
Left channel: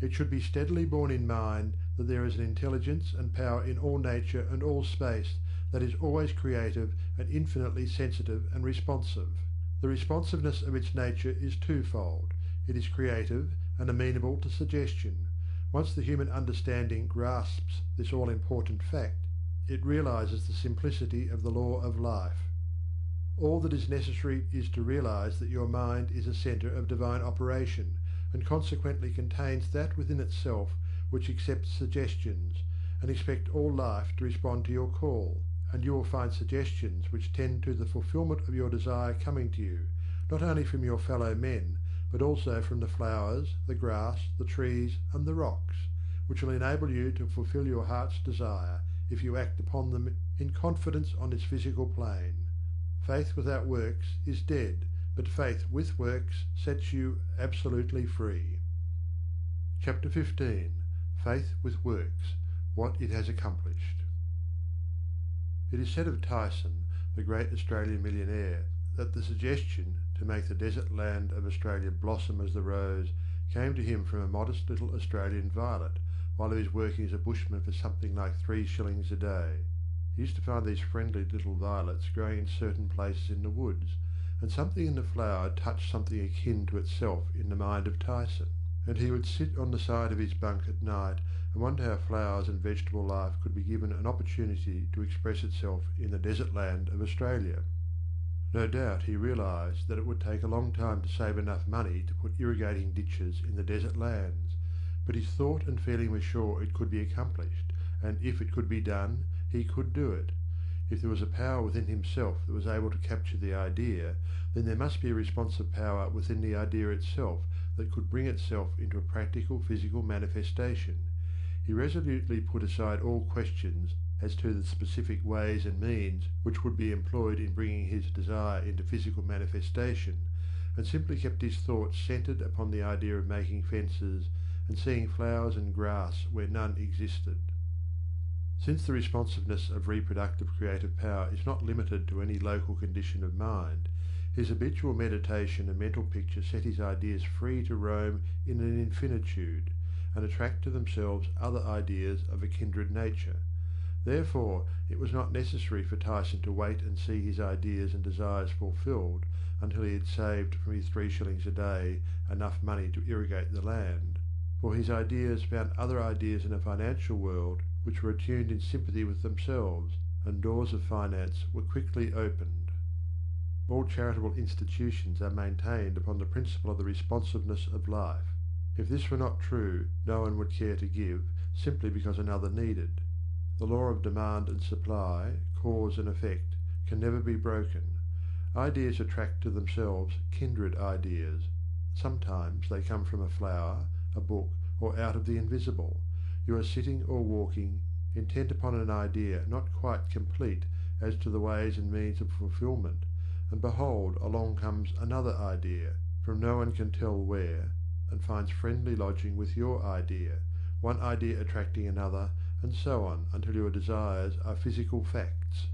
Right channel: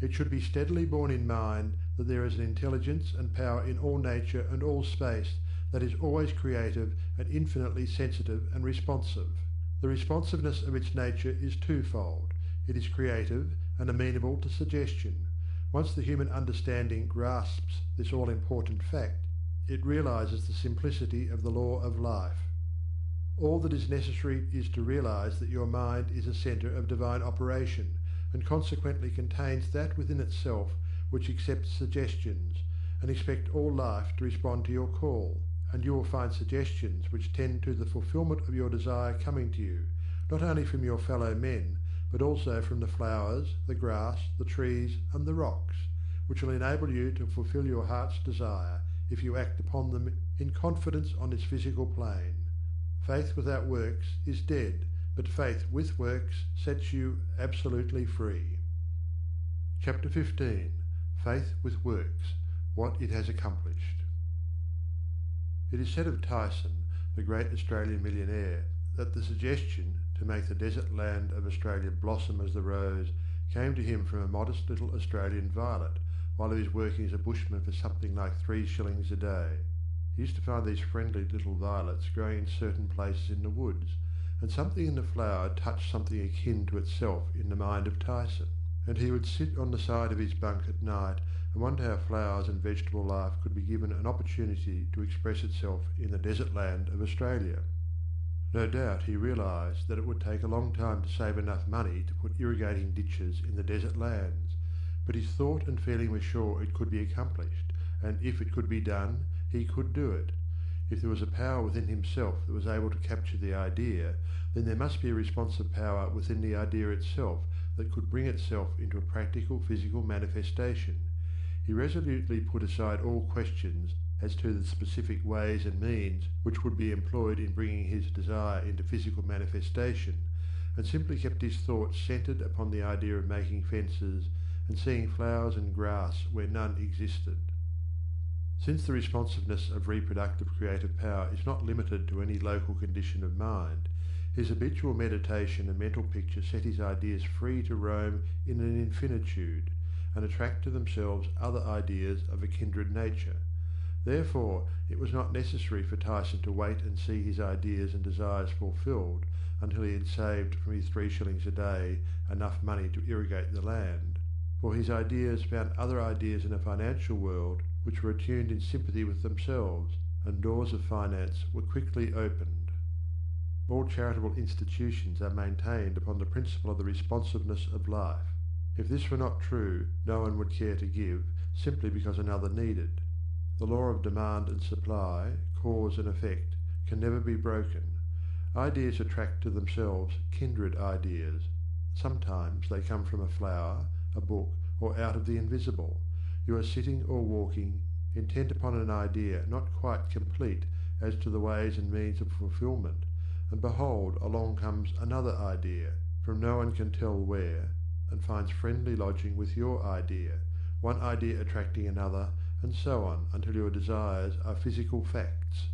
It should be steadily borne in mind that there is an intelligence and power in all nature and all space that is always creative and infinitely sensitive and responsive. The responsiveness of its nature is twofold. It is creative and amenable to suggestion. Once the human understanding grasps this all-important fact, it realizes the simplicity of the law of life. All that is necessary is to realize that your mind is a center of divine operation, and consequently contains that within itself which accepts suggestions, and expect all life to respond to your call, and you will find suggestions which tend to the fulfillment of your desire coming to you, not only from your fellow men, but also from the flowers, the grass, the trees, and the rocks, which will enable you to fulfill your heart's desire if you act upon them in confidence on this physical plane. Faith without works is dead, but faith with works sets you absolutely free. Chapter 15. Faith with Works, What It Has Accomplished. It is said of Tyson, the great Australian millionaire, that the suggestion to make the desert land of Australia blossom as the rose came to him from a modest little Australian violet, while he was working as a bushman for something like 3 shillings a day. He used to find these friendly little violets growing in certain places in the woods, and something in the flower touched something akin to itself in the mind of Tyson, and he would sit on the side of his bunk at night and wonder how flowers and vegetable life could be given an opportunity to express itself in the desert land of Australia. No doubt he realised that it would take a long time to save enough money to put irrigating ditches in the desert lands, but his thought and feeling were sure it could be accomplished, and if it could be done, he could do it. If there was a power within himself that was able to capture the idea, then there must be a responsive power within the idea itself that could bring itself into a practical physical manifestation. He resolutely put aside all questions as to the specific ways and means which would be employed in bringing his desire into physical manifestation, and simply kept his thoughts centred upon the idea of making fences and seeing flowers and grass where none existed. Since the responsiveness of reproductive creative power is not limited to any local condition of mind, his habitual meditation and mental picture set his ideas free to roam in an infinitude, and attract to themselves other ideas of a kindred nature. Therefore, it was not necessary for Tyson to wait and see his ideas and desires fulfilled until he had saved from his 3 shillings a day enough money to irrigate the land, for his ideas found other ideas in a financial world which were attuned in sympathy with themselves, and doors of finance were quickly opened. All charitable institutions are maintained upon the principle of the responsiveness of life. If this were not true, no one would care to give, simply because another needed. The law of demand and supply, cause and effect, can never be broken. Ideas attract to themselves kindred ideas. Sometimes they come from a flower, a book, or out of the invisible. You are sitting or walking, intent upon an idea not quite complete as to the ways and means of fulfilment, and behold, along comes another idea, from no one can tell where, and finds friendly lodging with your idea, one idea attracting another, and so on until your desires are physical facts.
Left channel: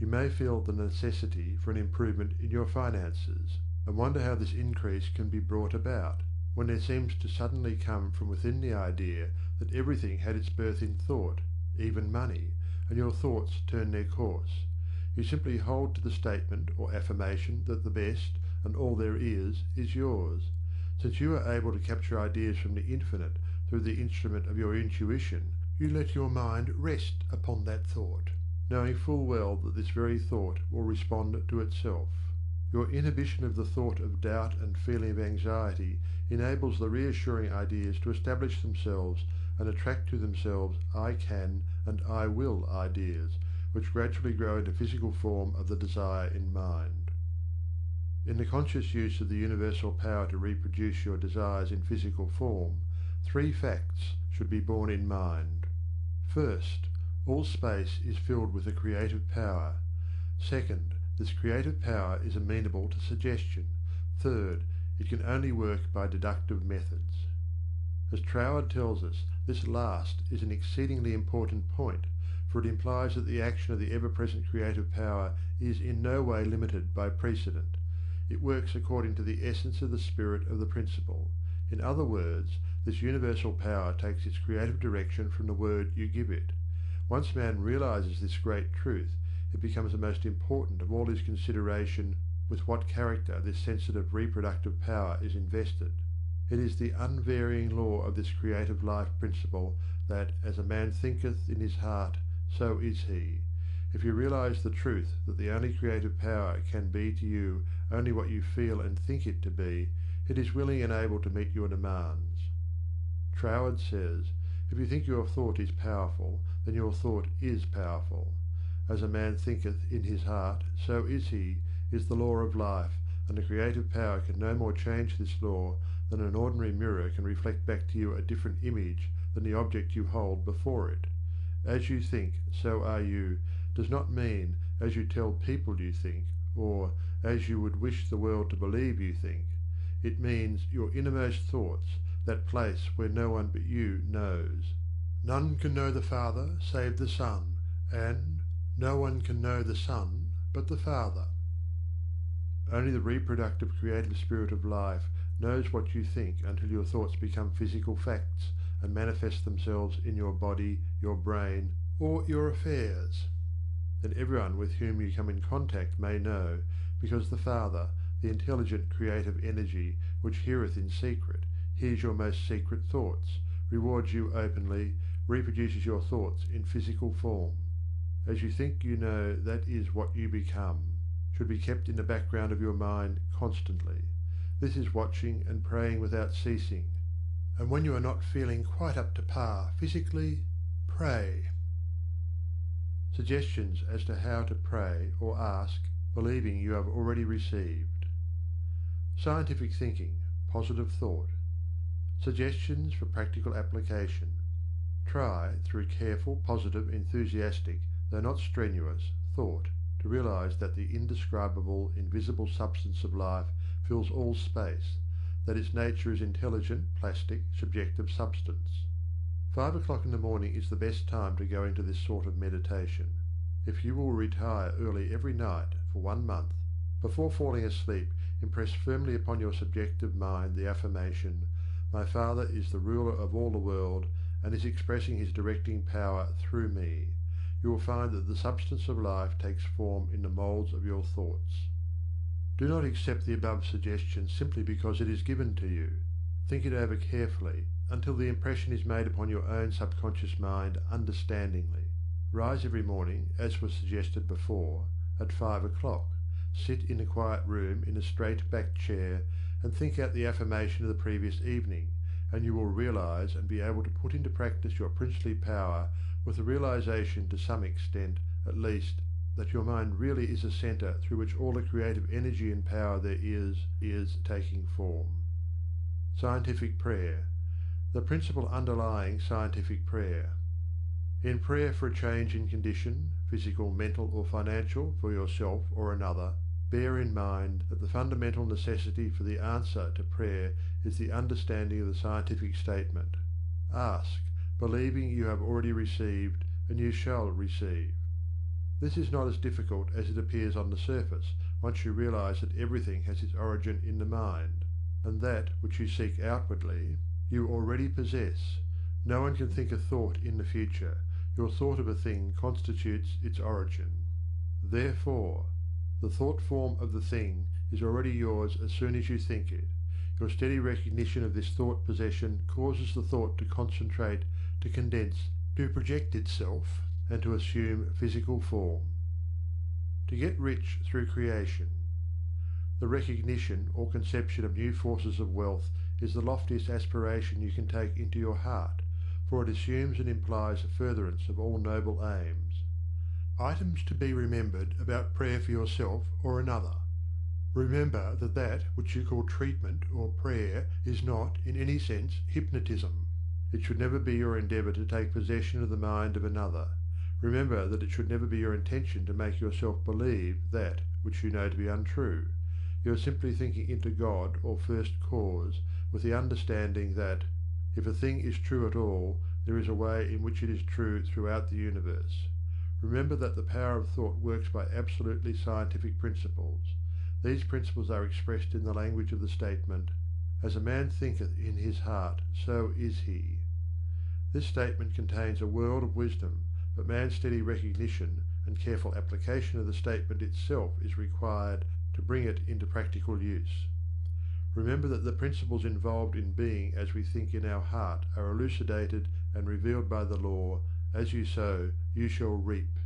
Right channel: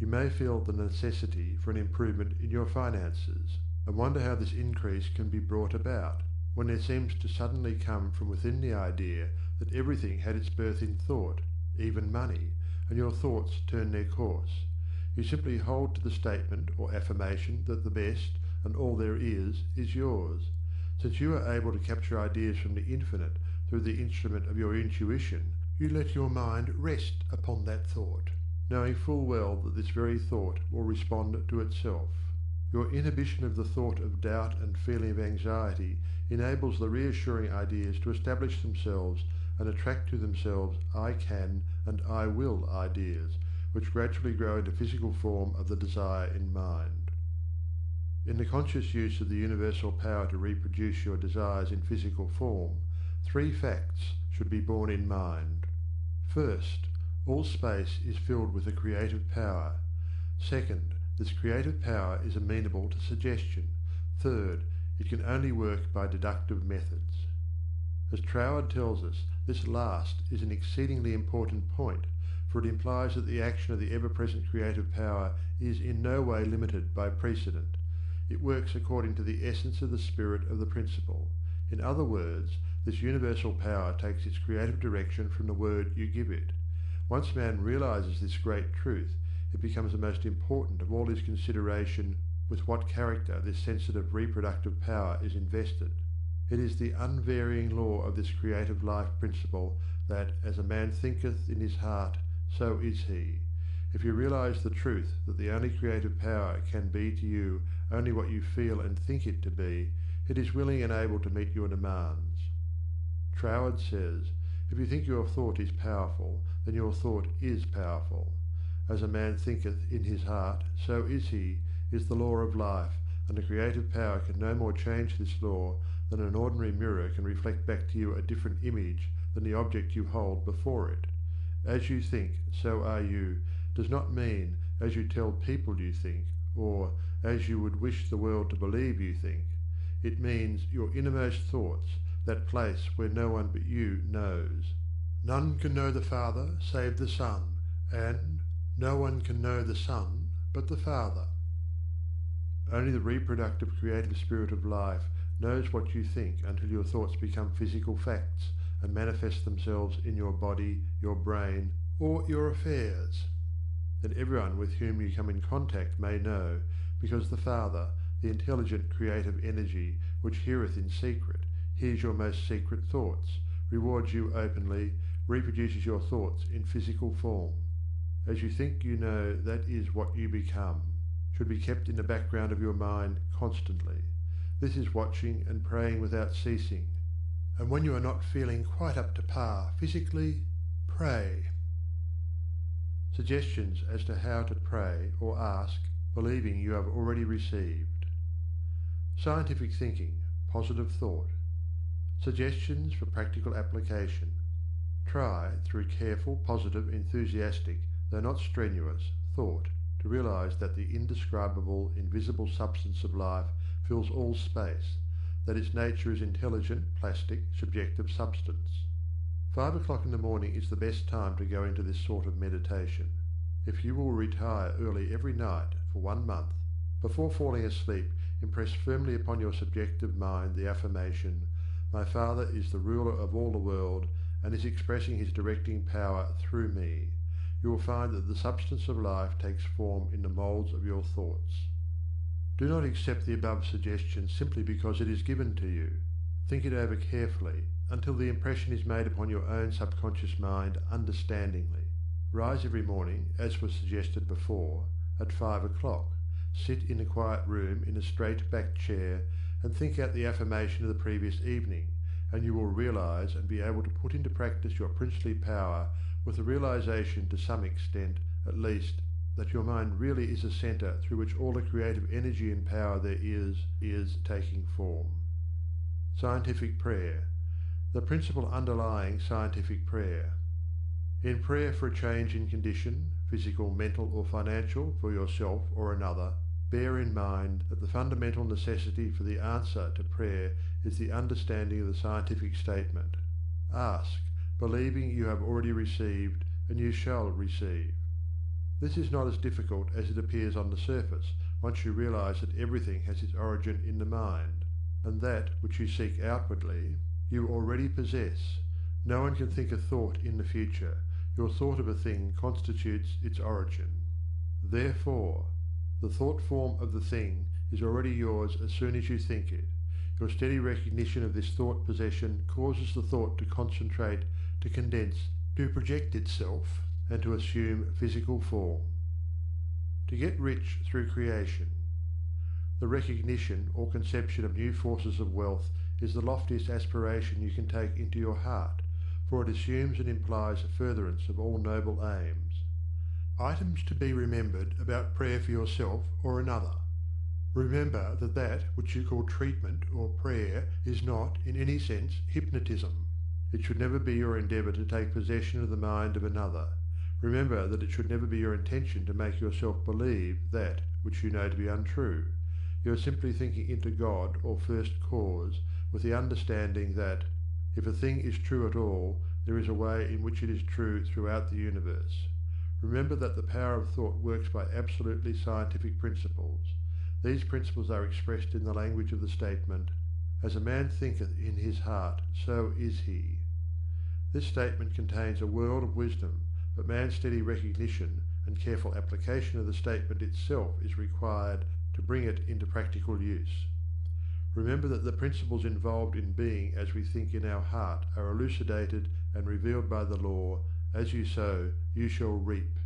You may feel the necessity for an improvement in your finances, and wonder how this increase can be brought about, when there seems to suddenly come from within the idea that everything had its birth in thought, even money, and your thoughts turn their course. You simply hold to the statement or affirmation that the best, and all there is yours. Since you are able to capture ideas from the infinite through the instrument of your intuition, you let your mind rest upon that thought, knowing full well that this very thought will respond to itself. Your inhibition of the thought of doubt and feeling of anxiety enables the reassuring ideas to establish themselves and attract to themselves I can and I will ideas, which gradually grow into physical form of the desire in mind. In the conscious use of the universal power to reproduce your desires in physical form, 3 facts should be borne in mind. First, all space is filled with a creative power. Second, this creative power is amenable to suggestion. Third, it can only work by deductive methods. As Troward tells us, this last is an exceedingly important point, for it implies that the action of the ever-present creative power is in no way limited by precedent. It works according to the essence of the spirit of the principle. In other words, this universal power takes its creative direction from the word you give it. Once man realizes this great truth, it becomes the most important of all his consideration with what character this sensitive reproductive power is invested. It is the unvarying law of this creative life principle that, as a man thinketh in his heart, so is he. If you realize the truth that the only creative power can be to you only what you feel and think it to be, it is willing and able to meet your demands. Troward says, if you think your thought is powerful, then your thought is powerful. As a man thinketh in his heart, so is he, is the law of life, and the creative power can no more change this law than an ordinary mirror can reflect back to you a different image than the object you hold before it. As you think, so are you, does not mean as you tell people you think, or as you would wish the world to believe you think. It means your innermost thoughts, that place where no one but you knows. None can know the Father save the Son, and no one can know the Son but the Father. Only the reproductive creative spirit of life knows what you think until your thoughts become physical facts and manifest themselves in your body, your brain, or your affairs. Then everyone with whom you come in contact may know, because the Father, the intelligent creative energy which heareth in secret, hears your most secret thoughts, rewards you openly, reproduces your thoughts in physical form. As you think you know, that is what you become, should be kept in the background of your mind constantly. This is watching and praying without ceasing. And when you are not feeling quite up to par physically, pray. Suggestions as to how to pray or ask, believing you have already received. Scientific thinking, positive thought. Suggestions for practical application. Try, through careful, positive, enthusiastic, though not strenuous, thought, to realize that the indescribable, invisible substance of life fills all space, that its nature is intelligent, plastic, subjective substance. 5 o'clock in the morning is the best time to go into this sort of meditation. If you will retire early every night for 1 month, before falling asleep, impress firmly upon your subjective mind the affirmation, "My Father is the ruler of all the world and is expressing his directing power through me." You will find that the substance of life takes form in the moulds of your thoughts. Do not accept the above suggestion simply because it is given to you. Think it over carefully until the impression is made upon your own subconscious mind understandingly. Rise every morning, as was suggested before, at 5 o'clock. Sit in a quiet room in a straight-backed chair and think out the affirmation of the previous evening, and you will realize and be able to put into practice your princely power with the realization, to some extent at least, that your mind really is a center through which all the creative energy and power there is taking form. Scientific prayer. The principle underlying scientific prayer. In prayer for a change in condition, physical, mental, or financial, for yourself or another, bear in mind that the fundamental necessity for the answer to prayer is the understanding of the scientific statement. Ask, believing you have already received, and you shall receive. This is not as difficult as it appears on the surface, once you realize that everything has its origin in the mind, and that which you seek outwardly, you already possess. No one can think a thought in the future. Your thought of a thing constitutes its origin. Therefore, the thought form of the thing is already yours as soon as you think it. Your steady recognition of this thought possession causes the thought to concentrate, to condense, to project itself, and to assume physical form. To get rich through creation. The recognition or conception of new forces of wealth is the loftiest aspiration you can take into your heart, for it assumes and implies a furtherance of all noble aims. Items to be remembered about prayer for yourself or another. Remember that that which you call treatment or prayer is not, in any sense, hypnotism. It should never be your endeavour to take possession of the mind of another. Remember that it should never be your intention to make yourself believe that which you know to be untrue. You are simply thinking into God or First Cause with the understanding that, if a thing is true at all, there is a way in which it is true throughout the universe. Remember that the power of thought works by absolutely scientific principles. These principles are expressed in the language of the statement, "As a man thinketh in his heart, so is he." This statement contains a world of wisdom, but man's steady recognition and careful application of the statement itself is required to bring it into practical use. Remember that the principles involved in being as we think in our heart are elucidated and revealed by the law, "As you sow, you shall reap."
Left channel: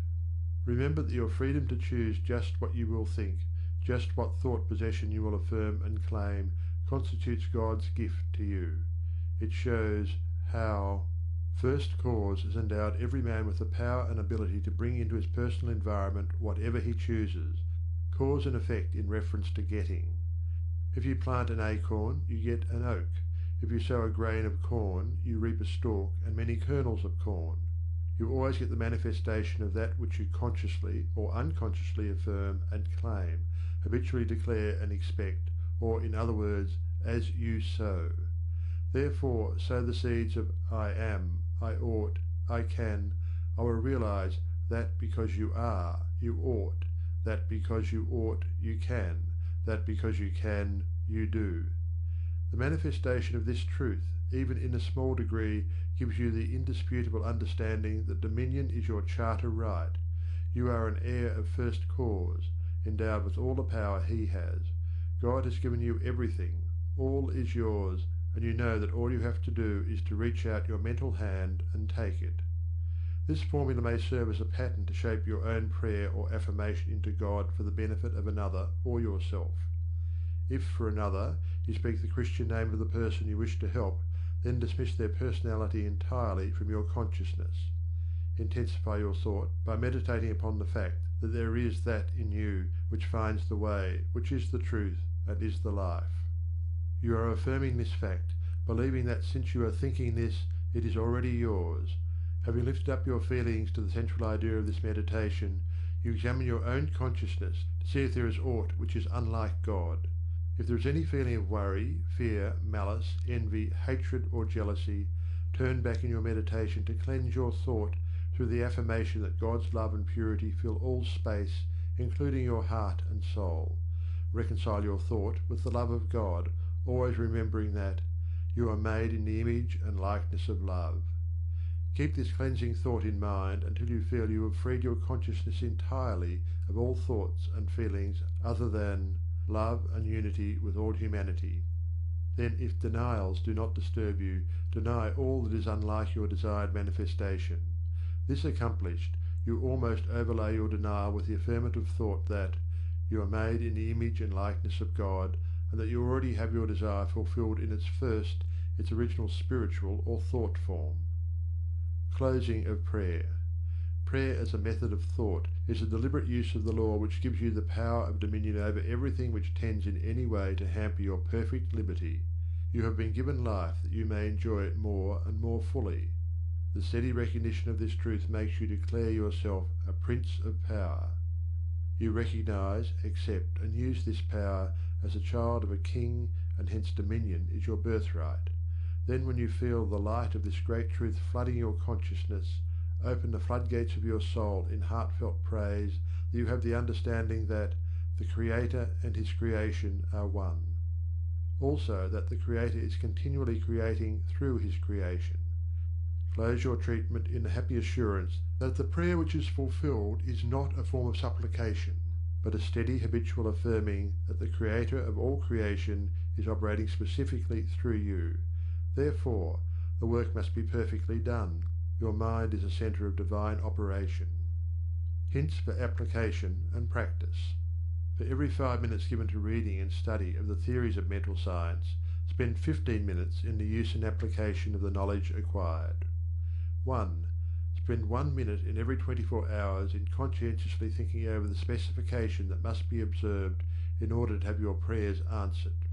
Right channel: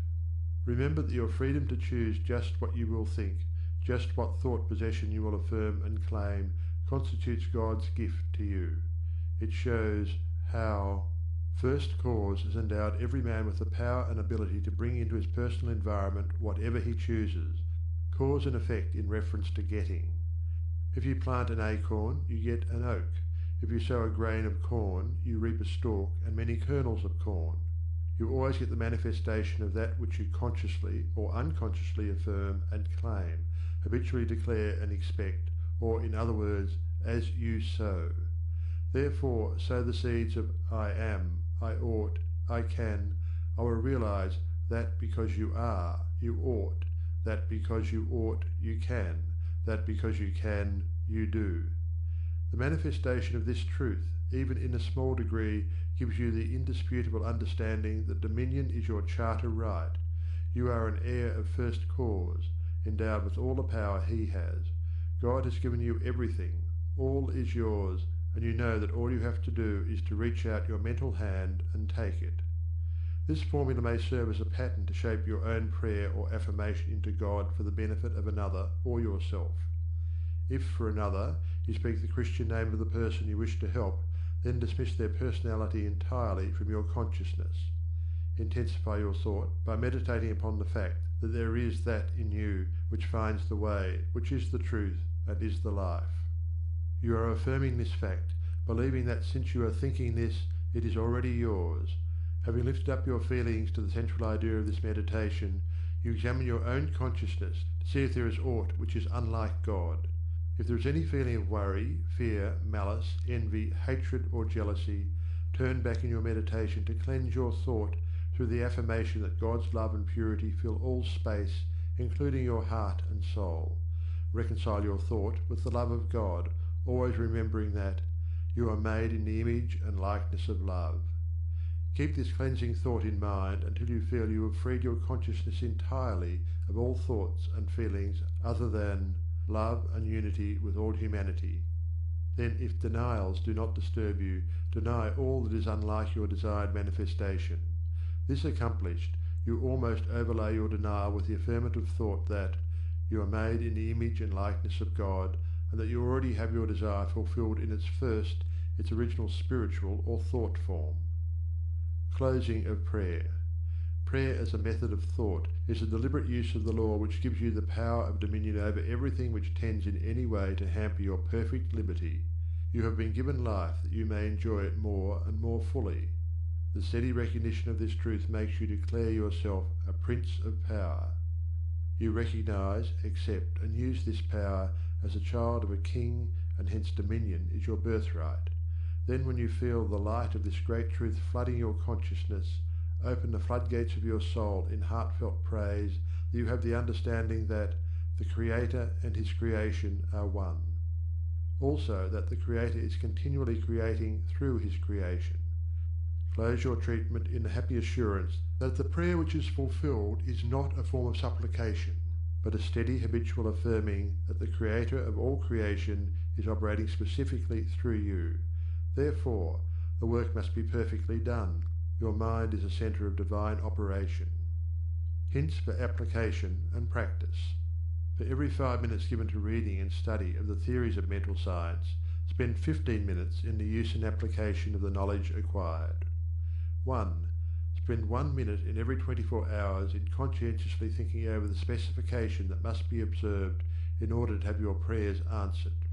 Remember that your freedom to choose just what you will think, just what thought possession you will affirm and claim, constitutes God's gift to you. It shows how First Cause has endowed every man with the power and ability to bring into his personal environment whatever he chooses, cause and effect in reference to getting. If you plant an acorn, you get an oak. If you sow a grain of corn, you reap a stalk and many kernels of corn. You always get the manifestation of that which you consciously or unconsciously affirm and claim, habitually declare and expect, or in other words, as you sow. Therefore, sow the seeds of I am, I ought, I can, I will realize that because you are, you ought, that because you ought, you can, that because you can, you do. The manifestation of this truth, even in a small degree, gives you the indisputable understanding that dominion is your charter right. You are an heir of first cause, endowed with all the power he has. God has given you everything. All is yours, and you know that all you have to do is to reach out your mental hand and take it. This formula may serve as a pattern to shape your own prayer or affirmation into God for the benefit of another or yourself. If, for another, you speak the Christian name of the person you wish to help, then dismiss their personality entirely from your consciousness. Intensify your thought by meditating upon the fact that there is that in you which finds the way, which is the truth, and is the life. You are affirming this fact, believing that since you are thinking this, it is already yours. Having lifted up your feelings to the central idea of this meditation, you examine your own consciousness to see if there is aught which is unlike God. If there is any feeling of worry, fear, malice, envy, hatred, or jealousy, turn back in your meditation to cleanse your thought through the affirmation that God's love and purity fill all space, including your heart and soul. Reconcile your thought with the love of God, always remembering that you are made in the image and likeness of love. Keep this cleansing thought in mind until you feel you have freed your consciousness entirely of all thoughts and feelings other than love and unity with all humanity. Then, if denials do not disturb you, deny all that is unlike your desired manifestation. This accomplished, you almost overlay your denial with the affirmative thought that you are made in the image and likeness of God, and that you already have your desire fulfilled in its original spiritual or thought form. Closing of prayer. Prayer as a method of thought is a deliberate use of the law which gives you the power of dominion over everything which tends in any way to hamper your perfect liberty. You have been given life that you may enjoy it more and more fully. The steady recognition of this truth makes you declare yourself a prince of power. You recognize, accept, and use this power as a child of a king, and hence dominion is your birthright. Then, when you feel the light of this great truth flooding your consciousness, open the floodgates of your soul in heartfelt praise that you have the understanding that the Creator and his creation are one. Also that the Creator is continually creating through his creation. Close your treatment in the happy assurance that the prayer which is fulfilled is not a form of supplication, but a steady habitual affirming that the Creator of all creation is operating specifically through you. Therefore, the work must be perfectly done. Your mind is a centre of divine operation. Hints for application and practice. For every 5 minutes given to reading and study of the theories of mental science, spend 15 minutes in the use and application of the knowledge acquired. 1. Spend 1 minute in every 24 hours in conscientiously thinking over the specification that must be observed in order to have your prayers answered.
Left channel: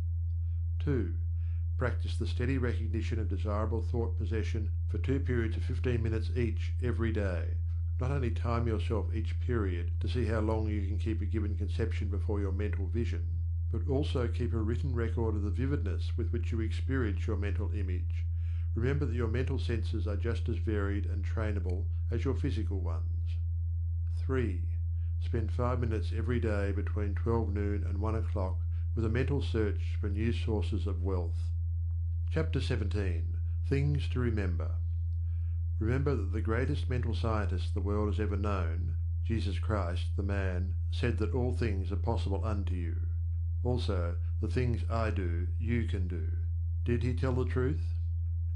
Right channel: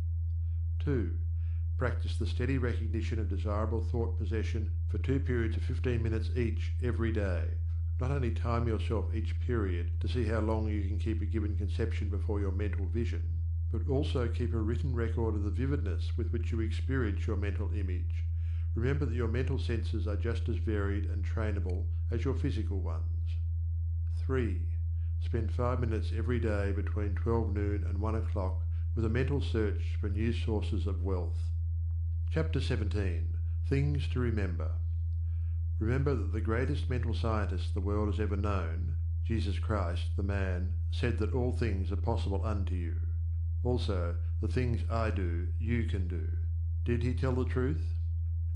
2. Practice the steady recognition of desirable thought possession for 2 periods of 15 minutes each every day. Not only time yourself each period to see how long you can keep a given conception before your mental vision, but also keep a written record of the vividness with which you experience your mental image. Remember that your mental senses are just as varied and trainable as your physical ones. 3. Spend 5 minutes every day between 12 noon and 1 o'clock with a mental search for new sources of wealth. Chapter 17. Things to Remember. Remember that the greatest mental scientist the world has ever known, Jesus Christ, the man, said that all things are possible unto you. Also, the things I do, you can do. Did he tell the truth?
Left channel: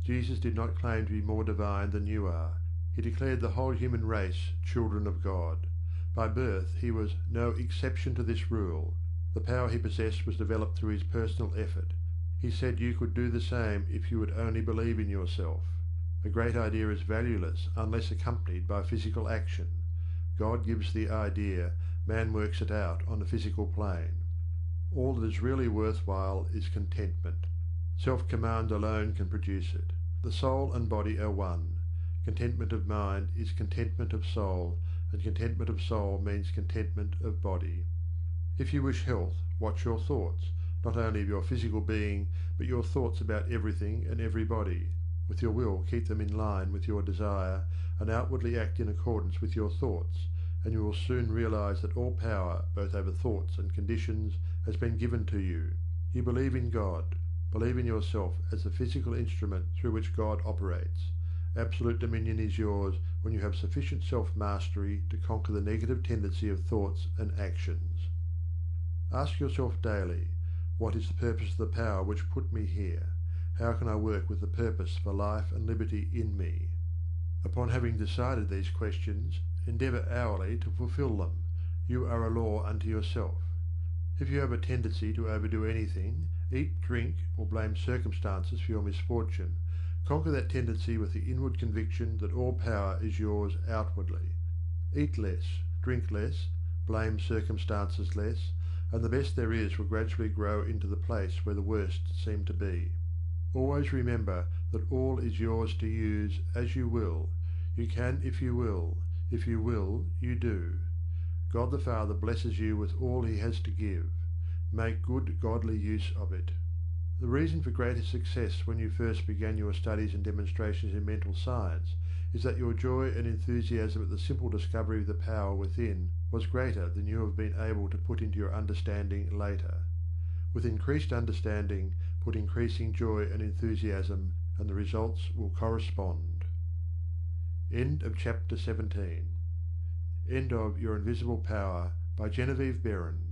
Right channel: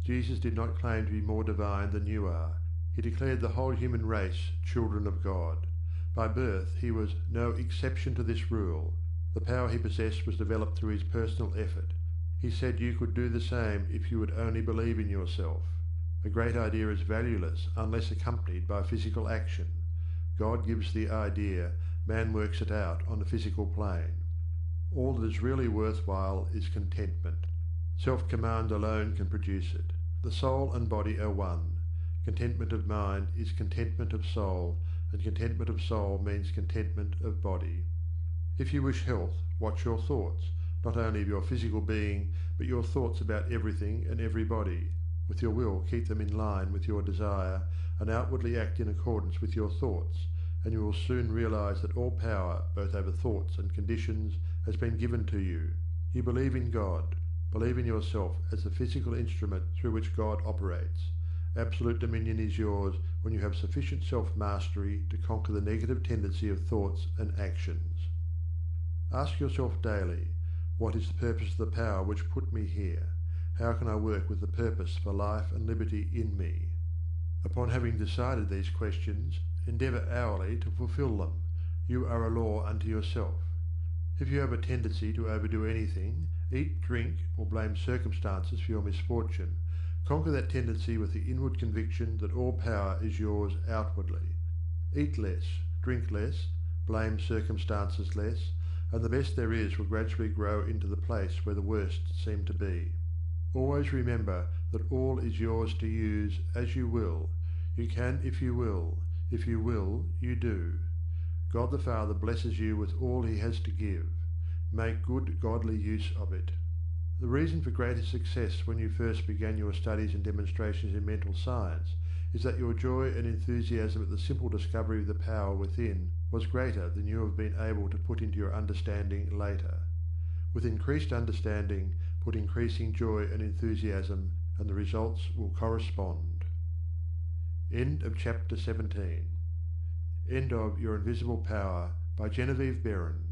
Jesus did not claim to be more divine than you are. He declared the whole human race children of God. By birth he was no exception to this rule. The power he possessed was developed through his personal effort. He said you could do the same if you would only believe in yourself. A great idea is valueless unless accompanied by physical action. God gives the idea, man works it out on the physical plane. All that is really worthwhile is contentment. Self-command alone can produce it. The soul and body are one. Contentment of mind is contentment of soul, and contentment of soul means contentment of body. If you wish health, watch your thoughts, not only of your physical being, but your thoughts about everything and everybody. With your will, keep them in line with your desire, and outwardly act in accordance with your thoughts, and you will soon realize that all power, both over thoughts and conditions, has been given to you. You believe in God. Believe in yourself as the physical instrument through which God operates. Absolute dominion is yours when you have sufficient self-mastery to conquer the negative tendency of thoughts and actions. Ask yourself daily, what is the purpose of the power which put me here? How can I work with the purpose for life and liberty in me? Upon having decided these questions, endeavour hourly to fulfil them. You are a law unto yourself. If you have a tendency to overdo anything, eat, drink, or blame circumstances for your misfortune, conquer that tendency with the inward conviction that all power is yours outwardly. Eat less, drink less, blame circumstances less, and the best there is will gradually grow into the place where the worst seem to be. Always remember that all is yours to use as you will. You can if you will. If you will, you do. God the Father blesses you with all he has to give. Make good godly use of it. The reason for greater success when you first began your studies and demonstrations in mental science is that your joy and enthusiasm at the simple discovery of the power within was greater than you have been able to put into your understanding later. With increased understanding, put increasing joy and enthusiasm, and the results will correspond. End of chapter 17. End of Your Invisible Power by Genevieve Behrend.